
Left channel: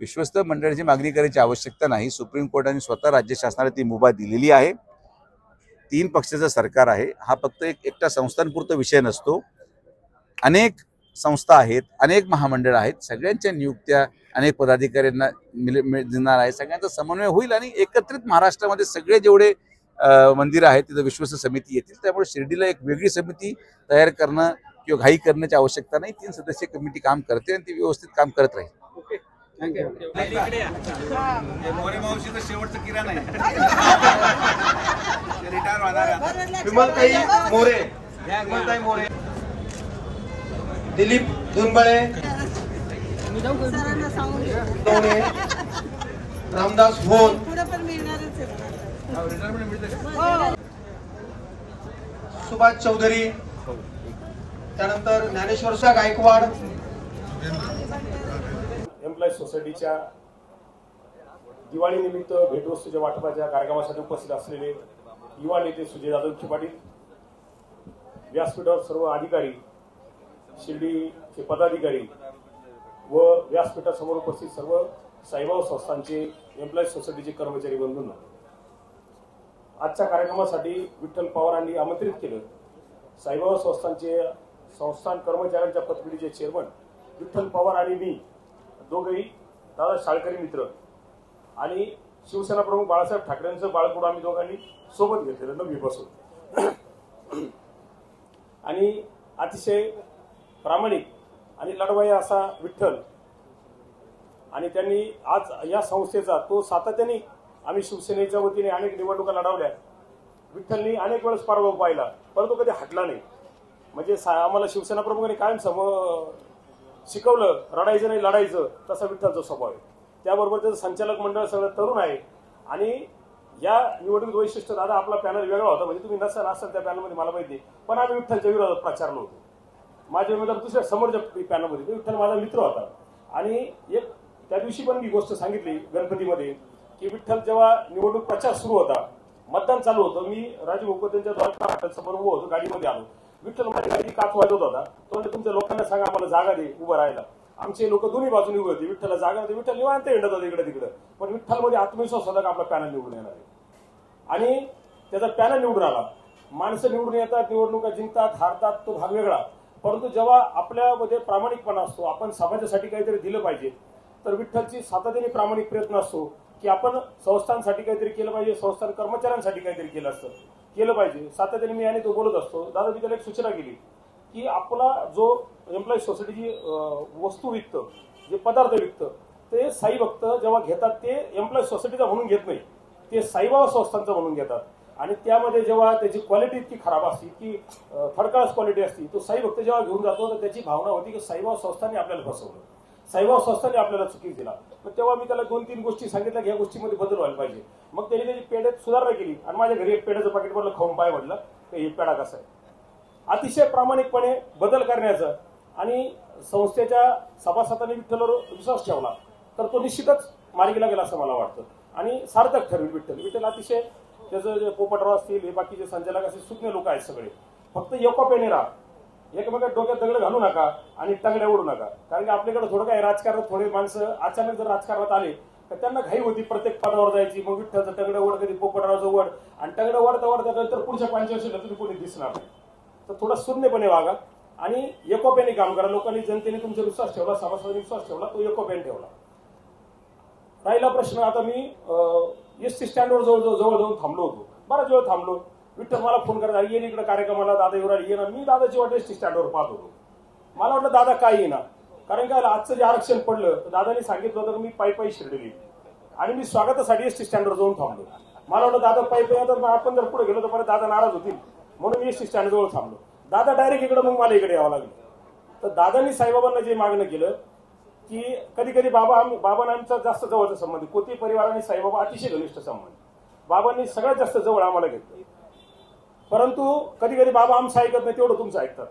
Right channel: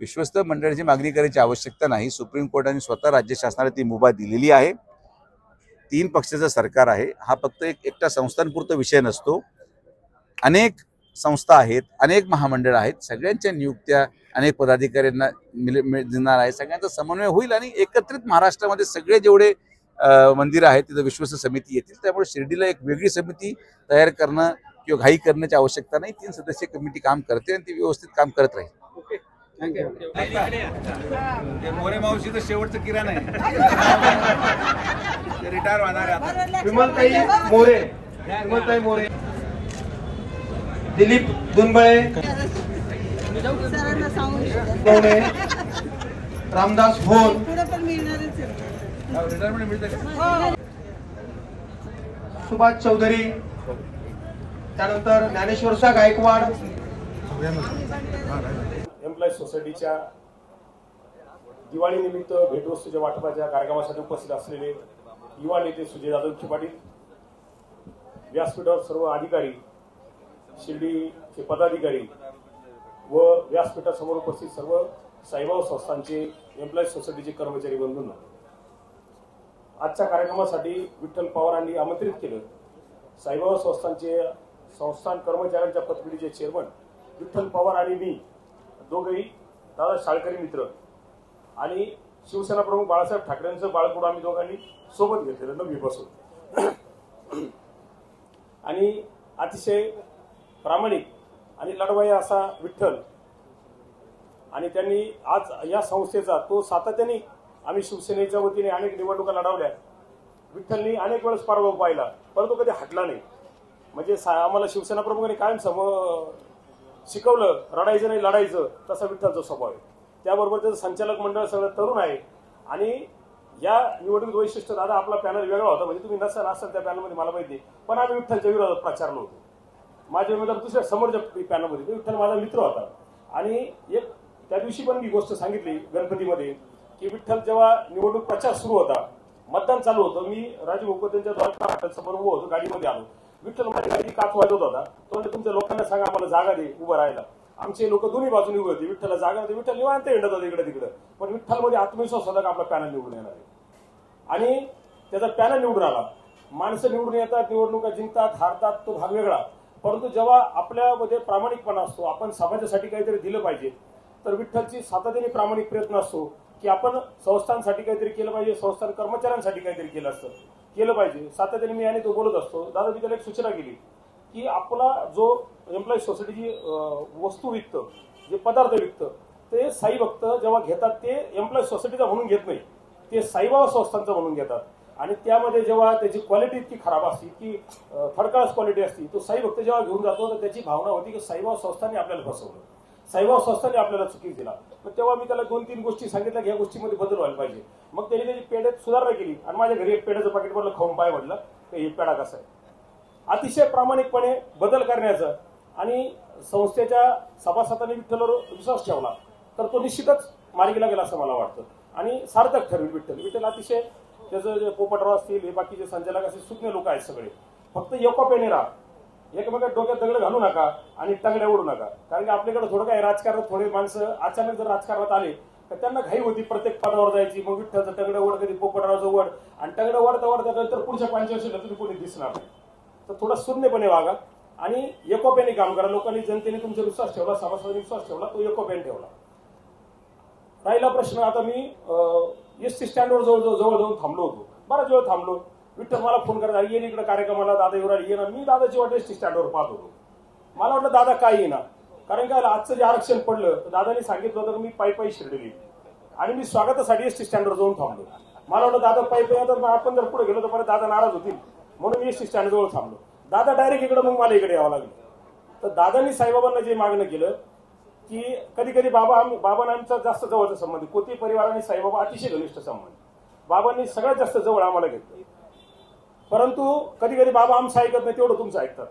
विश्वस्त मंडळाची मागणी करायची आवश्यकता नाही. सुप्रीम कोर्टाने स्वतः राज्य शासनाला ती मुभा दिलेली आहे. 3 पक्षाचं सरकार आहे. हा फक्त एकटा संस्थांपुरता विषय नसतो. अनेक संस्था आहेत, अनेक महामंडळ आहेत, सगळ्यांच्या नियुक्त्या अनेक पदाधिकाऱ्यांना देणार आहे. सगळ्यांचा समन्वय होईल आणि एकत्रित महाराष्ट्रामध्ये सगळे जेवढे मंदिरं आहेत तिथं विश्वस्त समिती येतील. त्यामुळे शिर्डीला एक वेगळी समिती तयार करणं किंवा घाई करण्याची आवश्यकता नाही. 3 सदस्यीय कमिटी काम करते आणि ती व्यवस्थित काम करत राहील. मोरे मावशीचं शेवटचं किराणा आहे, रिटायर होणार आहे. विमलताई मोरे, दिलीप दुनबळे, रामदास भोर, सुभाष चौधरी, त्यानंतर ज्ञानेश्वरचा गायकवाड. एम्प्लॉईज सोसायटीच्या दिवाळी निमित्त भेटवस्तूच्या वाटपाच्या कार्यक्रमासाठी उपस्थित असलेले युवा नेते सुजय जाधव पाटील, व्यासपीठावर सर्व अधिकारी, शिर्डीचे पदाधिकारी व व्यासपीठासमोर उपस्थित सर्व साईबाबा संस्थांचे एम्प्लॉईज सोसायटीचे कर्मचारी बंधूंना, आजच्या कार्यक्रमासाठी विठ्ठल पवारांनी आमंत्रित केलं. साईबाबा संस्थांचे संस्थान कर्मचाऱ्यांच्या पतपिढीचे चेअरमन विठ्ठल पवार आणि मी दोघेही दादा शाळकरी मित्र आणि शिवसेना प्रमुख बाळासाहेब ठाकरेंचं बाळकडू आम्ही दोघांनी सोबत घेतलेलं 9वी पासून आणि अतिशय प्रामाणिक आणि लढवाई असा विठ्ठल. आणि त्यांनी आज या संस्थेचा तो सातत्याने आम्ही शिवसेनेच्या वतीने अनेक निवडणुका लढवल्या. विठ्ठलनी अनेक वेळेस पराभव पाहिला परंतु कधी हटला नाही. म्हणजे आम्हाला शिवसेना प्रमुखांनी कायम शिकवलं रडायचं नाही लढायचं, तसा विठ्ठलचा स्वभाव आहे. त्याबरोबर त्याचं संचालक मंडळ सगळं तरुण आहे. आणि या निवडणूक वैशिष्ट्य दादा आपला पॅनल वेगळा होता, म्हणजे तुम्ही नसाल त्या पॅनलमध्ये मला माहिती, पण आम्ही विठ्ठलच्या विरोधात प्रचारलो होतो. माझे उमेदवार दुसऱ्या समोरच्या पॅनलमध्ये विठ्ठल माझा मित्र होता. आणि एक त्या दिवशी पण मी गोष्ट सांगितली गणपतीमध्ये की विठ्ठल जेव्हा निवडणूक प्रचार सुरू होता, मतदान चालू होतं, मी राजू भोकतेंच्या द्वारा समोर उभं होतो, गाडीमध्ये आलो. विठ्ठल माझ्या गाडी काच वाजवत होता. तो म्हणजे तुमच्या लोकांना सांगा आम्हाला जागा दे उभं राहायला. आमचे लोक दोन्ही बाजूने उभे होते. विठ्ठलला जागा होती, विठ्ठल निवांत हिंडत होता इकडे तिकडे. पण विठ्ठलमध्ये आत्मविश्वास होता का आपला पॅनल निवडून येणार आहे. आणि त्याचा पॅनल निवडून आला. माणसं निवडून येतात, निवडणुका जिंकतात, हारतात, तो भाग वेगळा. परंतु जेव्हा आपल्यामध्ये प्रामाणिकपणा असतो, आपण समाजासाठी काहीतरी दिलं पाहिजे, तर विठ्ठलची सातत्याने प्रामाणिक प्रयत्न असतो की आपण संस्थांसाठी काहीतरी केलं पाहिजे, संस्थान कर्मचाऱ्यांसाठी काहीतरी केलं पाहिजे. सातत्याने मी आणि तो बोलत असतो. दादा मी त्याला एक सूचना केली की आपला जो एम्प्लॉईज सोसायटीची वस्तू विकतं, जे पदार्थ विकतं, ते साई भक्त जेव्हा घेतात ते एम्प्लॉईज सोसायटीचा म्हणून घेत नाही, ते साईबाबा संस्थांचा म्हणून घेतात. आणि त्यामध्ये जेव्हा त्याची क्वालिटी इतकी खराब असते की थर्ड क्लास क्वालिटी असते, तो साई भक्त जेव्हा घेऊन जातो तर त्याची भावना होती की साईबाबा संस्थांनी आपल्याला फसवलं, साईबाबा संस्थांनी आपल्याला चुकी दिला. मग तेव्हा मी त्याला 2-3 गोष्टी सांगितल्या की या गोष्टीमध्ये बदल व्हायला पाहिजे. मग त्याने त्याची पेढ्यात सुधारणा केली आणि माझ्या घरी एक पेढ्याचं पाकिट भरलं, खाऊन पाय म्हटलं हे पेढा कसा आहे. अतिशय प्रामाणिकपणे बदल करण्याचं आणि संस्थेच्या सभासदांनी विठ्ठलवर विश्वास ठेवला तर तो निश्चितच मार्गीला गेला असं मला वाटतं आणि सार्थक ठरवेल. विठ्ठल अतिशय त्याचं जे पोपटराव असतील, हे बाकीचे संचालक असतील, सुज्ञ लोक आहेत सगळे. फक्त एकोप्याने राहा, एकमेकात डोक्यात दगड घालू नका आणि टंगड्या ओढू नका. कारण की आपल्याकडे थोडं काय राजकारणात थोडे माणसं अचानक जर राजकारणात आले तर त्यांना घाई होती प्रत्येक पदावर जायची. मग विठ्ठलचं टंगडं ओढ, कधी पोपटरावचं ओढ, आणि टंगडं ओढता नंतर पुढच्या 5 वर्षाला तुम्ही कोणी दिसणार नाही. तर थोडा शून्यपणे वागा आणि एकोप्याने काम करा. लोकांनी, जनतेने तुमचा विश्वास ठेवला, सभासदांनी विश्वास ठेवला, तो एकोप्याने ठेवला. राहिला प्रश्न, आता मी एसटी स्टँडवर जवळ जाऊन थांबलो होतो, बराच वेळ थांबलो. विठ्ठल मला फोन करत येईन इकडे कार्यक्रमाला, दादा येणार येणार. मी दादाची वाट एसटी स्टँडवर पाहत होतो. मला वाटलं दादा काय येणार, कारण काय आजचं जे आरक्षण पडलं तर दादांनी सांगितलं होतं की मी पायी शिर्डीली आणि मी स्वागतासाठी एसटी स्टँडवर जाऊन थांबलो. मला वाटलं दादा पायी तर आपण जर पुढे गेलो तर परत दादा नाराज होतील म्हणून मी एसटी स्टँड जवळ थांबलो. दादा डायरेक्ट इकडे मग मला इकडे यावं लागलं. तर दादांनी साईबाबांना जे मागणं केलं की कधी कधी बाबांना आमचा जास्त जवळचा संबंध, कोती परिवाराने साईबाबा अतिशय घनिष्ठ संबंध, बाबांनी सगळ्यात जास्त जवळ आम्हाला घेतलं. परंतु कधी कधी बाबा आमचं ऐकत नाही तेवढं तुमचं ऐकतात.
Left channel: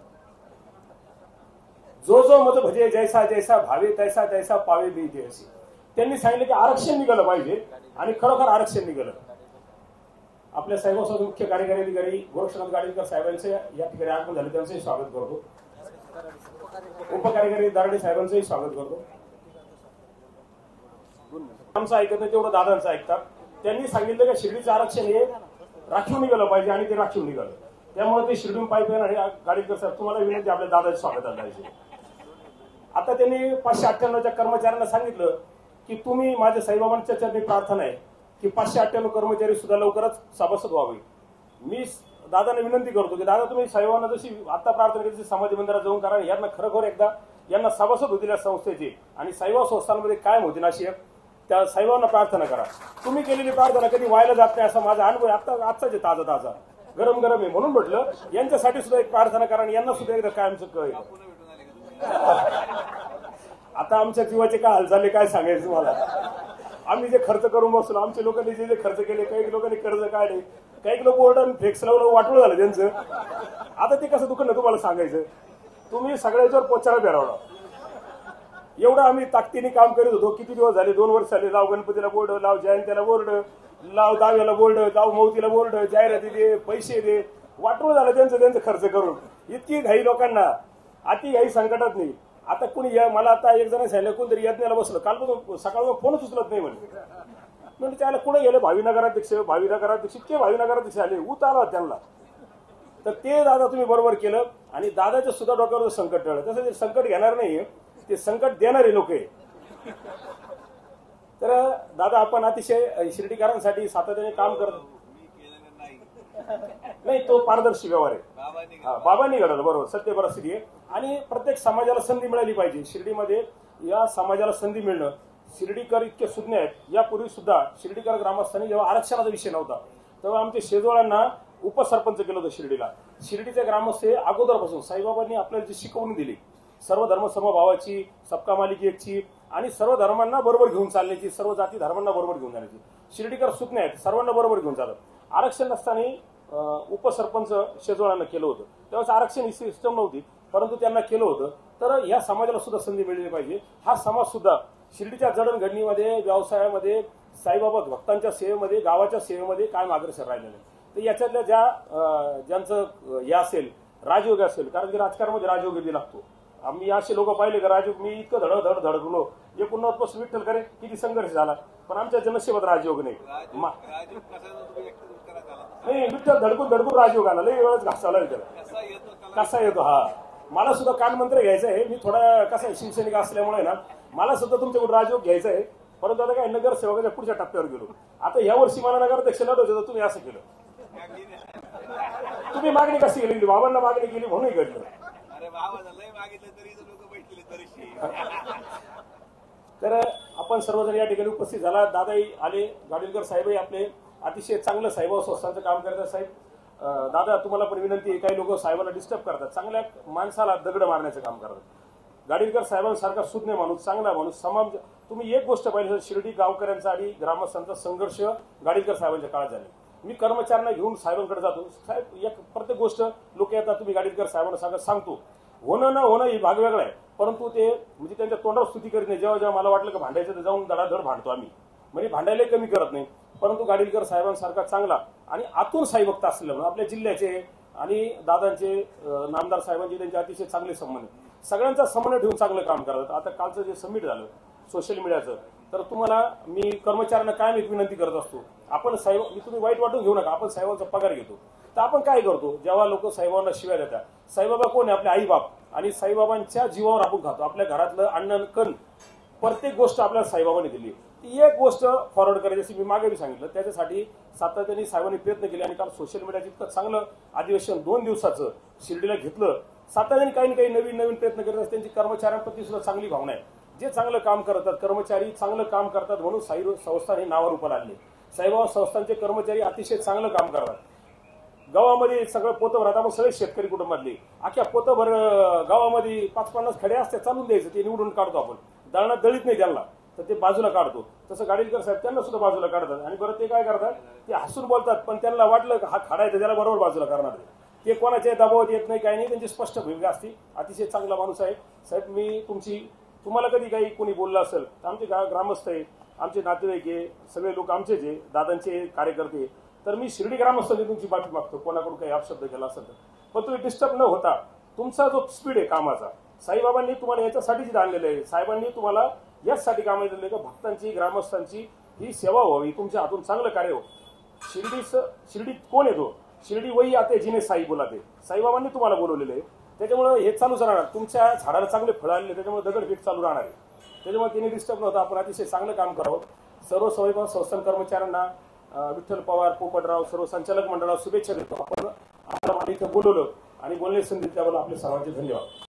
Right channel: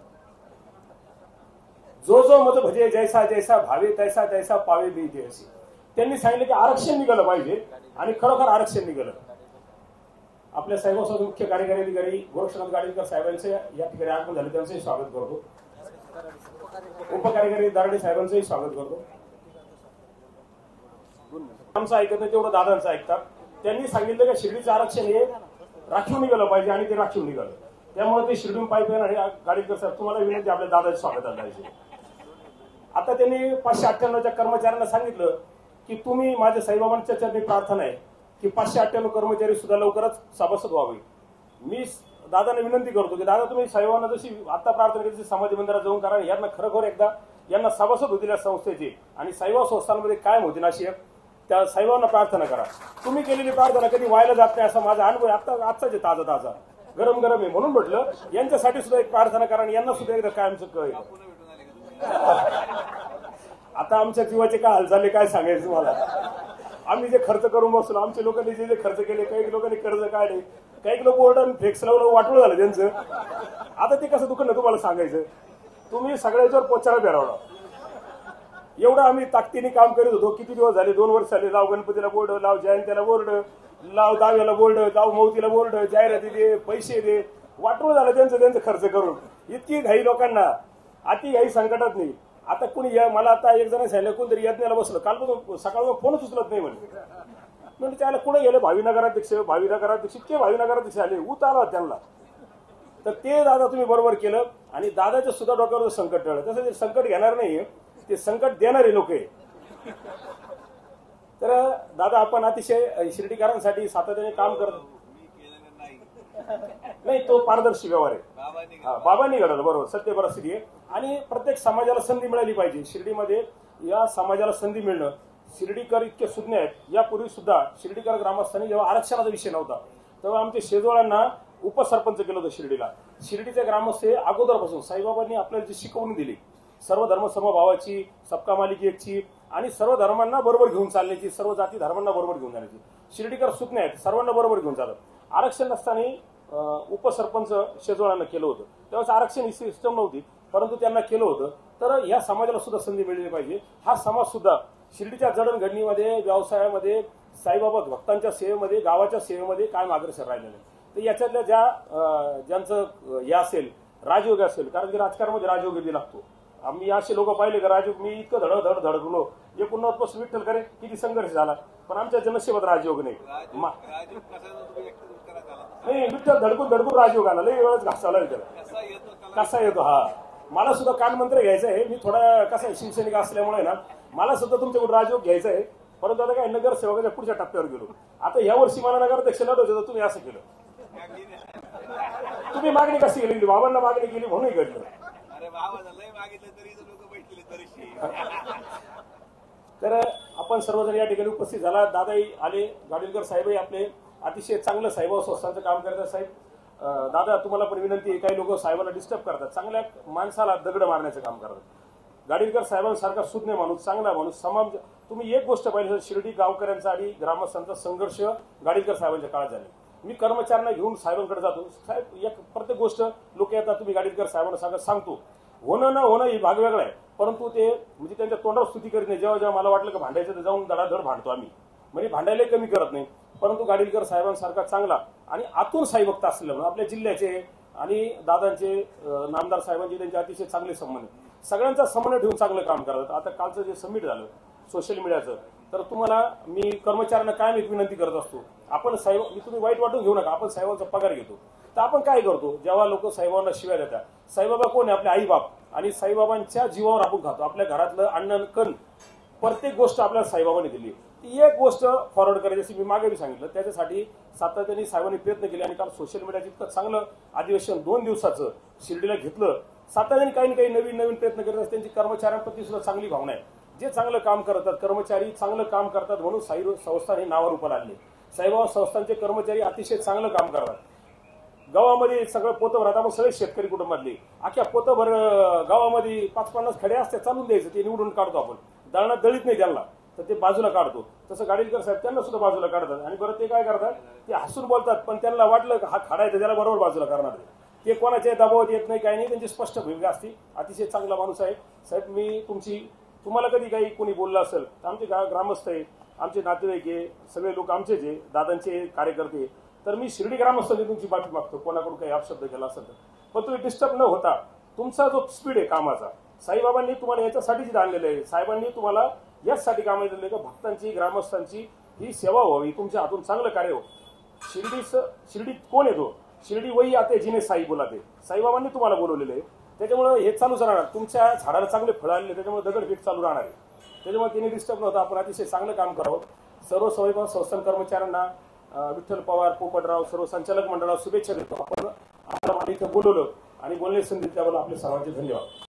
जो जो मत भजे जैसा जैसा भावे तैसा तैसा पावे बी जैसी. त्यांनी सांगितलं की आरक्षण निघालं पाहिजे आणि खरोखर आरक्षण निघालं. आपल्या साहेबांसोबत मुख्य कार्यकारी अधिकारी गोरक्षनाथ गाडीकर साहेबांचे या ठिकाणी आगमन झाले, त्यांचंही स्वागत करतो. उपकार्यकारी दारडे साहेबांचंही स्वागत करतो. आमचं ऐकत नाही तेवढं दादांचं ऐकतात. त्यांनी सांगितलं की शिर्डीचं आरक्षण हे राखीव निघालं पाहिजे आणि ते राखीव निघालं. त्यामुळे ते शिर्डीहून पाईपलाईन आणि गाडीकर साहेब तुम्हाला विनंती आपल्या दादाचं स्वागत आहे. आता त्यांनी 598च्या कर्मचाऱ्यांना सांगितलं की तुम्ही माझ्या साईबाबांच्या चरणी प्रार्थना आहे की 598 कर्मचारी सुद्धा लवकरच सभासद व्हावे. मी दादाने विनंती करतो की दादा तुम्ही साईबाबांना जशी आता प्रार्थना केली समाधी मंदिरात जाऊन करा. यांना खरोखर एकदा यांना सभासद होतील या संस्थेचे आणि साईबाबा संस्थांमध्ये कायम होतील अशी त्या साईबाबांना प्रार्थना करा. तुम्ही केलेली प्रार्थना कधी व्हायला जात नाही असा माझा अनुभव आता आजचाच ताजा ताजा गरम गरम आहे. म्हणून म्हटलं यांच्यासाठी सुद्धा एक प्रार्थना करा आणि यांना सुद्धा एकदा कायमचं कळेल. आता आमच्या जीवाचे काय हाल झाले काय सांगायचं तुम्हाला. आम्ही जे खर्च करून बसलो, आमच्या लोकांनी जे खर्च केले, काही लोकांनी कर्ज काढले, काही लोक ओरडून फ्लेक्स लावून वाटवलं झालं त्यांचं. आता ते कसं दुकान तुम्हाला सांगायचं. तुम्ही सगळ्याच्यावर पोचायला बेरावला. एवढं आम्ही ताकदीने काम करीत होतो. किती दिवस झाले, 2 वर्ष झाले. लाव गणपतीला बोर्ड, लाव जयंतीला बोर्ड, लाव दाव्याला बोर्ड, लाव मौतीला बोर्ड, जाहिराती दे, पैसे दे, वाटवलं झालं त्यांचं खर्च करून. इतकी घाई लोकांना, अति घाई संकटात नाही. आता कुणी मला आता एक जण सांगितलं कोणतरी यज्ञाला बसलं, कालपासून सकाळ फोनच उचलत नाही म्हणजे त्याला कुठे गेले भावी नगराध्यक्ष इतके भावी नगराध्यक्ष आले, ऊत आला त्यांना. तर ते दादा तुम्ही बरोबर केलं आणि दादाच्या सुद्धा डोक्यावर संकट टळलं. तसं ते संकट घेणार नाही, ते संकट देणारे लोक आहे. तर दादा आपण अतिशय शिर्डीकरांसाठी सातत्याने काम करतो. नाही तो पारदर्शी व्यवहार आहे. बाबांनी घडवलं बरोबर, सत्य परिस्थिती आहे. आणि प्रत्येक समाजाला संधी मिळाली पाहिजे. शिर्डीमध्ये या समाजाला संधी मिळणं, शिर्डीकर इतके सुज्ञ आहेत. यापूर्वी सुद्धा शिर्डीकर ग्रामस्थांनी जेव्हा आरक्षणाचा विषय नव्हता तेव्हा आमच्या शेजवळांना उपसरपंच केलं होतं शिर्डीला. शिर्डीचे ग्रामस्थ हे अगोदरपासून साईबाबांनी आपल्याला जी शिकवणी दिली, सर्व धर्म समभावाची, सबका मालिकी एकची आणि सर्व धर्मांना बरोबर घेऊन चालण्याची, सर्व जाती धर्मांना बरोबर घेऊन जाण्याची. शिर्डीकर सुज्ञ आहेत, सर्वांना बरोबर घेऊन जातात. आरक्षण नसताना उपसरपंच शेजवळांना केलं होतं. त्यावेळेस आरक्षण ही सिस्टम नव्हती, परंतु त्यांना केलं होतं. तर या समाजाला सुद्धा संधी मिळली पाहिजे. हा समाज सुद्धा शिर्डीच्या जडणघडणीमध्ये, व्यवसायामध्ये, साईबाबा भक्तांच्या सेवेमध्ये, गावाच्या सेवेमध्ये कायम अग्रेसर राहिलेलं आहे. तर याच्यातल्या ज्यांचं हे असेल, राजयोग असेल, कारण की राजकारणामध्ये राजयोग बी लागतो. आम्ही असे लोक पाहिले का राजयोग, मी इतकं धडकलो 89 पासून विठ्ठल करे किती संघर्ष झाला, पण आमच्या नशिबात राजयोग नाही. विठ्ठल धडकून राजयोग आला, लई वेळच घासावला त्याला. कसा येतो हा, मला सुद्धा कानमंत्र घ्यायचं आहे. मी थोडा कसा शिवसैनिक असल्यामुळे ना मला सुद्धा तुमच्याकडून राजयोग घ्यायचा आहे. परंतु आता काय नगरसेवकाच्या पुढच्या टप्प्यावर गेलो. आता यावर्षी मला नगराध्यक्ष लढवतो, तुम्ही असं केलं. तुम्ही मागणी कशी केली, बाबांना मागणी केली म्हणून घडलं. तर आपण सर्वजण या ठिकाणी उपस्थित झाला. दादाही आले, गाडीलकर साहेबही आपले अतिशय चांगलं साहेबांचं संस्थांचं काम करतात. साहेब दादा तुम्हाला पण विनंती आहे, काही लोक साहेबांना डिस्टर्ब करतात, चांगल्या माणसाला दगड मारण्याचं काम करतात. गाडीलकर साहेबांसारखा सुज्ञ माणूस, चांगला माणूस, समाज. तुम्ही एक गोष्ट पाहिली, शिर्डी गावकऱ्यांचा आणि ग्रामस्थांचा संघर्ष गाडीलकर साहेबांच्या काळात झाले. मी कर्मचाऱ्यांना घेऊन साहेबांकडे जातो. साहेब एक प्रत्येक गोष्ट लोक येतात, तुम्ही गाडीलकर साहेबांना सांगतो. होणं न होणं ही भाग वेगळा आहे, परंतु ते म्हणजे त्यांच्या तोंडावर स्तुती करीत नाही. जेव्हा जेव्हा मला वाटलं की भांडायचं तर जाऊन धडाधड भांडतो आम्ही, म्हणजे भांडायला कमी करत नाही. परंतु गाडीलकर साहेबांसारखा चांगला आणि आतून साईभक्त असल्यामुळे आपल्या जिल्ह्याचे आणि दादांचे, नामदार साहेबांचे त्यांचे अतिशय चांगले संबंध, सगळ्यांचा समन्वय ठेवून चांगलं काम करतात. आता कालचं जे समिट झालं सोशल मीडियाचं, तर तुम्हाला मी कर्मचाऱ्यांना कायम एक विनंती करत असतो, आपण साहेब, मी तुम्ही वाईट वाटून घेऊ नका, आपण साहेबांचा पगार घेतो. तर आपण काय करतो, जेव्हा लोक साईबाबांना शिव्या देतात, साईबाबा कोण आहे, आपले आई बाप, आणि साईबाबांच्या जीवावर आपण खातो. आपल्या घरातलं अन्न कण प्रत्येक गोष्ट आपल्याला साईबाबांनी दिली. ती एक गोष्ट फॉरवर्ड करायची, जशी मी मागे बी सांगितलं, त्याच्यासाठी सातत्याने साहेबांनी प्रयत्न केले. आणि काल सोशल मीडियाचं इतकं चांगलं अधिवेशन 2 दिवसाचं शिर्डीला घेतलं. सातत्याने काही ना काही नवीन नवीन प्रयत्न करत असतात. त्यांची कर्मचाऱ्यांप्रती सुद्धा चांगली भावना आहे. जे चांगलं काम करतात, कर्मचारी चांगलं काम करतात म्हणून साई संस्थान हे नावावर रूपाला आणले. साईबाबा संस्थांचे कर्मचारी अतिशय चांगलं काम करतात. गावामध्ये सगळं पोतभर, आता मग सगळे शेतकरी कुटुंबातले अख्ख्या पोतभर गावामध्ये 5-50 खडे असते, चालून द्यायचं, ते निवडून काढतो आपण. दळणात दळीत नाही त्यांना, तर ते बाजूला काढतो. तसं गाडीलकर साहेब त्यांना सुद्धा बाजूला काढतात. आणि बरं ते काय करतात, ते हसून बोलतात, पण त्यांना वाटलं हा खडा आहे तर त्याला बरोबर बाजूला करणार. ते कोणाच्या दबावात येत नाही, काही नाही, त्यांची स्पष्ट भूमिका असते. अतिशय चांगला माणूस आहे साहेब. मी तुम्हाला कधी काही कोणी बोललं असेल तर आमचे ग्रामस्थ आहे, आमचे नातेवाईक आहे, सगळे लोक आमचेच आहे, दादांचे कार्यकर्ते. तर मी शिर्डी ग्रामस्थांनी तुमची माफी मागतो कोणाकडून काही अपशब्द केला असेल तर. पण तुम्ही डिस्टर्ब न होता तुमचा जो स्पीड आहे कामाचा, साईबाबांनी तुम्हाला याच्यासाठीच आणलेलं आहे. साहेबांनी तुम्हाला याचसाठी काम दिलेलं आहे का भक्तांची, ग्रामस्थांची ही सेवा व्हावी, तुमच्या हातून चांगलं कार्य हो. शिर्डीत कोण येतो? शिर्डी वही आते जिने साई बोलाते. साईबाबांनी तुम्हाला बोलवलेलं आहे. त्याच्यामुळे हे चालूच राहणार. तुमच्या झाडाला चांगले फळं आलेले, त्याच्यामुळे दगडफेक चालू राहणार आहे. त्याच्यामुळे तिने डिस्टर्ब नव्हता. आपण अतिशय चांगलं काम करावं. सर्व साईबाबा संस्थान कर्मचाऱ्यांना, विठ्ठल पवार, पोपटराव, सर्व संचालक मंडळाला शुभेच्छा देतो. आपण आपल्या इथं बोलवलं आणि बोलण्याची संधी त्याबद्दल आपले सर्वांचे धन्यवाद.